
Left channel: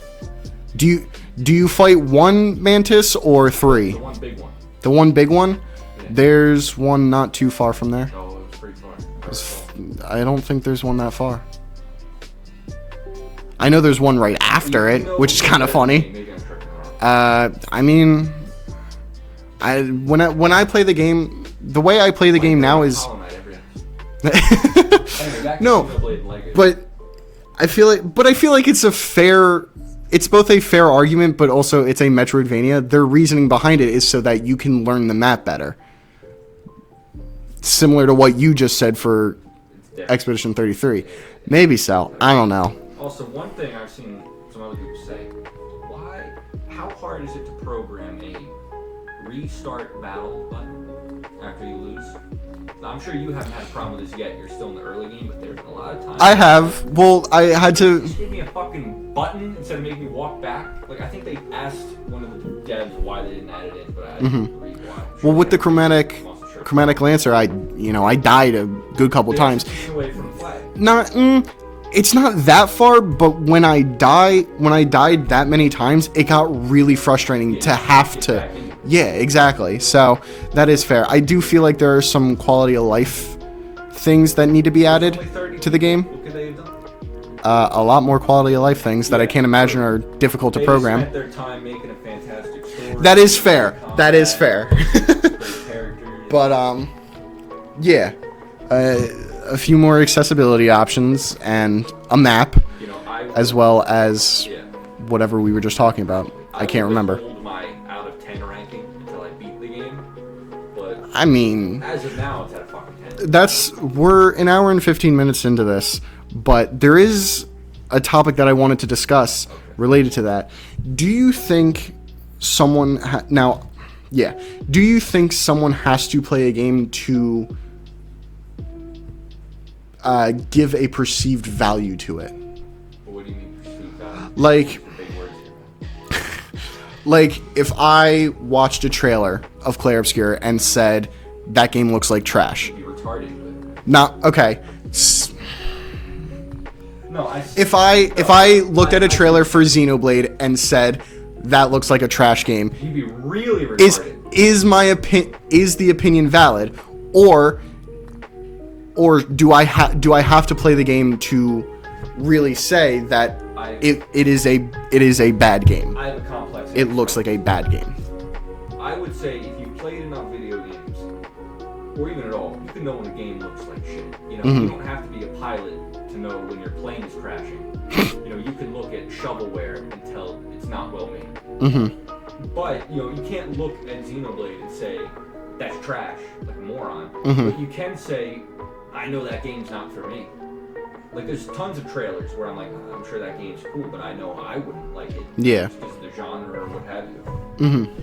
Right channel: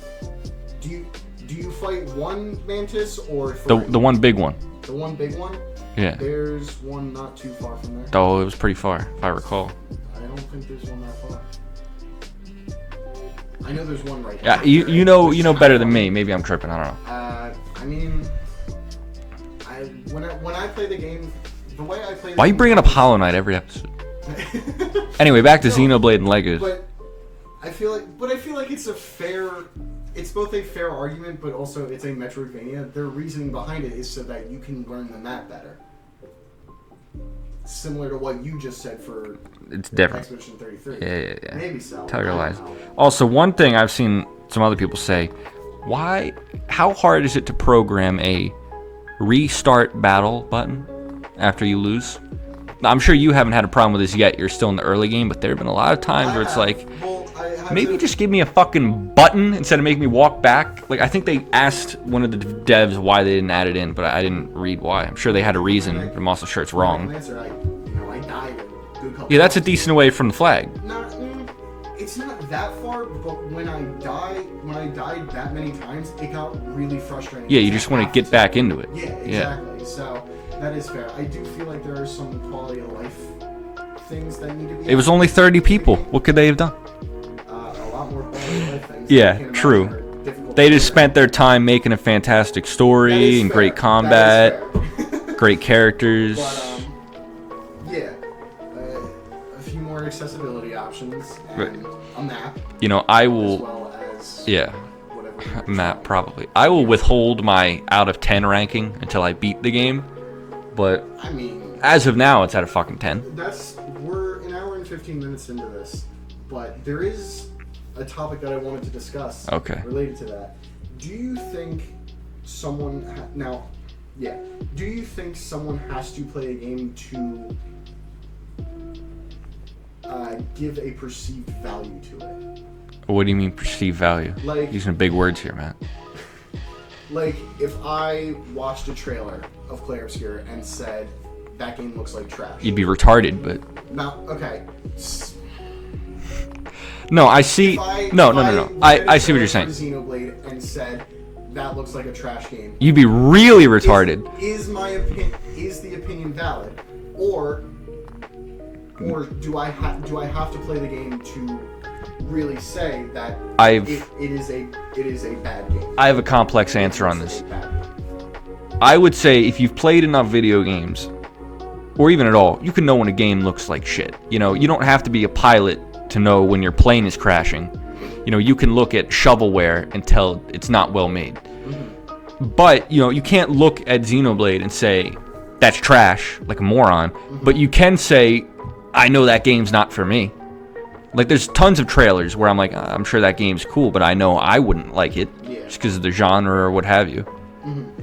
Do you fight one mantis or three? The one big one. The one big one? Yeah. There's one not too far from there. Oh, it was pretty far, if I recall. I don't think there's one that far. I know there's one right after it, which is kind of funny. Than me. Maybe I'm tripping. I don't know. I mean, when I play the game, the way I play the game now is... Why you bring up Hollow Knight every episode? Anyway, back to Xenoblade and Legos. But I feel like it's both a fair argument, but also it's a Metroidvania. Their reasoning behind it is so that you can learn the map better. Similar to what you just said for Expedition 33. Yeah. Maybe so. I don't know. Also, one thing I've seen some other people say, how hard is it to program a restart battle button after you lose? I'm sure you haven't had a problem with this yet. You're still in the early game, but there have been a lot of times I have. Like, well, I had maybe to just give me a fucking button instead of making me walk back. Like, I think they asked one of the devs why they didn't add it in, but I didn't read why. I'm sure they had a reason. I'm also sure it's chromatic wrong. Lancer. I died a good couple Yeah, times. that's a decent away from the flag. It's not that far, but when I died that many times, it got really frustrating Yeah, you to just want have to get back into it. Yeah, exactly. So that is fair. I do feel like there are some quality of life things that need to be added. It was only 30 to people. the game. What could they have done? A lot more quality of life things that I can't imagine true. are difficult to They program. just spent their time making a fantastic story. That is fair. Great combat. That is fair. Great characters. But yeah. A few more accessibility options and a map, I will, as well as whatever we were just talking about. Probably. I will can't remember. withhold my out of 10 ranking until I beat the game. But I mean, as of now, it's at a fucking 10. We're an hour and 15 minutes into this, but there is a topic that I wanted to discuss related to that. Do you think someone do you think someone has to play a game to give a perceived value to it? What do you mean perceived value? Like, using big words here, man. Like, if I watched a trailer of Clair Obscur and said that game looks like trash, You'd be retarded, but not okay. No, I see. If I looked at a I see what trailer you're for saying. Xenoblade and said that looks like a trash game, You'd be really retarded. Is the opinion valid, or do I have to play the game to really say that it is a bad game? I have a complex answer on this. It looks like a bad game. I would say if you've played enough video games, or even at all, you can know when a game looks like shit. You don't have to be a pilot to know when your plane is crashing. You can look at shovelware and tell it's not well made. But, you can't look at Xenoblade and say, that's trash, like a moron. But you can say, I know that game's not for me. Like, there's tons of trailers where I'm like, I'm sure that game's cool, but I know I wouldn't like it. Yeah. Just because of the genre or what have you.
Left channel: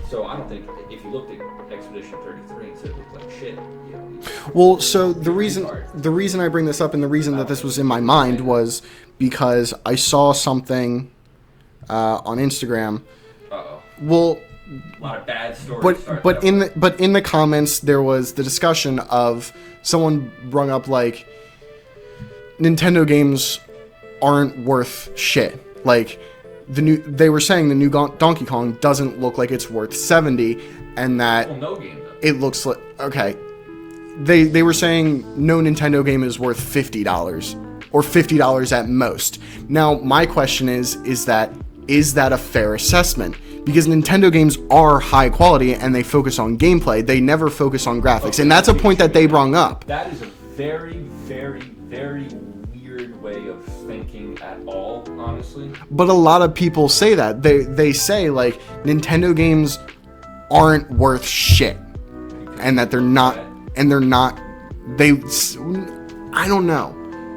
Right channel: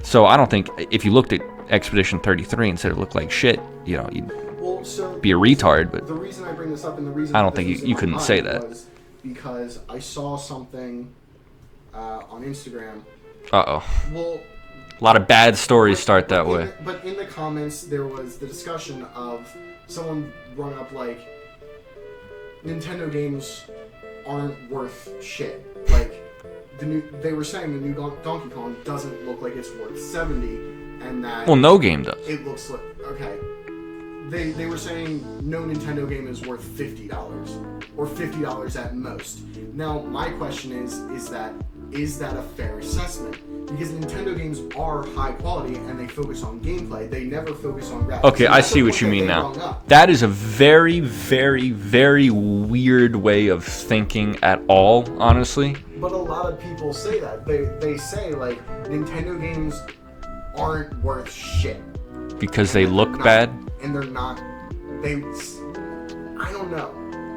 So I don't think, if you looked at Expedition 33 and said it looked like shit, you'd be a retard. But the reason I bring this up and the reason that this was in my mind was because I saw something on Instagram. Well, a lot of bad stories start that way. But in the comments, there was the discussion of someone brung up, like, Nintendo games aren't worth shit. Like, they were saying the new Donkey Kong doesn't look like it's worth $70, and that... Well, no game does. It looks like... Okay. They were saying no Nintendo game is worth $50, or $50 at most. Now, my question is that a fair assessment? Because Nintendo games are high quality and they focus on gameplay. They never focus on graphics. Okay, and that's a point that they brung up. That is a very, very, very weird way of thinking at all, honestly. But a lot of people say that. They say, like, Nintendo games aren't worth shit. Because they look bad? And they're not... I don't know.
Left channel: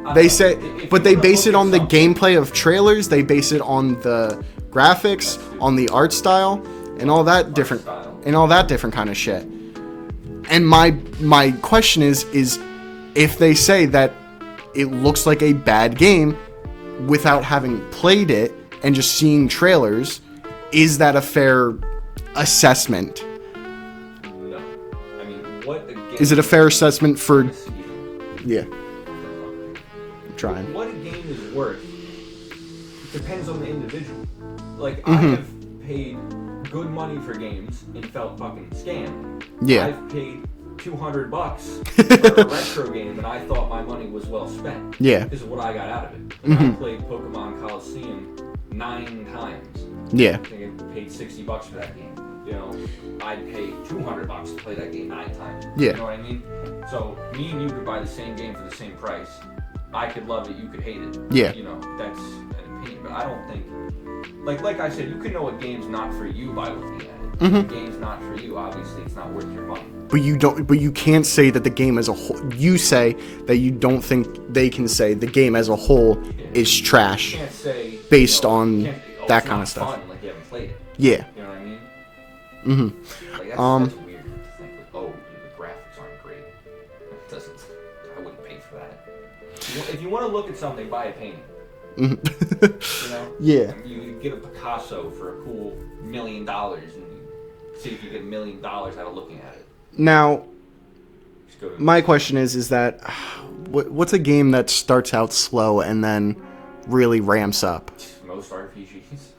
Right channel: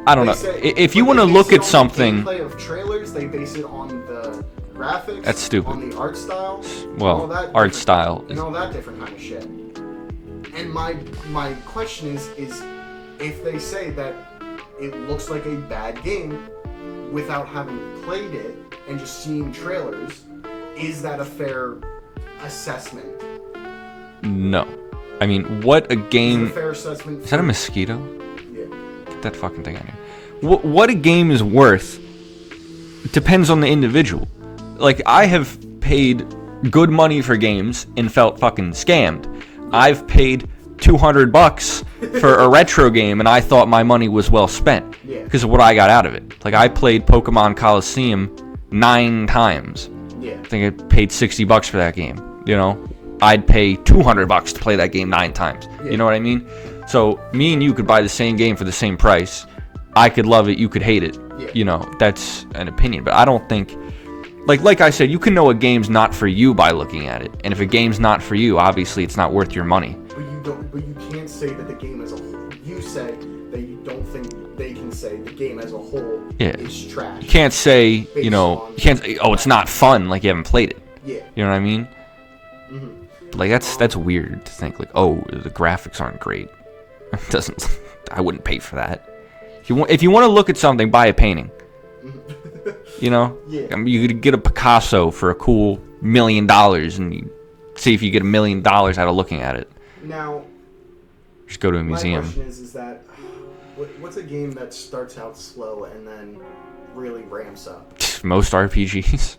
I don't know. Say, if you want to look at something... the gameplay of trailers, they base it on the graphics, that's stupid. On the art style, and all that different kind of shit. And my question is if they say that it looks like a bad game without having played it and just seeing trailers, is that a fair assessment? No. I mean, what a game... Is it a fair assessment for... Is that a mosquito? Yeah. Get that fucking thing out here. What a game is worth depends on the individual. Like, I have paid good money for games and felt fucking scammed. Yeah. I've paid $200 for a retro game and I thought my money was well spent. Yeah. Because of what I got out of it. Like, I played Pokemon Coliseum 9 times. Yeah. I think I paid $60 for that game. I'd pay $200 to play that game 9 times. Yeah. You know what I mean? So, me and you could buy the same game for the same price. I could love it, you could hate it. Yeah. That's an opinion. But I don't think... Like I said, you can know a game's not for you by looking at it. And if a game's not for you, obviously it's not worth your money. But you can't say that the game as a whole... You say that you don't think they can say the game as a whole is trash. Can't say... Based on... it's not fun, like you haven't played it. Yeah. You know what I mean? Like, that's weird to think, like, the graphics aren't great. Doesn't. I wouldn't pay for that. If you want to look at something, buy a painting. You know? Yeah. I mean, you could get a Picasso for a cool $1 million and you see if you get $1 million out of looking at it. Now, just go to a my museum. question is that what's a game that starts out slow and then really ramps up? Most RPGs.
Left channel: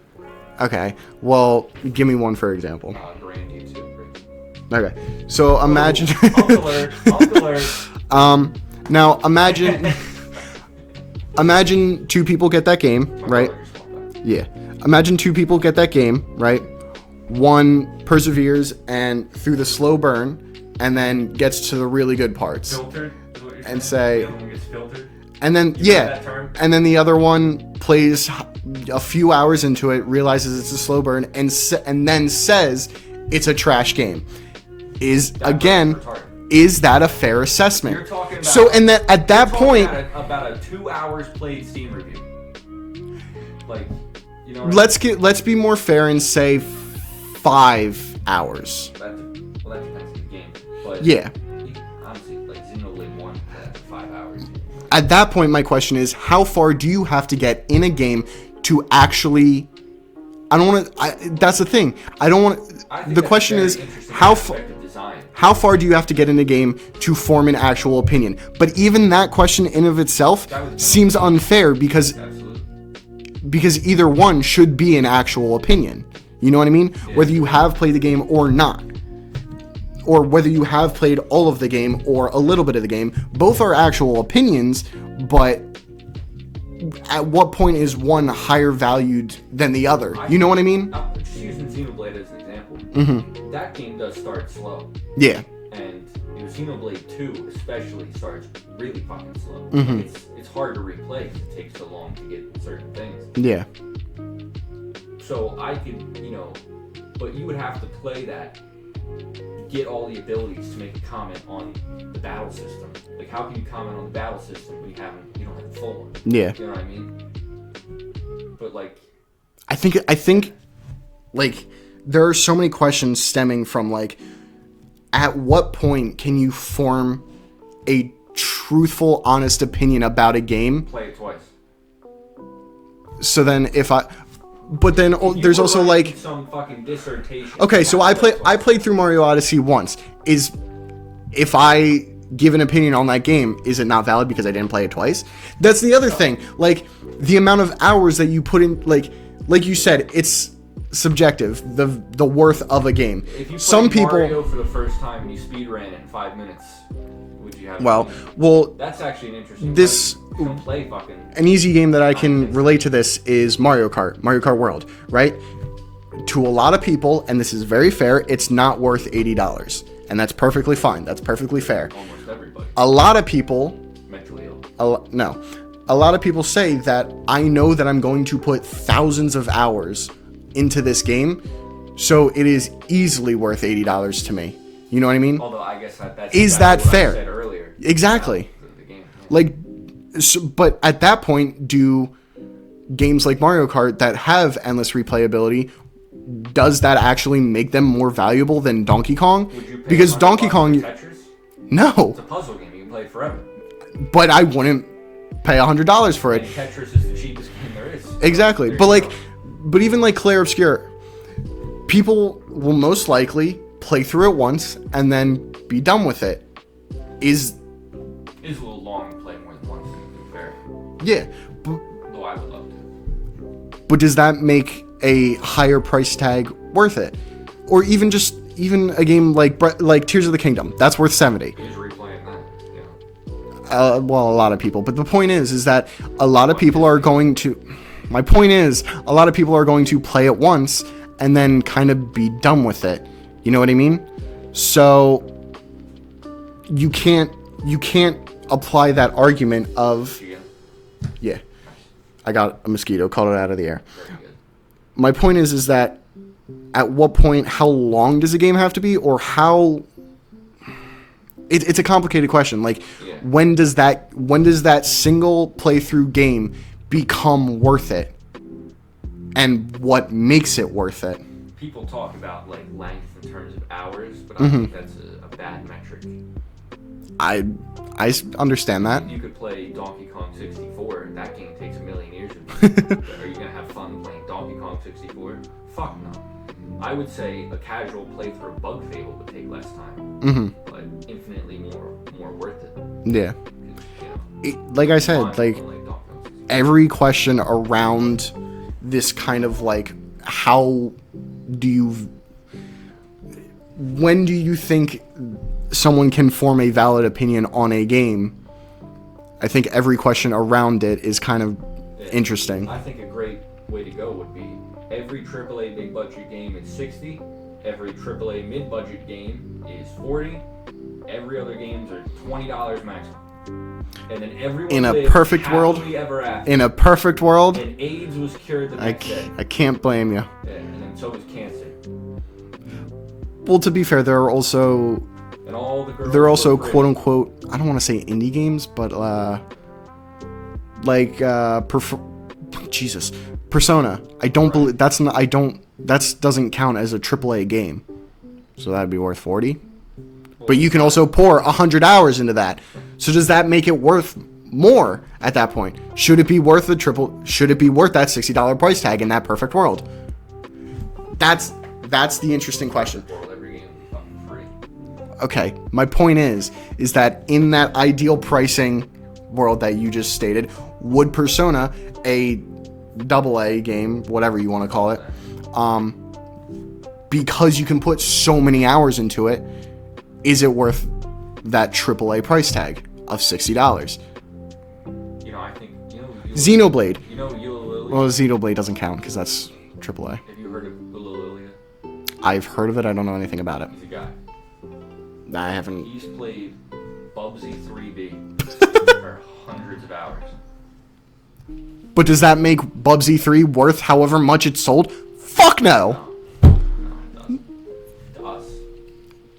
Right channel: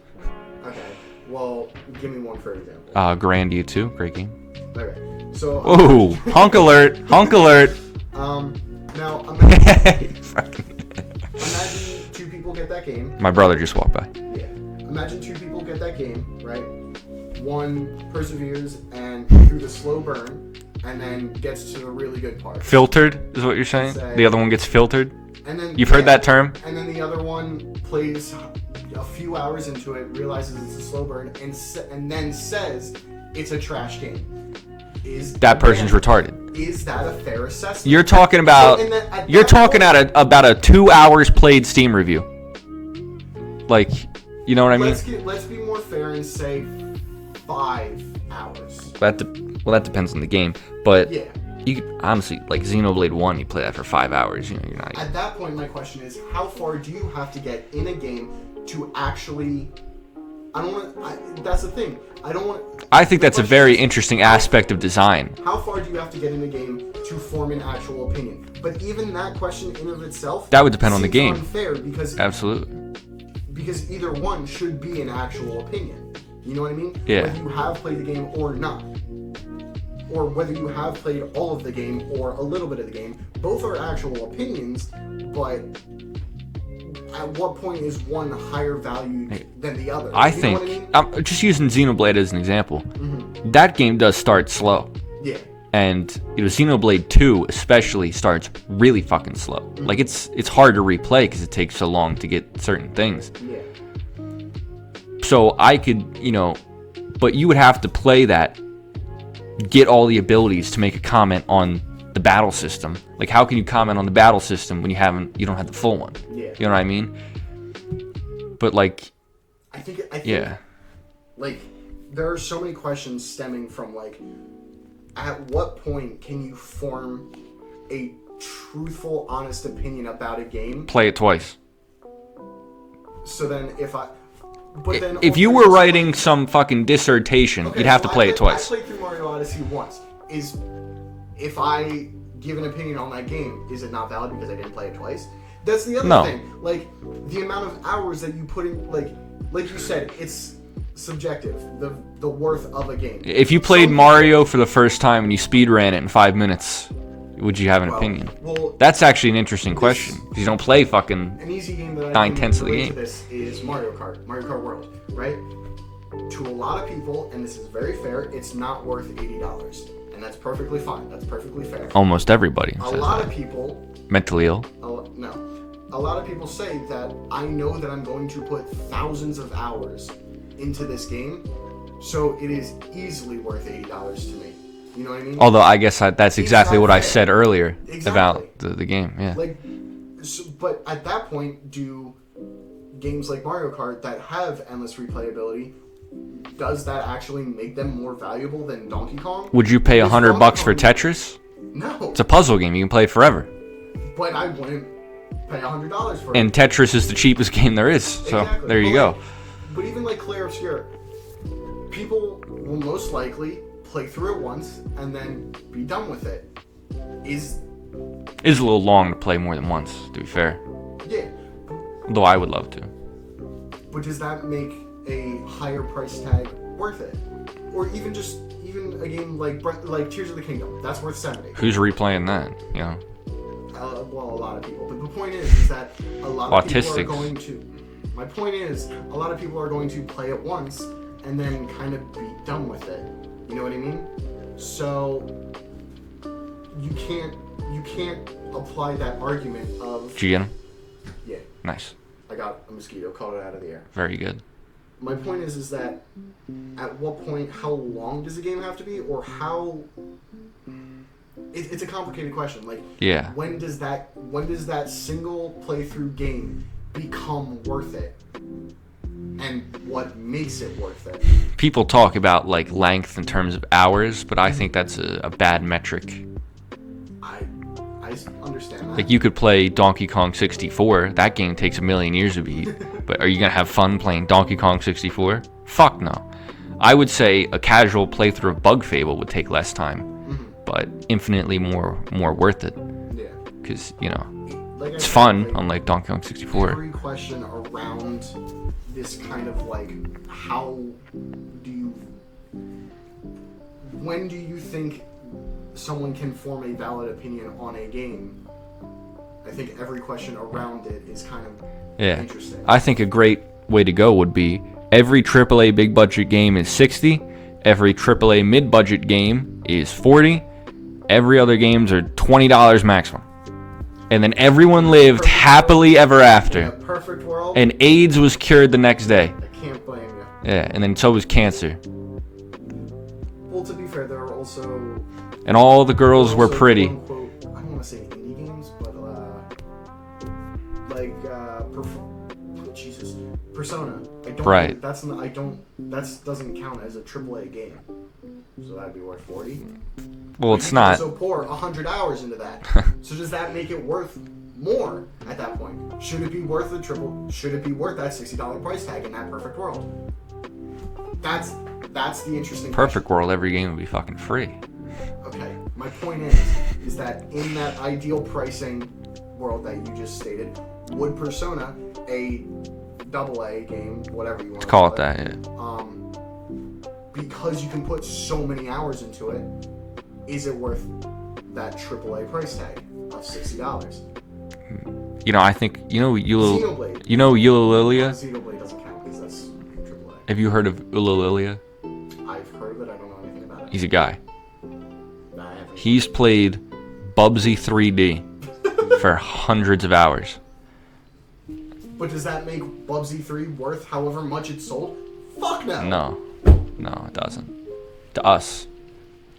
Okay. Well, give me one for example. Grandia 2, great game. Okay. So imagine. Ooh, honk alert! Honk alert! Now imagine. Imagine two people get that game. My brother just walked by. Yeah. Imagine two people get that game, right? One perseveres and through the slow burn, and then gets to the really good parts. Filtered is what you're saying? The other one gets filtered? And then You've heard that term? And then the other one plays a few hours into it, realizes it's a slow burn, and then says it's a trash game. Is that person's retarded? Is that a fair assessment? You're talking about. So at that point, about a 2 hours played Steam review. Like, you know what I mean? Let's be more fair and say 5 hours. That depends on the game, but yeah. You honestly, like Xenoblade 1, you play that for 5 hours. You know, you're not. At that point, my question is, how far do you have to get in a game to actually? I don't want to. That's the thing. I don't want. I think that's a very interesting aspect of design. How far do you have to get in a game to form an actual opinion? But even that question in of itself that would depend seems on the game. Unfair because absolutely because either one should be an actual opinion. You know what I mean? Yeah. Whether you have played the game or not. Or whether you have played all of the game or a little bit of the game, both are actual opinions, but at what point is one higher valued than the other? You know what I mean? I'm just using Xenoblade as an example. Mm-hmm. That game does start slow. Yeah. And Xenoblade 2 especially starts really fucking slow. Mm-hmm. Like it's hard to replay because it takes so long to get certain things. Yeah. So I could, but you would have to play that, get all the abilities to make a comment on the battle system. Like, how can you comment on the battle system when you don't have the full one? Yeah. You know what I mean? But like, I think yeah. Like, there are so many questions stemming from like, at what point can you form a truthful, honest opinion about a game? Play it twice. So then if you were writing some fucking dissertation, okay, so I played through Mario Odyssey once. If I give an opinion on that game, is it not valid because I didn't play it twice? That's the other thing. Like, the amount of hours that you put in, like you said, it's subjective. The worth of a game. If you played Mario for the first time and you speed ran it in 5 minutes, would you have an opinion? Well, that's actually an interesting question. You don't play fucking. An easy game that I can relate to this is Mario Kart World, right? To a lot of people, and this is very fair, it's not worth $80, and that's perfectly fine. That's perfectly fair. Almost everybody. A lot of people mentally ill. A lot of people say that I know that I'm going to put thousands of hours into this game, so it is easily worth $80 to me. You know what I mean? Although I guess that's exactly what I said earlier. Exactly. About the game. Yeah. Like, but at that point, do games like Mario Kart that have endless replayability, does that actually make them more valuable than Donkey Kong? Would you pay $100 for Tetris? No. It's a puzzle game. You can play it forever. But I wouldn't pay $100 for it. And Tetris is the cheapest game there is. Exactly. So there you go. But even like Clair Obscur, people will most likely play through it once and then be done with it. Is a little long to play more than once, to be fair. Yeah. Though I would love to. But does that make a higher price tag worth it? Or even a game like Tears of the Kingdom, that's worth $70. Who's replaying that? You know. Well, a lot of people. But the point is that a lot of people are going to. My point is, a lot of people are going to play it once and then kind of be done with it. You know what I mean? So you can't apply that argument of. Did you get him? Yeah. Nice. I got a mosquito, caught it out of the air. Very good. My point is that at what point, how long does a game have to be, or how? It's a complicated question. Like, yeah. When does that single playthrough game become worth it? And what makes it worth it? People talk about like length in terms of hours, but I think that's a bad metric. I understand that. Like, you could play Donkey Kong 64. That game takes a million years to beat. But are you going to have fun playing Donkey Kong 64? Fuck no. I would say a casual playthrough of Bug Fable would take less time, but infinitely more worth it. Yeah. Because, like I said, fun, like, unlike Donkey Kong 64. every question around this kind of, like, when do you think someone can form a valid opinion on a game? I think every question around it is kind of interesting. I think a great way to go would be every AAA big budget game is $60, every AAA mid budget game is $40, every other games are $20 maximum. And then everyone lived happily ever after. In a perfect world. And AIDS was cured the next day. I can't blame you. Yeah, and then so was cancer. Well, to be fair, there are also... And all the girls were pretty. Quote-unquote, I don't want to say indie games, but Persona. I don't believe, that doesn't count as a AAA game. So that'd be worth $40. Well, but you can also pour 100 hours into that. So does that make it worth more at that point? Should it be worth that $60 price tag in that perfect world? That's the interesting question. Perfect world, every game would be fucking free. Okay, my point is that in that ideal pricing world that you just stated, would Persona, a AA game, whatever you want to call it, that, yeah. Because you can put so many hours into it, is it worth that AAA price tag of $60? I think, Xenoblade. Ulalilia? Well, Xenoblade doesn't count because that's AAA. Have you heard of Ulalilia? I've heard of it. I don't know anything about it. He's a guy. I haven't. He's played Bubsy 3D for hundreds of hours. But does that make Bubsy 3 worth however much it's sold? Fuck no. No, it doesn't. To us.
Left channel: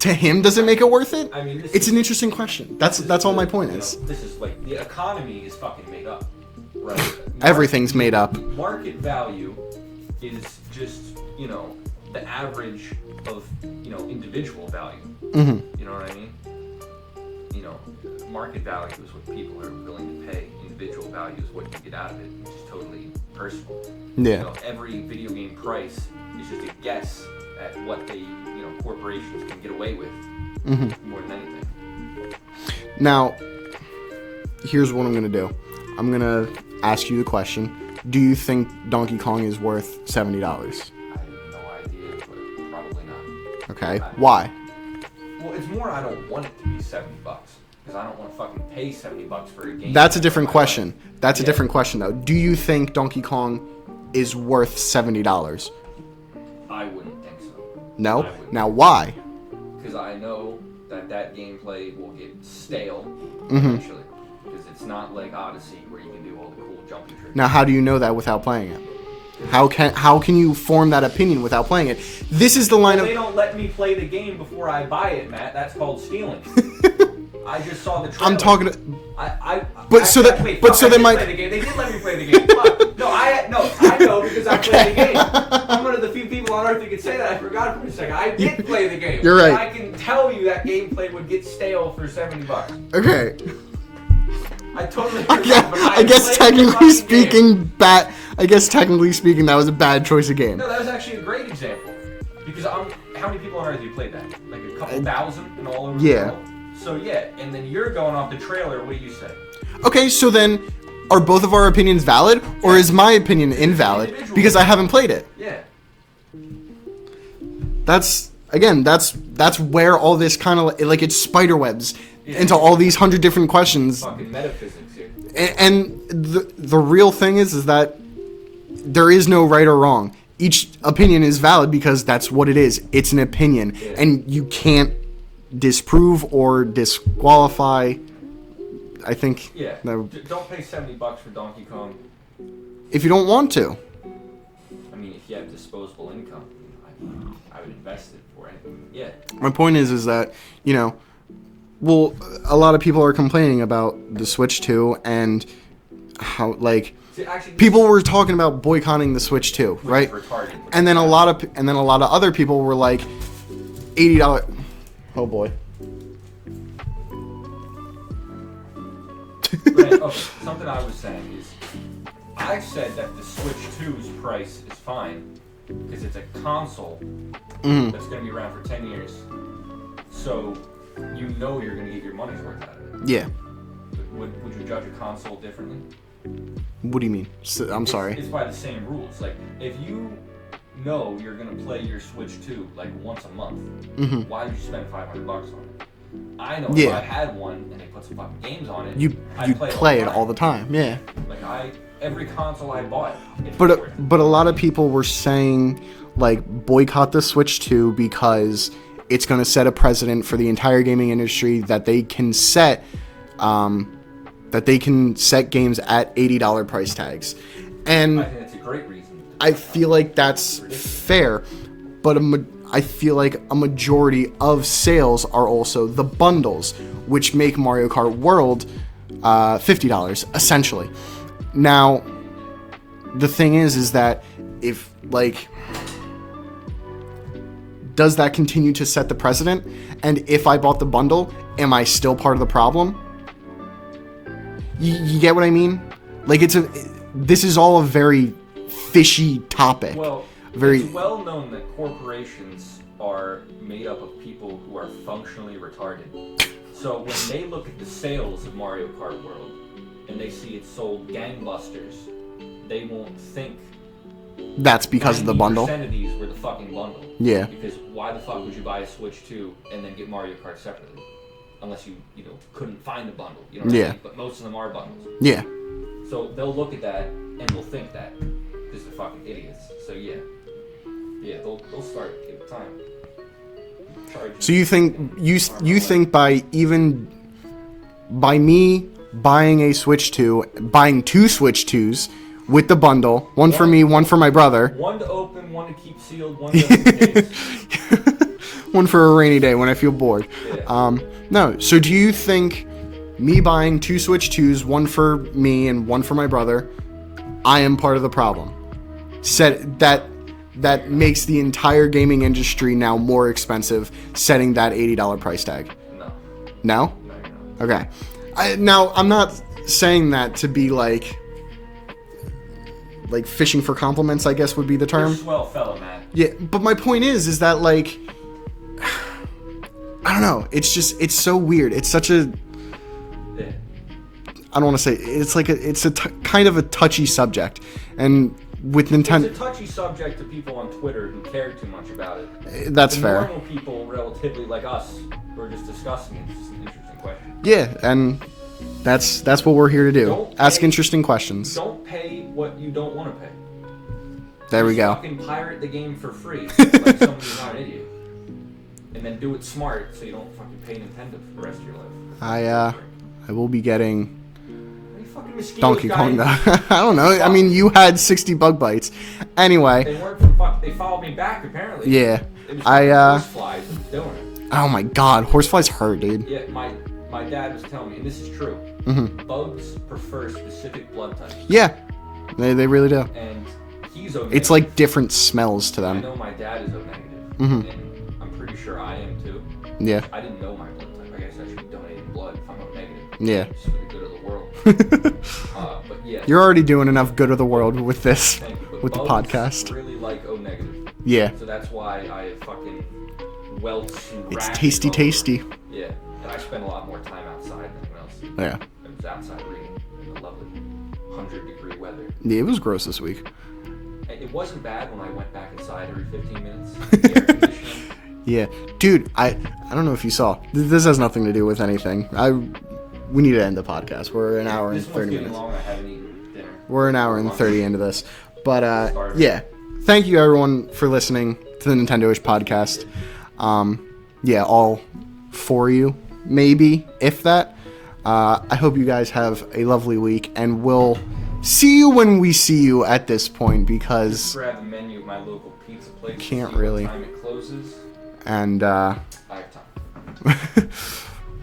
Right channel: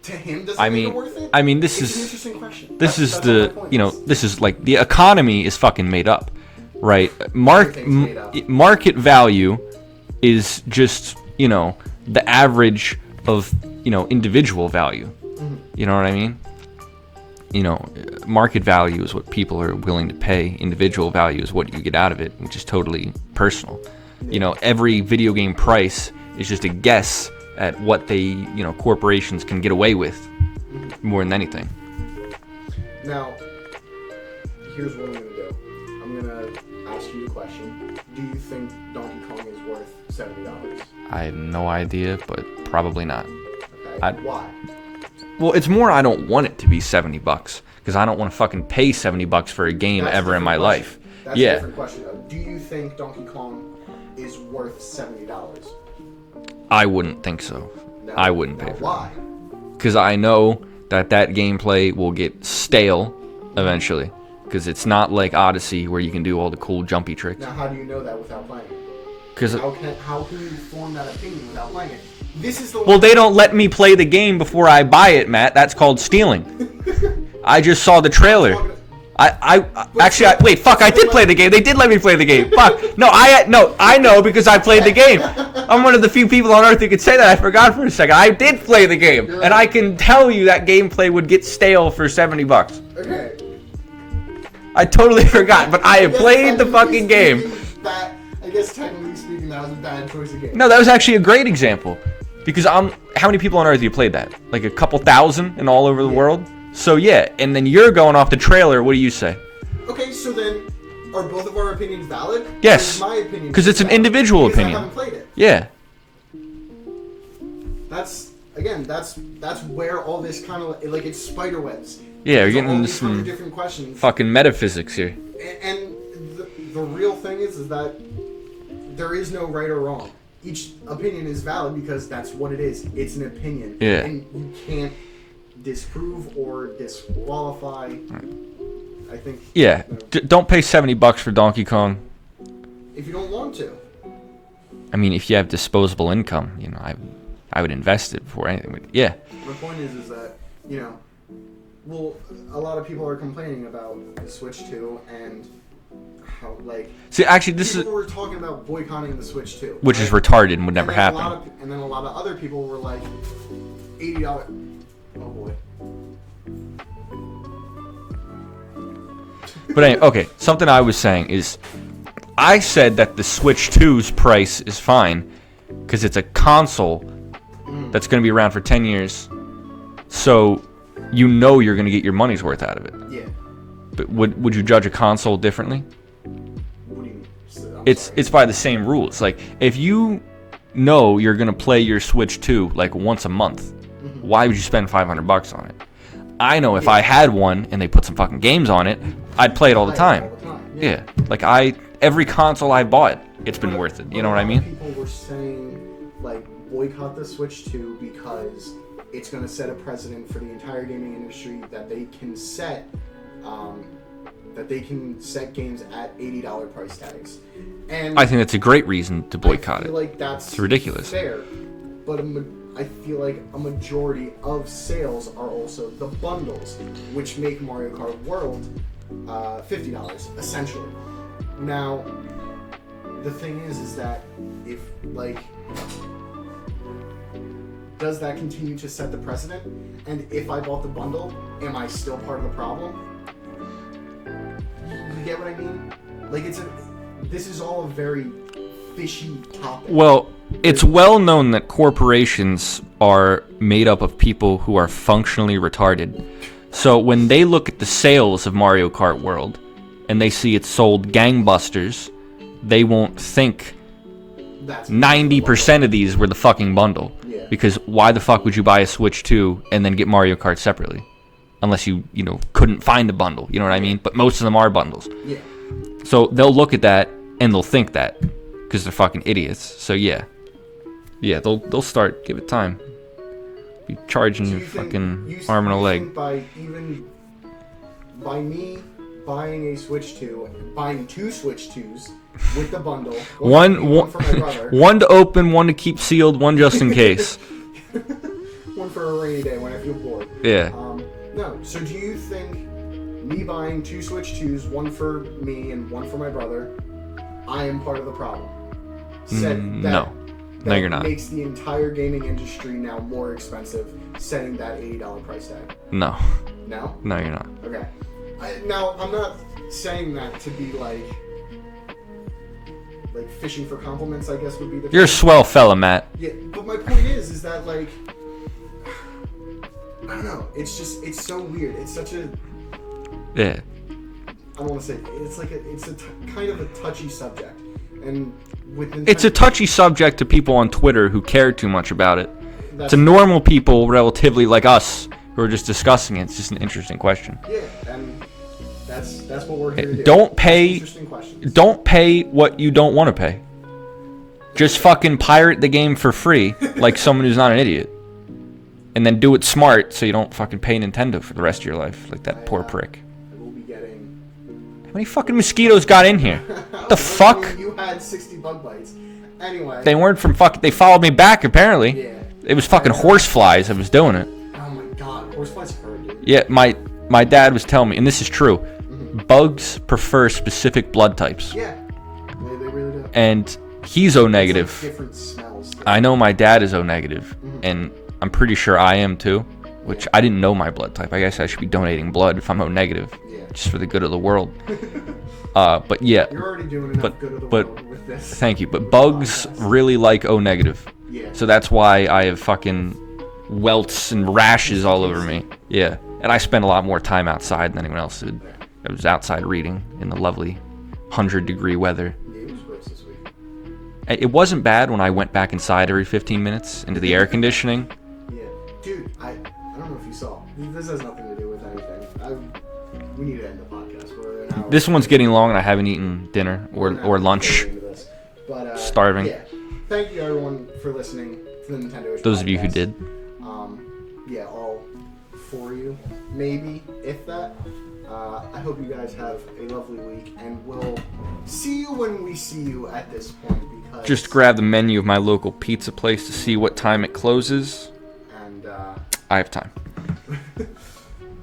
To him, does it make it worth it? I mean, it's an interesting question. That's all my point is. This is like, the economy is fucking made up, right? Everything's made up. Market value is just, the average of, individual value. Mm-hmm. You know what I mean? Market value is what people are willing to pay. Individual value is what you get out of it, which is totally personal. Yeah. Every video game price is just a guess at what they, corporations can get away with, more than anything. Now, here's what I'm going to do. I'm going to ask you the question. Do you think Donkey Kong is worth $70? I have no idea, but probably not. Okay. Why? Well, it's more I don't want it to be $70 because I don't want to fucking pay $70 for a game ever in my life. That's a different question, though. Do you think Donkey Kong is worth $70? I wouldn't think so. No? I wouldn't. Now, why? Because I know that gameplay will get stale eventually. Because it's not like Odyssey where you can do all the cool jumpy tricks. Now, how do you know that without playing it? How can you form that opinion without playing it? This is the line. Well, they don't let me play the game before I buy it, Matt. That's called stealing. I just saw the trailer. I did play the game. They did let me play the game. Fuck. No, I know because I played the game. I'm one of the few people on Earth who could say that. I forgot for a second. I did play the game. You're right. And I can tell you that gameplay would get stale for $70. Okay. I totally forgot, but I have played the fucking game. I guess technically speaking, that was a bad choice of game. No, that was actually a great example. Because how many people on Earth have you played that? Like a couple thousand and all over the world? So yeah, and then you're going off the trailer. What do you say? Okay, so then are both of our opinions valid? Yes. Or is my opinion invalid? Because it's an individual Because opinion. I haven't played it. Yeah. That's where all this kind of, like, it's spider webs. Yeah, into all these 100 different questions. Fucking metaphysics here. And the real thing is that there is no right or wrong. Each opinion is valid because that's what it is. It's an opinion. Yeah. And you can't disprove or disqualify. I think. Yeah. Don't pay $70 for Donkey Kong. If you don't want to. I mean, if you have disposable income, I would invest it before anything. Yeah. My point is that, well, a lot of people are complaining about the Switch 2 and how, like, see, actually, people were talking about boycotting the Switch 2, which is retarded and would never happen. And then a lot of other people were like, $80. Oh boy. But anyway, okay, something I was saying is, I said that the Switch 2's price is fine because it's a console that's going to be around for 10 years. So you know you're going to get your money's worth out of it. Yeah. But would you judge a console differently? What do you mean? I'm sorry. It's by the same rules. Like, if you know you're going to play your Switch 2 like once a month, why would you spend $500 on it? I know if I had one and they put some fucking games on it, I'd play it all the time. All the time, yeah. Like, every console I bought, it's been worth it. But a lot of people were saying, like, boycott the Switch 2 because it's going to set a precedent for the entire gaming industry that they can set games at $80 price tags. And I think that's a great reason to boycott. I feel like that's ridiculous. Fair, but I feel like a majority of sales are also the bundles, which make Mario Kart World $50 essentially. Now, the thing is that if, like, does that continue to set the precedent? And if I bought the bundle, am I still part of the problem? You get what I mean? Like, this is all a very fishy topic. Well, it's well known that corporations are made up of people who are functionally retarded. So when they look at the sales of Mario Kart World and they see it sold gangbusters, they won't think that's 90% of these were the fucking bundle. Yeah. Because why the fuck would you buy a Switch 2 and then get Mario Kart separately? Unless you couldn't find a bundle. You know what I mean? But most of them are bundles. Yeah. So they'll look at that and they'll think that because they're fucking idiots. So yeah, they'll start. Give it time. Be charging. So you think think by me buying a Switch 2, buying 2 Switch 2s with the bundle, one for me, one for my brother, one to open, one to keep sealed, one just in case, one for a rainy day when I feel bored. Yeah. No. So do you think me buying 2 Switch 2s, one for me and one for my brother, I am part of the problem? That makes the entire gaming industry now more expensive, setting that $80 price tag. No. No? No, you're not. Okay. Now, I'm not saying that to be like fishing for compliments, I guess would be the term. You're a swell fella, Matt. Yeah, but my point is that, like, I don't know. It's so weird. It's such a... Yeah. I don't want to say... It's a kind of a touchy subject. And with Nintendo... It's a touchy subject to people on Twitter who care too much about it. That's to fair. normal people, relatively like us, who are just discussing it. It's just an interesting question. Yeah, and that's what we're here to do. Don't pay... Ask interesting questions. Don't pay what you don't want to pay. Just fucking pirate the game for free, like someone who's not an idiot. And then do it smart so you don't fucking pay Nintendo for the rest of your life. Like that poor prick. I will be getting... How many fucking mosquitoes got in here? I don't know. Fuck? I mean, you had 60 bug bites. Anyway. They weren't from fucking... They followed me back, apparently. Yeah. It was fucking horseflies that was doing it. Oh my god. Horseflies hurt, dude. Yeah, my dad was telling me, and this is true, bugs prefer specific blood types. Yeah. They really do. And he's O negative. It's like different smells to them. I know my dad is O negative, and I'm pretty sure I am too. Yeah. Which I didn't know my blood type. I guess I should be donating blood if I'm O negative. Yeah. Just for the good of the world. But yeah. You're already doing enough good of the world with this. Thank you. But bugs really like O negative. Yeah. So that's why I have fucking welts and rashes all over me. Yeah. And I spend a lot more time outside than anyone else did. Yeah. I was outside reading in the lovely 100-degree weather. Yeah, it was gross this week. It wasn't bad when I went back inside every 15 minutes into the air conditioning. Yeah. Dude, I don't know if you saw. This has nothing to do with anything. We need to end the podcast. We're an hour. This one's getting long and I haven't eaten dinner We're an hour or lunch. and 30 into this. But starving. Yeah. Thank you everyone for listening to the Nintendoish podcast. Those of you who did. Yeah, all for you, maybe, if that. I hope you guys have a lovely week, and we'll see you when we see you at this point, because... Just grab the menu of my local pizza place to see what time it closes. And, I have time.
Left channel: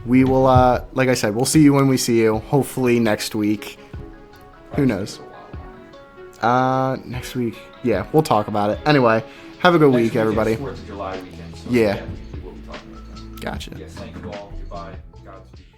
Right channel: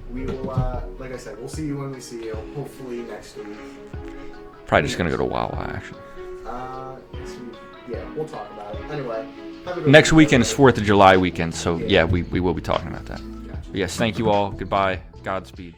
We will, like I said, we'll see you when we see you, hopefully next week. Probably just gonna go to Wawa, actually. Next week. Yeah, we'll talk about it. Anyway, have a good week, Next weekend's everybody. 4th of July weekend, so Yeah. we will be talking about that. Gotcha. Yes, thank you all. Goodbye. Godspeed.